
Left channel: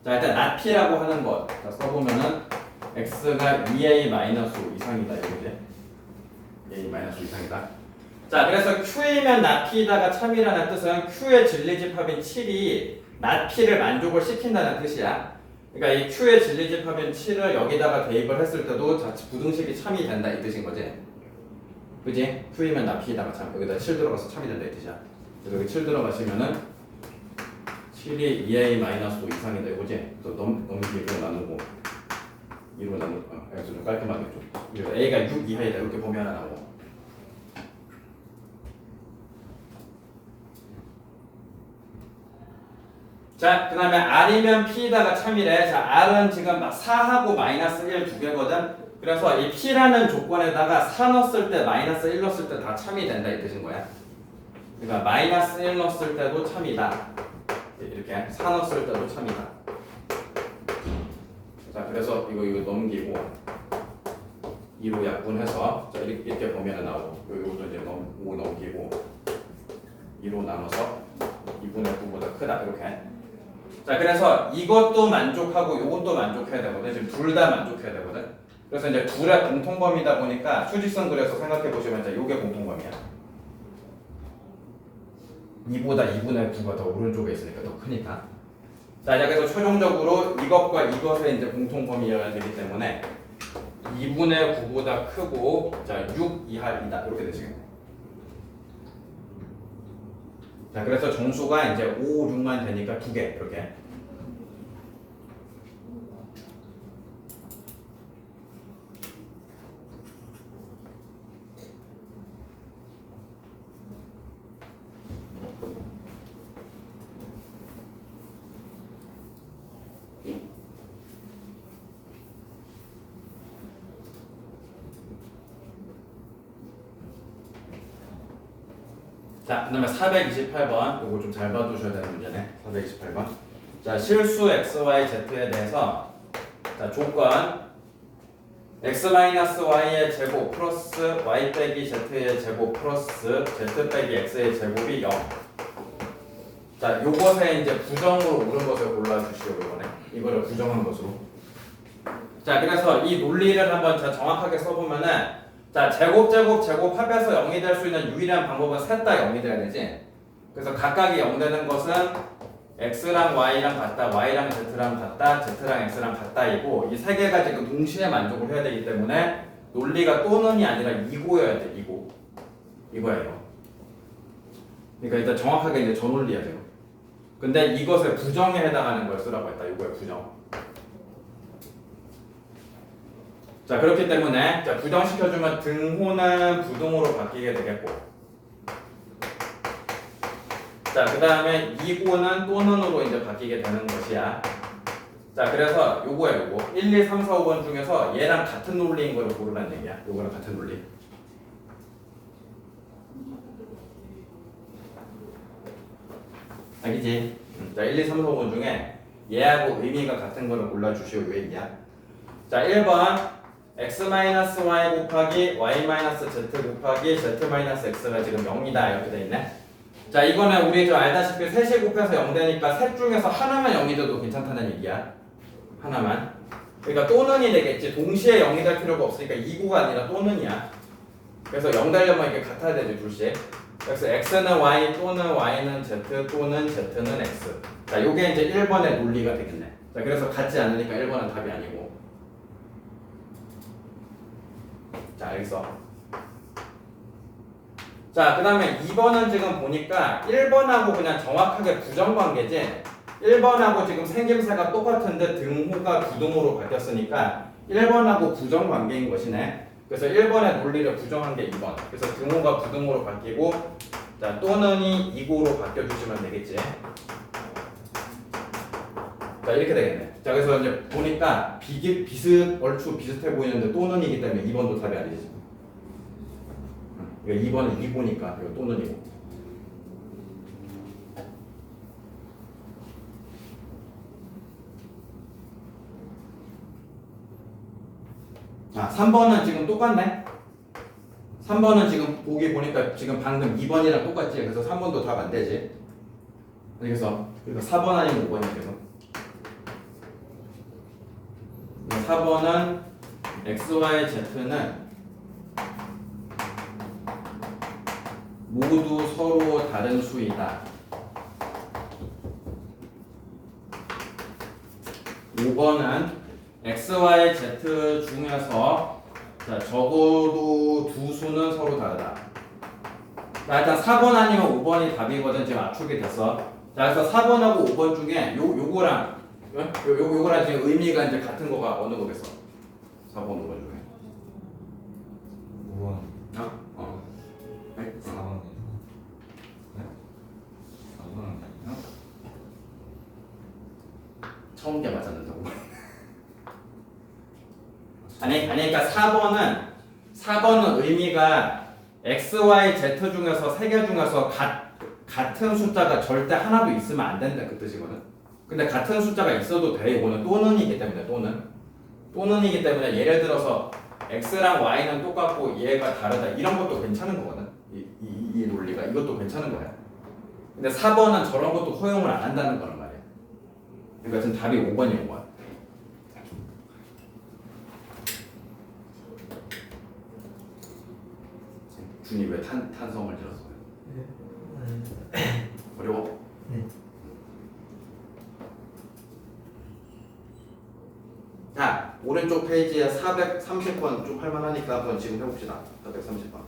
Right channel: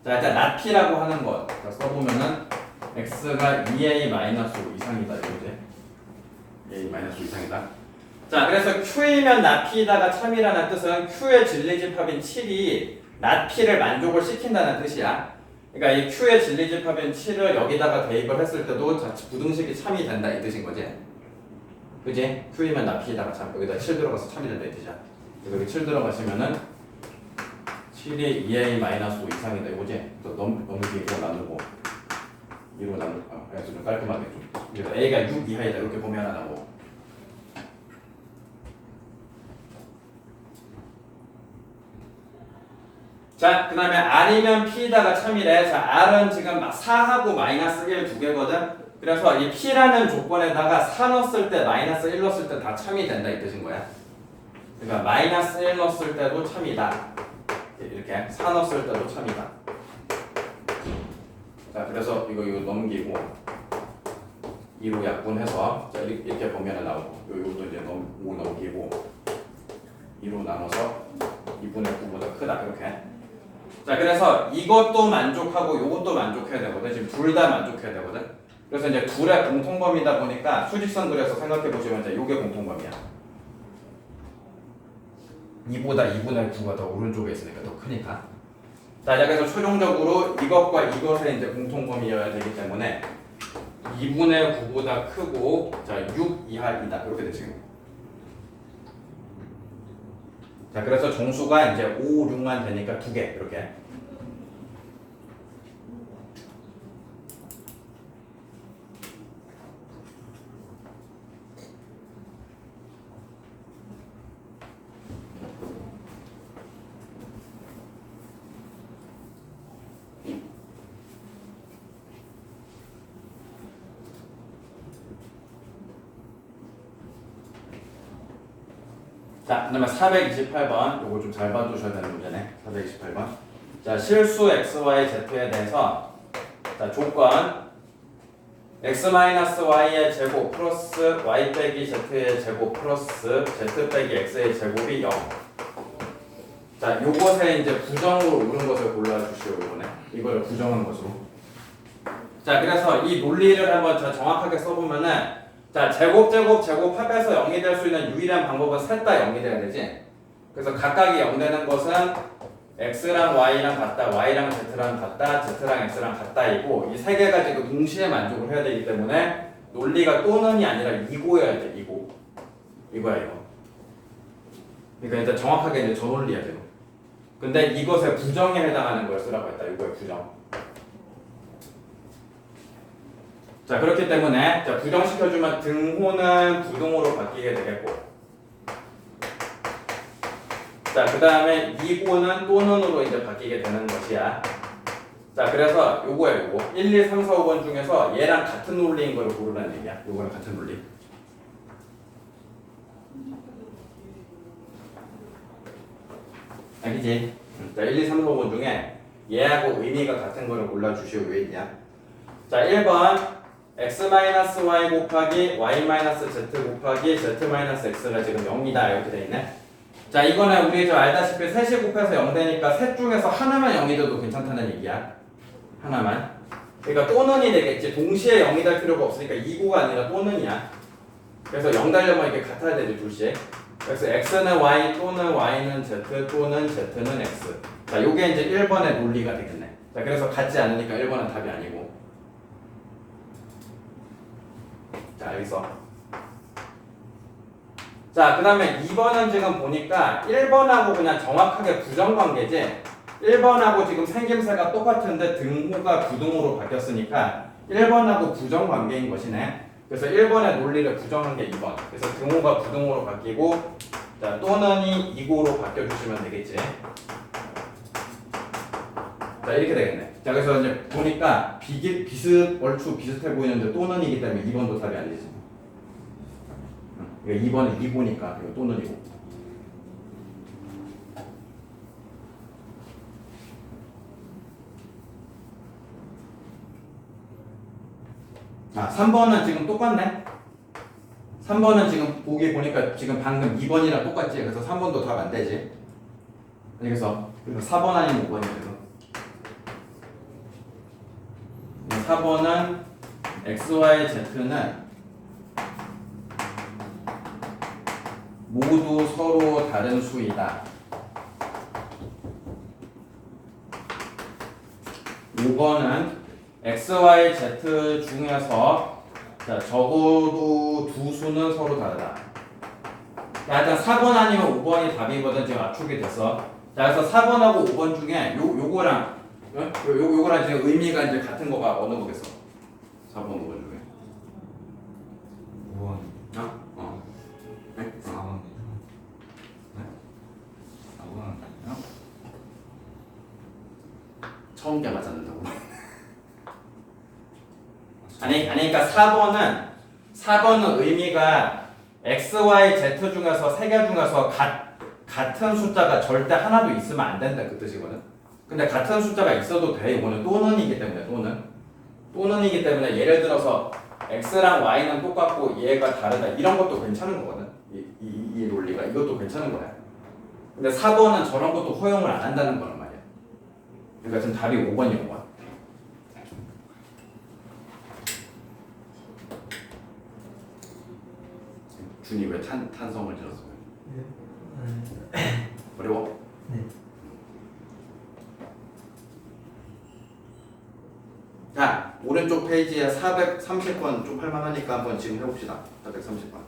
자, 일단 not P라고 하는 것. 자, 써보면은 X가 2A-5 이상이다. 이거지. A-5 이상이다. 자, 그래서 Q이면 not P다가 참이라는 뜻은 Q의 진리집합인 7이 not P를 만족을 시킨다는 뜻이야. 그러니까 이 Q의 진리집합인 7을 여기다가 대입을 했을 때도 자, 부등식이 참이 된다 이 뜻인 거지. 그지? Q이면 not P다가 참. 여기다 7 들어가서 참이 된다 이 뜻이야. 여기 7 들어가시면은 7이 2A-5 이상이다 이거지. 또 넘기고 나누고 2로 나누고 그래서 좀 깔끔하게 좀. 그래서 A가 6 이하이다 이렇게 보면 하고. 자, 그 다음에 R이면 P다가 참이래. 자, R은 지금 4하고 마이너스 1 두 개거든. 그래서 이 P라는 조건에다가 4 넣었을 때 마이너스 1 넣었을 때 다 참이 된다 이 뜻인 거야. 그러니까 마이너스 1 넣었을 때도 참이다. 이렇게 4 넣었을 때도 참이다. 자, 그래서 이거 넘기고 2로 약분해서 자, 이렇게 보면 나오고 이것도 이제 5 넘기고 2로 나눠서 2분의 9보다 크다 이렇게. 자, 그래서 이것도 만족하고 이것도 만족해야 되거든. 지금 둘 다 만족해야 되거든. 그래서 이제 둘의 공통범위다 보니까 수직선 그려서 생각해 보시면 이제 이게 공통범위야. 2보다 2분의 9가 더 오른쪽에 있으니까 더 크니까. 자, 그래서 최종적으로 이것과 이것의 이제 공통범위여야 되기 때문에 2분의 9보다 크고 자, 6 이하이다 이렇게 되시겠네. 자, 그래서 정수가 이제 5, 6만 되니까 2개 이렇게. 자, 그 다음에 428번 요거 좀 잘 봐두셔야 되는 문제네. 428번. 자, 실수 xy z에 대해서 자, 조건 x-y의 제곱 플러스 y 빼기 z의 제곱 플러스 z 빼기 x의 제곱이 0. 자, 요것에 이제 부정으로 옳은 것을 골라주시오. 이번에 이거를 부정한 것으로. 자, 그래서 이 논리를 한번 자, 정확하게 써보면은 자, 제곱 합해서 0이 될 수 있는 유일한 방법은 셋 다 0이 돼야 되지. 그래서 각각이 0 되는 것은 x랑 y랑 같다, y랑 z랑 같다, z랑 x랑 같다이고 이 세 개가 지금 동시에 만족을 해야 되기 때문에 논리가 또는이 아니라 이고여야 돼. 이거야 이거. 그러니까 일단 정확하게 이제 저 논리야 돼요. 근데 이것의 부정에 해당하는 걸 쓰라고 했다. 이거의 부정. 자, 그렇기 때문에 자, 부정시켜주면 등호는 부등호로 바뀌게 되겠고, 자, 그 다음에 이고는 또는으로 이제 바뀌게 되는 것이야. 자, 그래서 요거야 요거 1, 2, 3, 4, 5번 중에서 얘랑 같은 논리인 거를 고르라는 얘기야. 요거랑 같은 논리. 알겠지? 자, 1, 2, 3, 4, 5번 중에 얘하고 의미가 같은 거를 골라주시오. 요 얘기야. 자, 1번 x-y 곱하기 y-z 곱하기 z-x가 지금 0이다 이렇게 돼 있네. 자, 이거는 우리 좀 알다시피 셋이 곱해서 0 되니까 셋 중에서 하나만 0이 돼도 괜찮다는 얘기야. 하나만. 그러니까 또는이 되겠지. 동시에 0이 될 필요가 없으니까 이고가 아니라 또는이야. 그래서 0 되려면 이렇게 같아야 되지 둘씩. 그래서 x는 y 또는 y는 z 또는 z는 x. 자, 요게 이제 1번의 논리가 되겠네. 자, 그래서 같지 않으니까 1번은 답이 아니고. 자, 알겠어. 자, 그 다음에 2번은 지금 보니까 1번하고 그냥 정확하게 부정관계지. 1번하고 지금 생김새가 똑같은데 등호가 부등호로 바뀌었으니까 1번하고 부정관계인 것이네. 그래서 1번의 논리를 부정한 게 2번. 그래서 등호가 부등호로 바뀌고 자, 또는이 이고로 바뀌어주시면 되겠지. 자, 이렇게 되겠네. 자, 그래서 이제 보니까 얼추 비슷해 보이는데 또는이기 때문에 2번도 답이 아니지. 이거 2번은 이고니까 이거 또는이고. 아, 3번은 지금 똑같네. 3번은 지금 보기 보니까 지금 방금 2번이랑 똑같지. 그래서 3번도 답 안 되지. 그래서 4번 아니면 5번이에요. 4번은 x, y, z는 모두 서로 다른 수이다. 5번은 x, y, z 중에서 자, 적어도 두 수는 서로 다르다. 자, 일단 4번 아니면 5번이 답이거든. 지금 압축이 됐어. 자, 그래서 4번하고 5번 중에 요거랑 요거랑 지금 의미가 이제 같은 거가 어느 거겠어? 4번, 5번 중에. 5번, 네? 4번. 네? 4번 아니요? 처음 게 맞았는데 5번. 아니, 그러니까 4번은 의미가 x, y, z 중에서 세 개 중에서 같은 숫자가 절대 하나도 있으면 안 된다 그 뜻이거든. 근데 같은 숫자가 있어도 돼. 이거는 또는이기 때문에 또는이기 때문에 예를 들어서 x랑 y는 똑같고 얘가 다르다 이런 것도 괜찮은 거거든. 이 논리가 이것도 괜찮은 거야. 근데 4번은 저런 것도 허용을 안 한다는 거란 말이야. 그러니까 지금 답이 5번인 거야. 준이 왜 탄성을 들었어? 어려워? 네. 자, 오른쪽 페이지에 430번 좀 할만하니까 한번 지금 해봅시다. 430번.